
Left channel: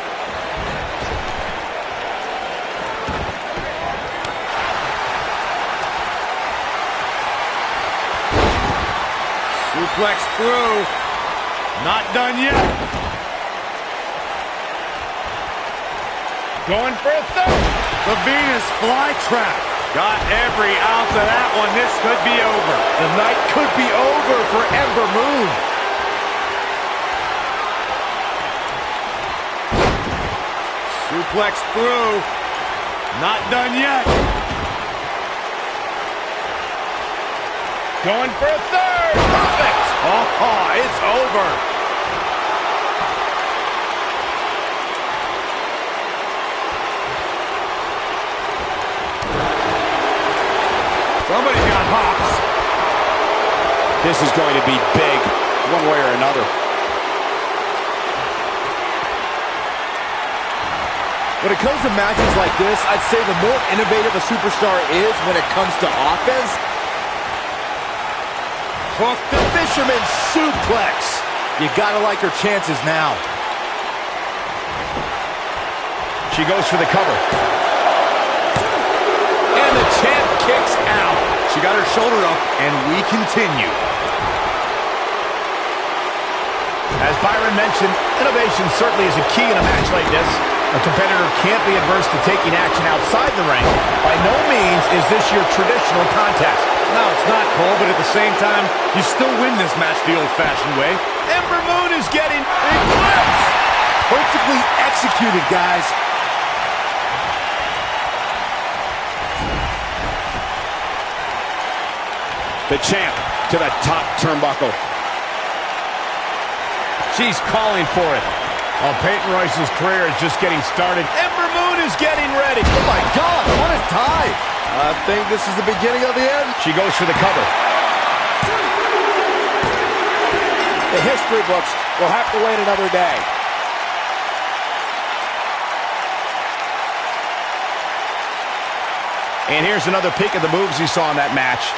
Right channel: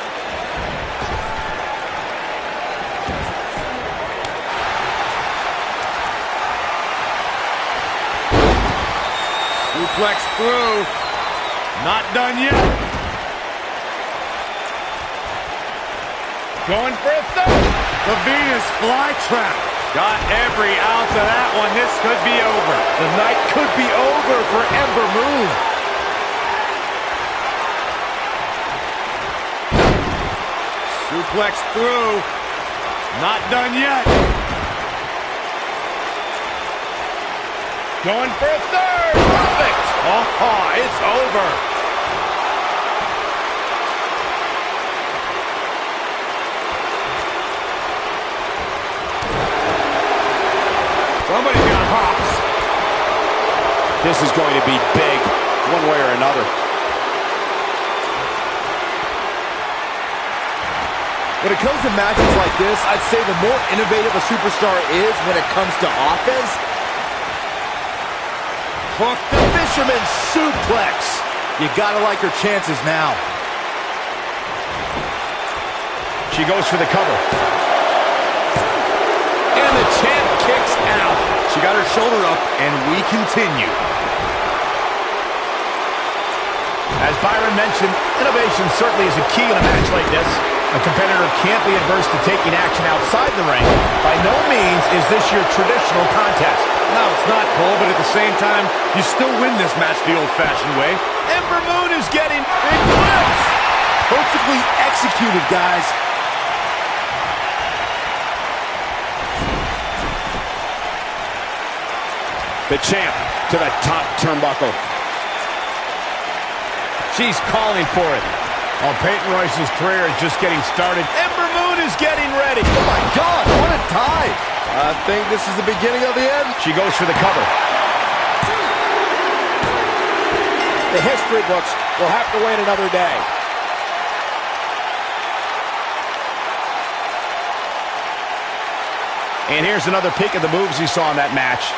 Suplex through. Not done yet. Going for a third. The Venus flytrap. Got every ounce of that one. This could be over. The night could be over for Ember Moon. Suplex through. Not done yet. Going for a third. Perfect. Oh, it's over. Somebody's got hops. This is going to be big, one way or another. When it comes to matches like this, I'd say the more innovative a superstar is when it comes to offense. Hook the fisherman suplex. You gotta like her chances now. She goes for the cover. And the champ kicks out. She got her shoulder up, and we continue. As Byron mentioned, innovation certainly is a key in a match like this. A competitor can't be adverse to taking action outside the ring. By no means is this your traditional contest. No, it's not, Cole, but at the same time, you still win this match the old-fashioned way. Ember Moon is getting big whips. Perfectly executed, guys. The champ to the top turnbuckle. She's calling for it. While Peyton Royce's career is just getting started, Ember Moon is getting ready. Oh my God, what a dive. I think this is the beginning of the end. She goes for the cover. The history books will have to wait another day. And here's another peek at the moves you saw in that match.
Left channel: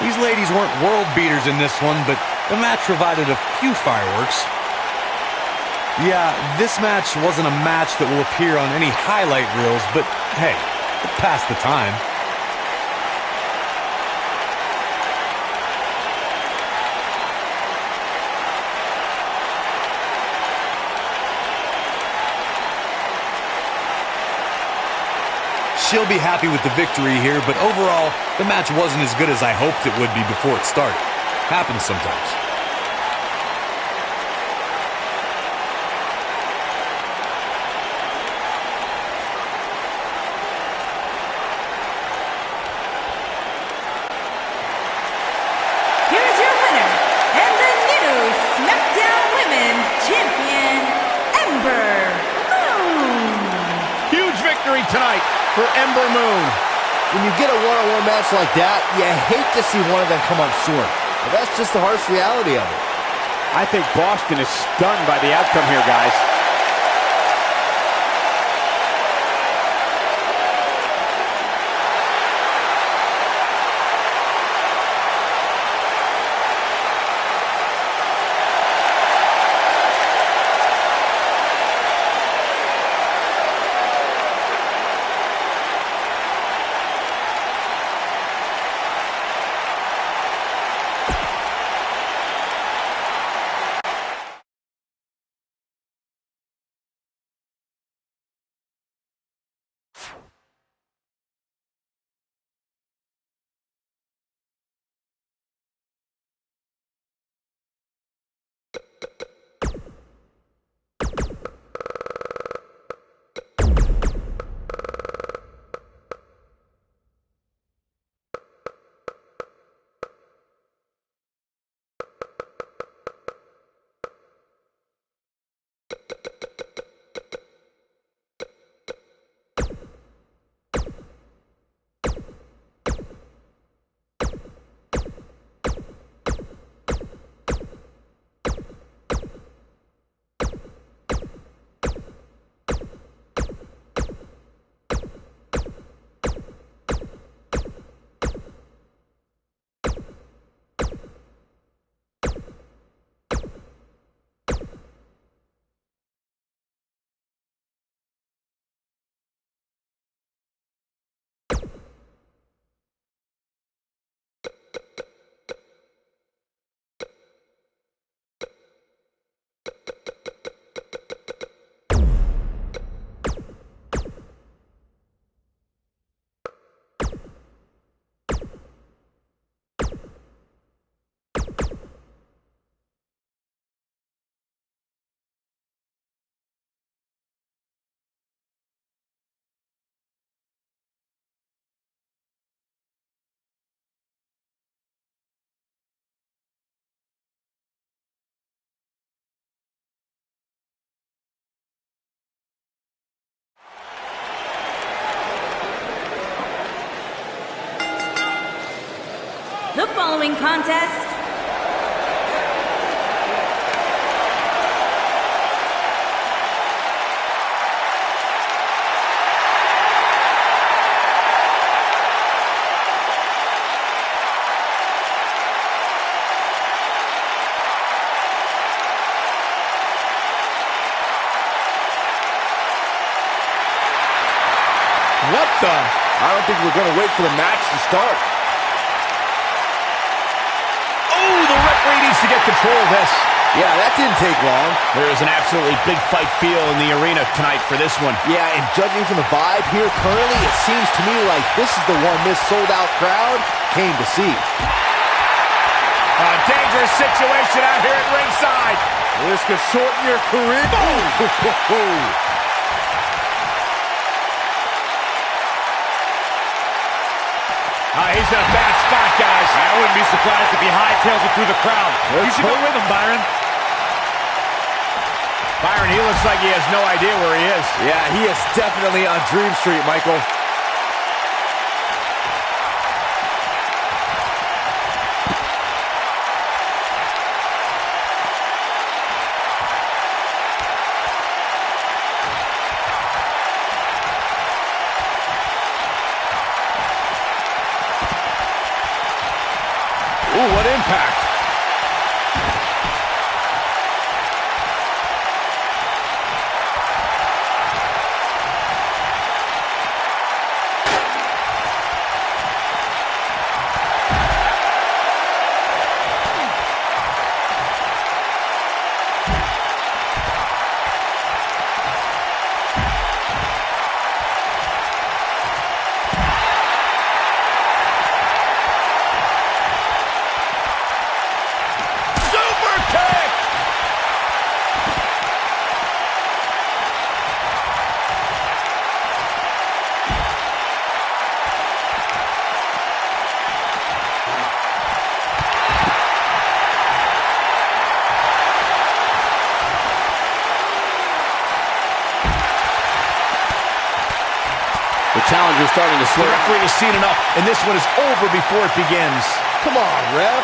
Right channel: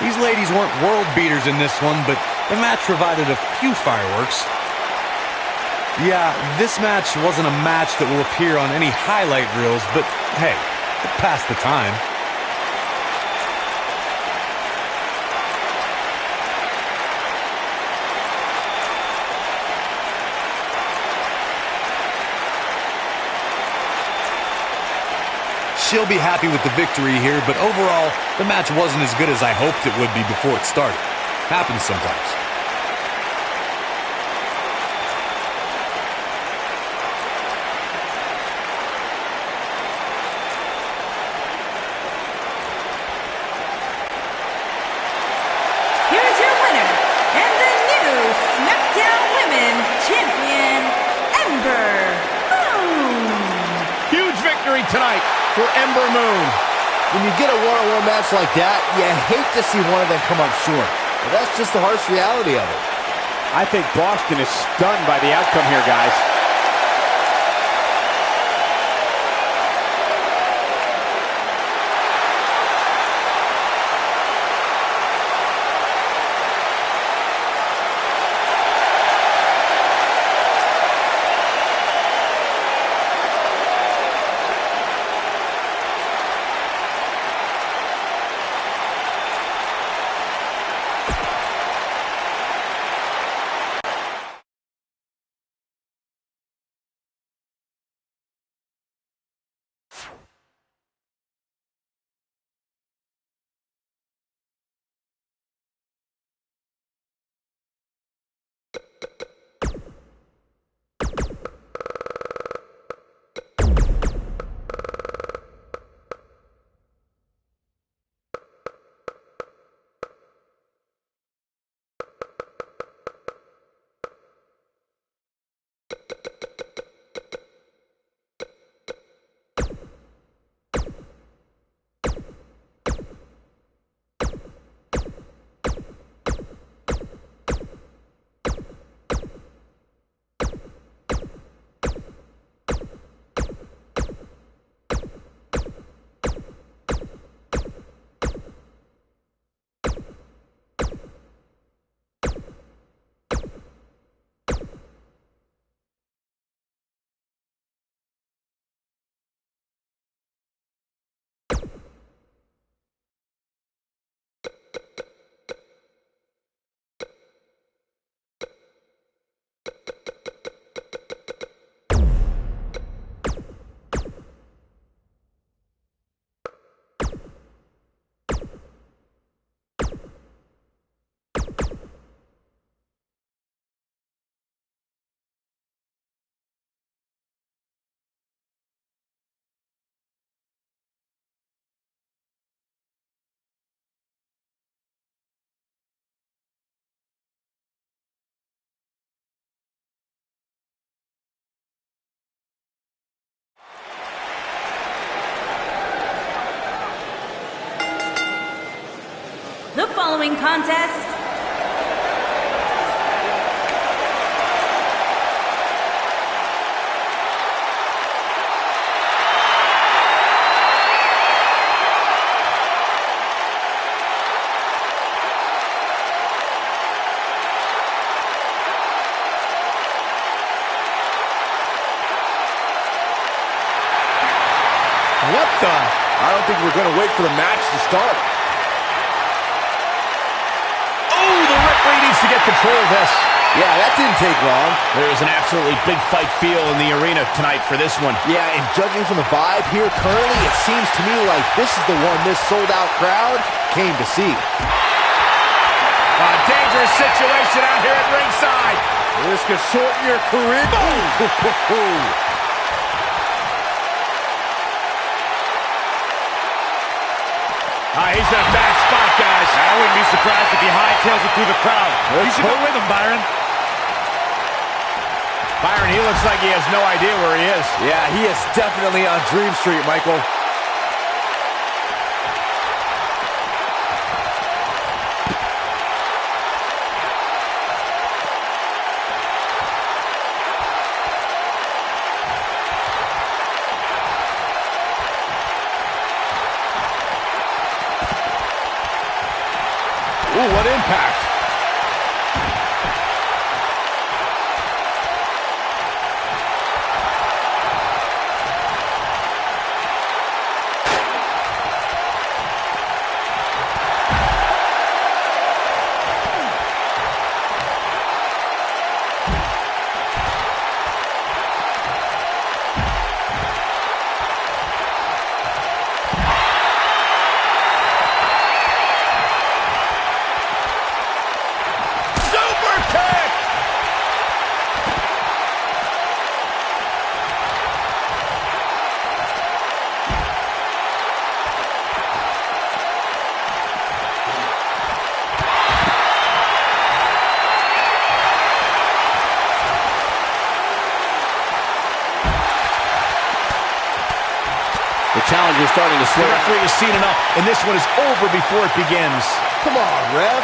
These ladies weren't world beaters in this one, but the match provided a few fireworks. Yeah, this match wasn't a match that will appear on any highlight reels, but hey, it passed the time. She'll be happy with the victory here, but overall, the match wasn't as good as I hoped it would be before it started. Happens sometimes. Here is your winner and the new SmackDown Women's Champion, Ember Moon. Huge victory tonight for Ember Moon. When you get a one-on-one match like that, you hate to see one of them come up short. But that's just the harsh reality of it. I think Boston is stunned by the outcome here, guys. The following contest What the? I don't think we're going to wait for the match to start. Oh, the referee needs to get control of this. Yeah, that didn't take long. There is an absolutely big fight feel in the arena tonight for this one. Yeah, and judging from the vibe here currently, it seems to me like this is the one this sold-out crowd came to see. A dangerous situation out here at ringside. This could shorten your career. Boom! He's in a bad spot, guys. I wouldn't be surprised if he hightails it through the crowd. You should go with him, Byron. Byron, he looks like he has no idea where he is. Yeah, he is definitely on Dream Street, Michael. Ooh, what impact. The challenger's starting to slow. The referee has seen enough, and this one is over before it begins. Come on, ref.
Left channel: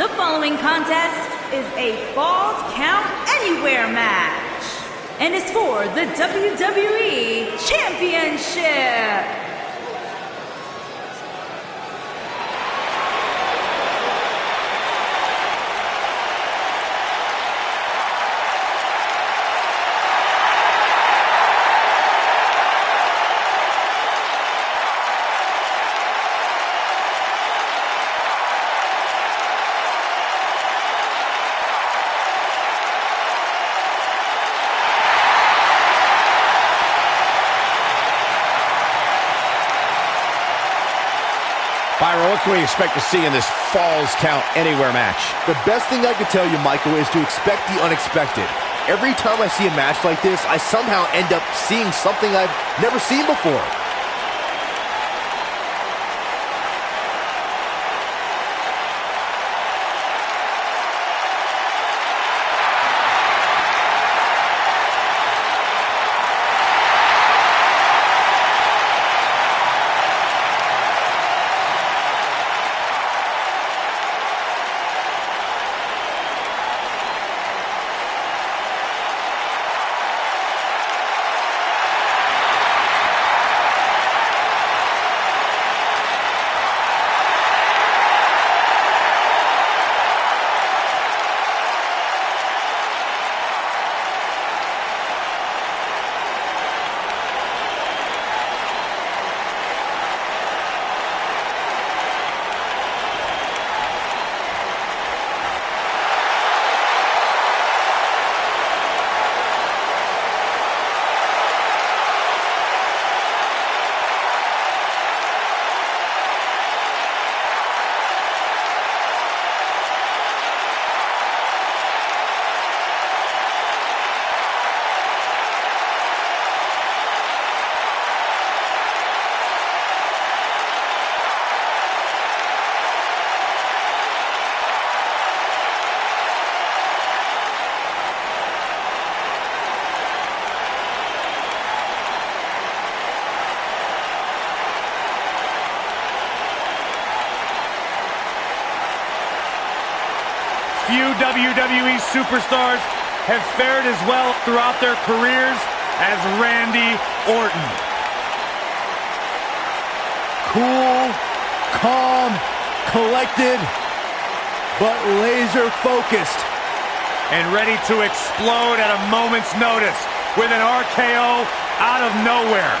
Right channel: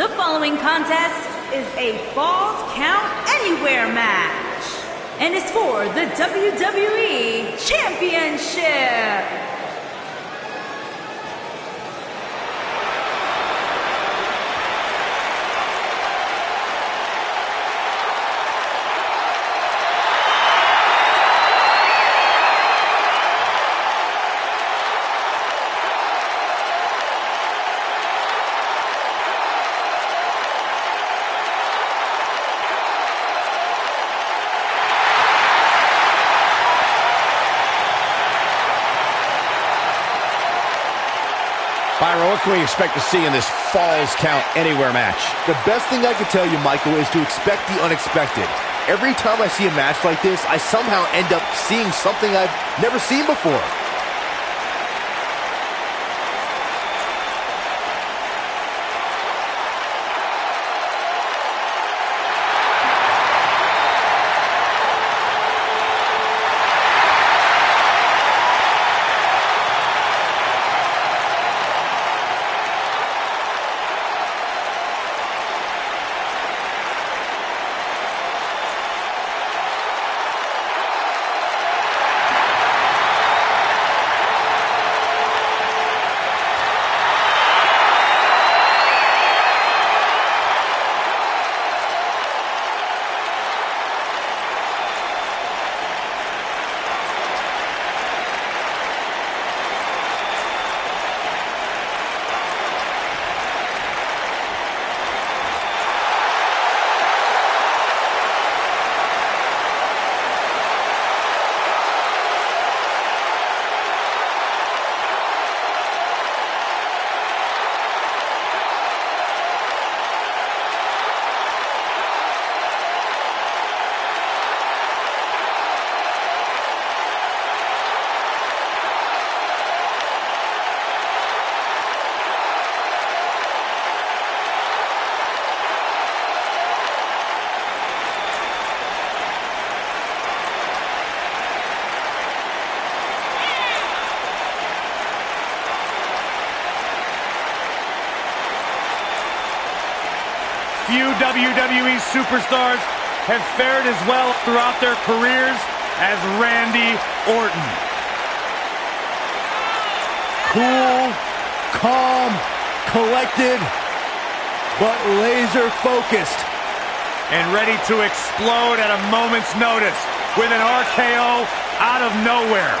The following contest is a Falls Count Anywhere match and is for the WWE Championship. Byron, what can we expect to see in this Falls Count Anywhere match? The best thing I can tell you, Michael, is to expect the unexpected. Every time I see a match like this, I somehow end up seeing something I've never seen before. Few WWE superstars have fared as well throughout their careers as Randy Orton. Cool, calm, collected, but laser focused. And ready to explode at a moment's notice with an RKO out of nowhere.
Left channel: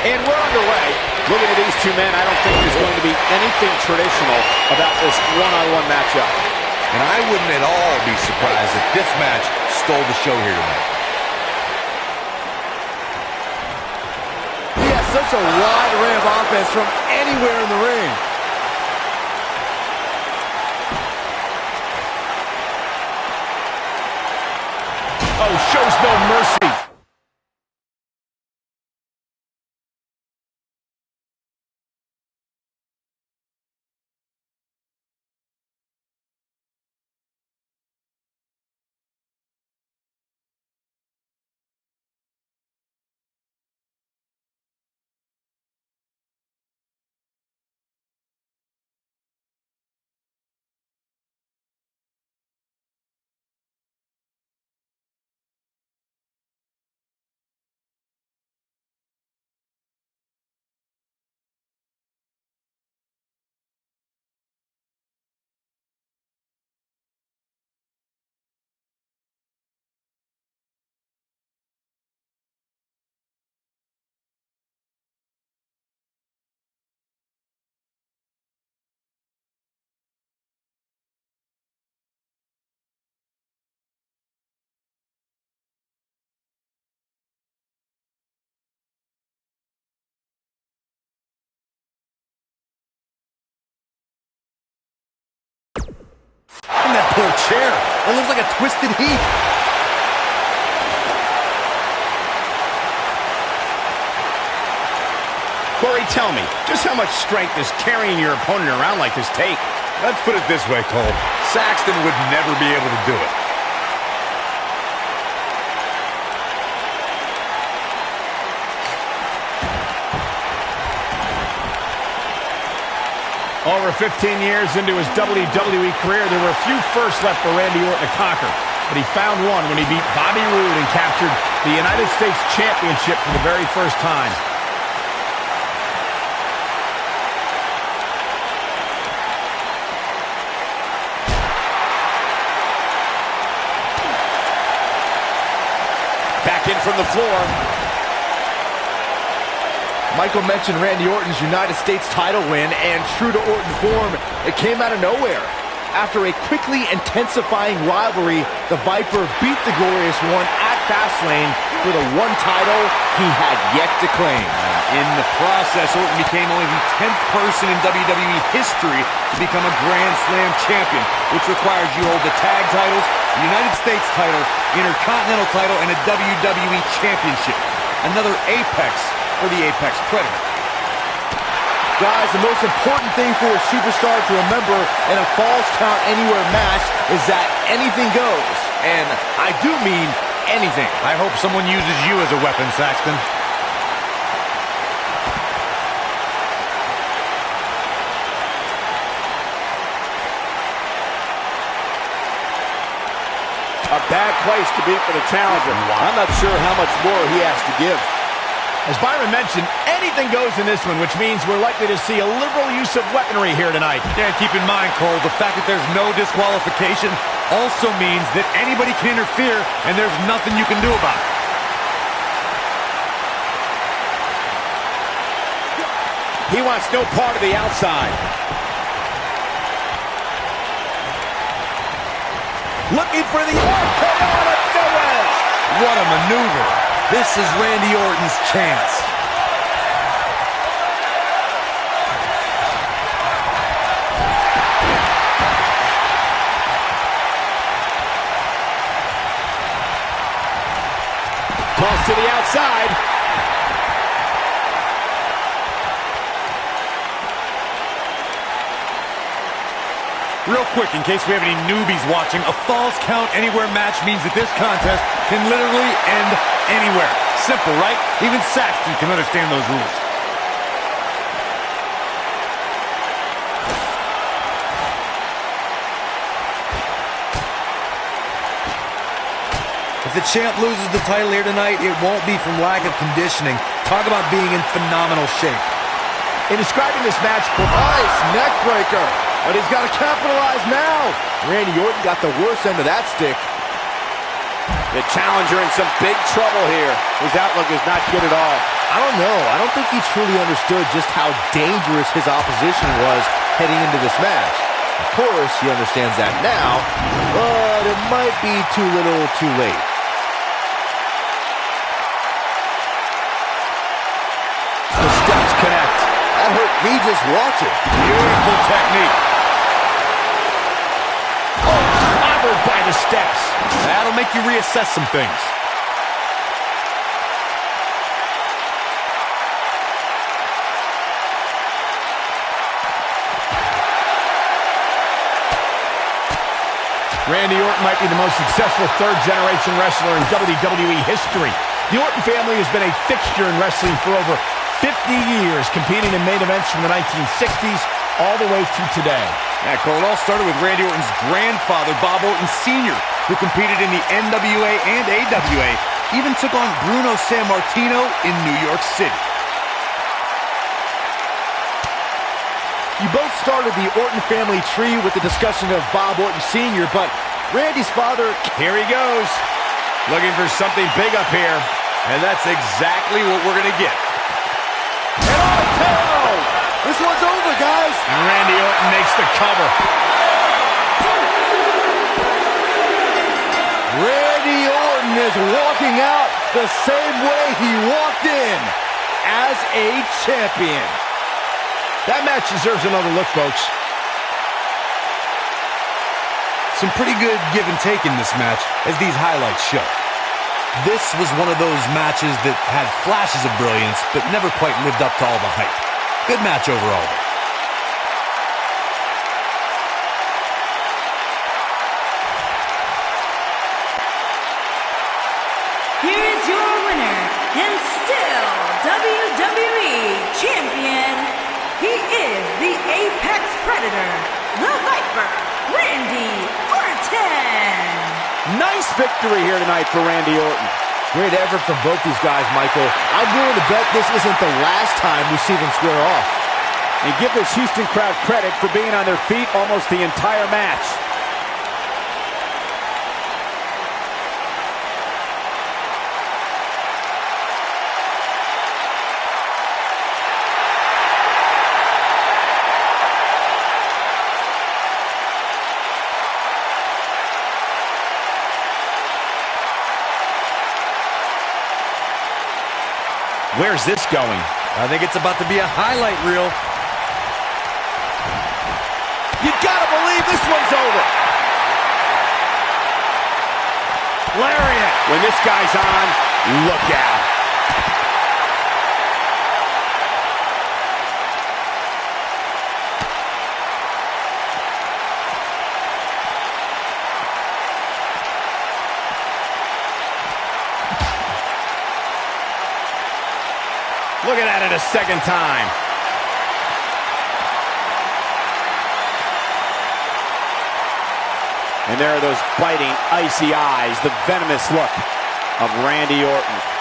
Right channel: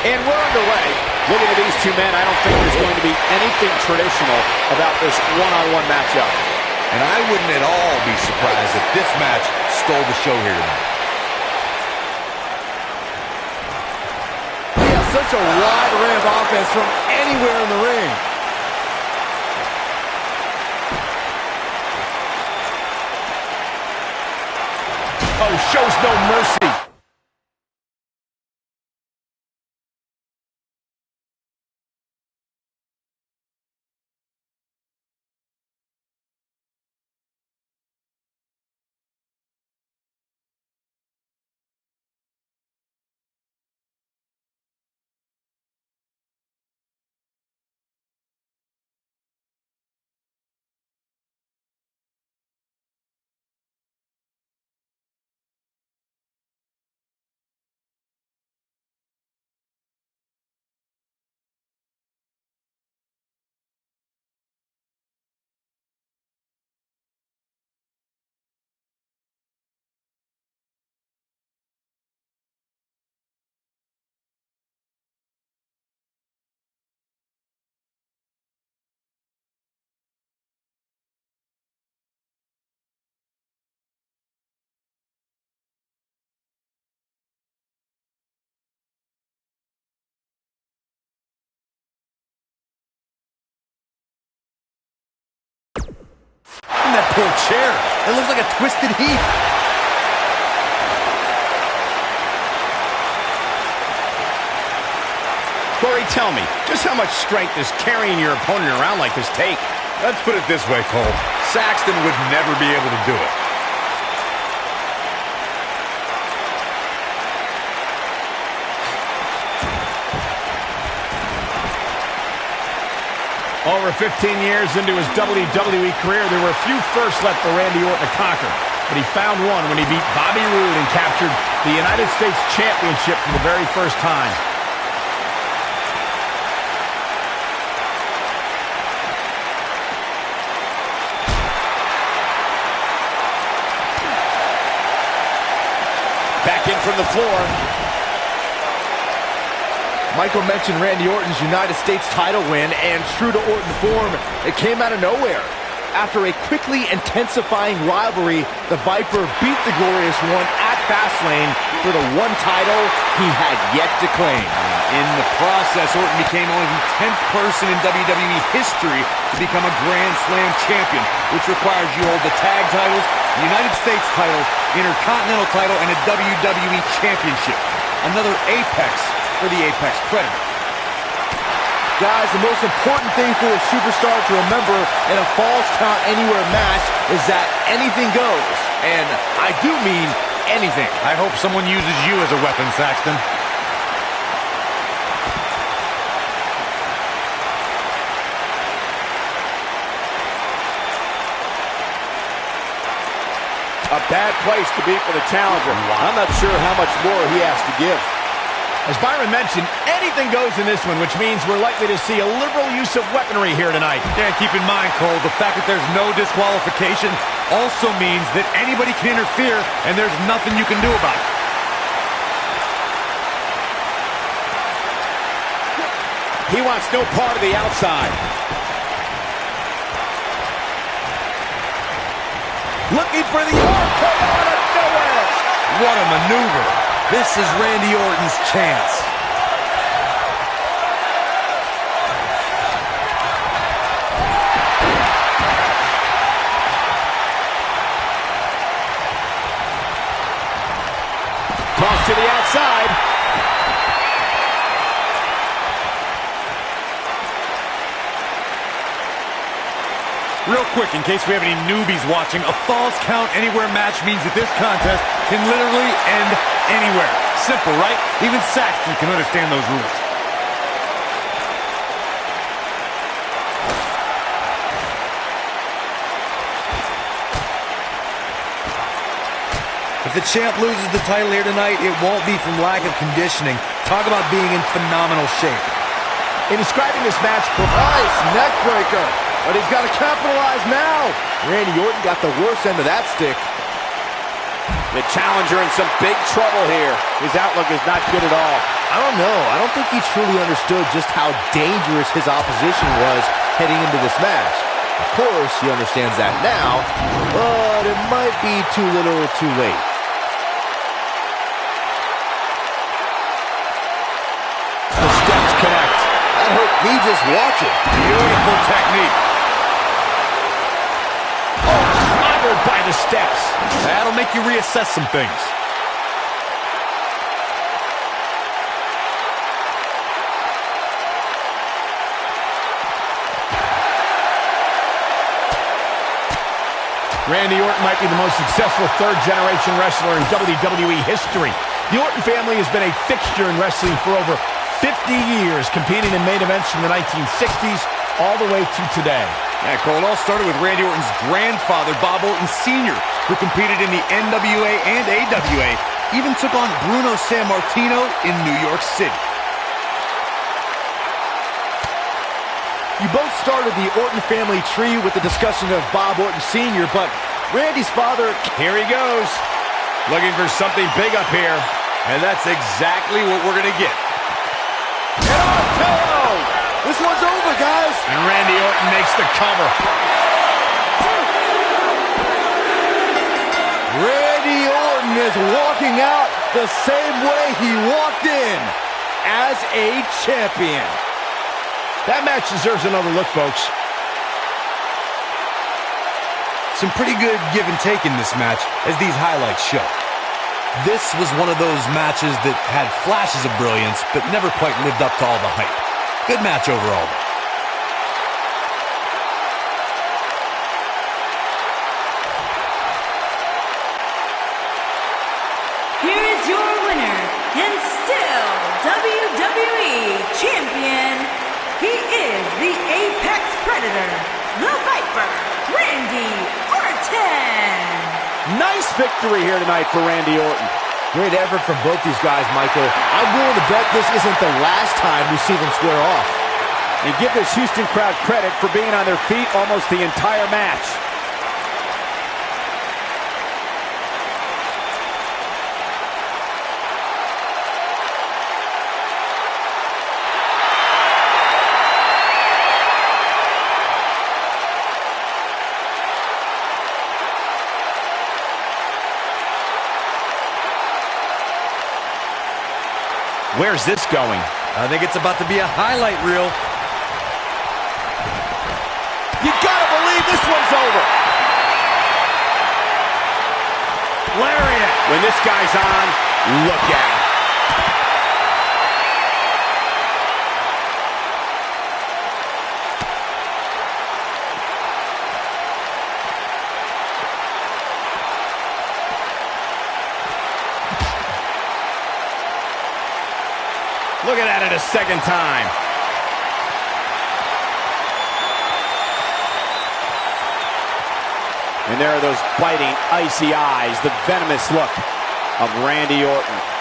And we're underway. Looking at these two men, I don't think there's going to be anything traditional about this one-on-one matchup. And I wouldn't at all be surprised if this match stole the show here tonight. He has such a wide array of offense from anywhere in the ring. Oh, shows no mercy. Damn, that poor chair. It looks like a twisted heap. Corey, tell me, just how much strength does carrying your opponent around like this take? Let's put it this way, Cole. Saxton would never be able to do it. Over 15 years into his WWE career, there were a few firsts left for Randy Orton to conquer. But he found one when he beat Bobby Roode and captured the United States Championship for the very first time. Back in from the floor. Michael mentioned Randy Orton's United States title win, and true to Orton form, it came out of nowhere. After a quickly intensifying rivalry, the Viper beat the Glorious One at Fastlane for the one title he had yet to claim. In the process, Orton became only the 10th person in WWE history to become a Grand Slam champion, which requires you hold the tag titles, the United States title, Intercontinental title, and a WWE championship. Another apex for the Apex Predator. Guys, the most important thing for a superstar to remember in a Falls Count Anywhere match is that anything goes. And I do mean anything. I hope someone uses you as a weapon, Saxton. A bad place to be for the challenger. I'm not sure how much more he has to give. As Byron mentioned, anything goes in this one, which means we're likely to see a liberal use of weaponry here tonight. Yeah, keep in mind, Cole, the fact that there's no disqualification also means that anybody can interfere, and there's nothing you can do about it. He wants no part of the outside. Looking for the RKO out of nowhere. What a maneuver. This is Randy Orton's chance. Toss to the outside. Real quick, in case we have any newbies watching, a Falls Count Anywhere match means that this contest can literally end anywhere. Simple, right? Even Saxton can understand those rules. If the champ loses the title here tonight, it won't be from lack of conditioning. Talk about being in phenomenal shape. In describing this match, Nice neck breaker. But he's got to capitalize now. Randy Orton got the worst end of that stick. the challenger in some big trouble here. His outlook is not good at all. I don't know. I don't think he truly understood just how dangerous his opposition was heading into this match. Of course, he understands that now, but it might be too little too late. The steps connect. That hurt me just watching. Beautiful technique. Oh, clobbered by the steps. That'll make you reassess some things. Randy Orton might be the most successful third-generation wrestler in WWE history. The Orton family has been a fixture in wrestling for over 50 years, competing in main events from the 1960s all the way to today. Yeah, Cole, it all started with Randy Orton's grandfather, Bob Orton Sr., who competed in the NWA and AWA, even took on Bruno Sammartino in New York City. You both started the Orton family tree with the discussion of Bob Orton Sr., but Randy's father... Here he goes, looking for something big up here. And that's exactly what we're going to get. An RKO! This one's over, guys! And Randy Orton makes the cover. Randy Orton is walking out the same way he walked in, as a champion. That match deserves another look, folks. Some pretty good give and take in this match, as these highlights show. This was one of those matches that had flashes of brilliance, but never quite lived up to all the hype. Good match overall, though. Here is your winner, and still WWE Champion. He is the Apex Predator, the Viper, Randy Orton. Nice victory here tonight for Randy Orton. Great effort from both these guys, Michael. I'm willing to bet this isn't the last time we see them square off. And give this Houston crowd credit for being on their feet almost the entire match. Where's this going? I think it's about to be a highlight reel. You gotta believe this one's over. Lariat. When this guy's on, look out. Look at that a second time. And there are those biting, icy eyes, the venomous look of Randy Orton.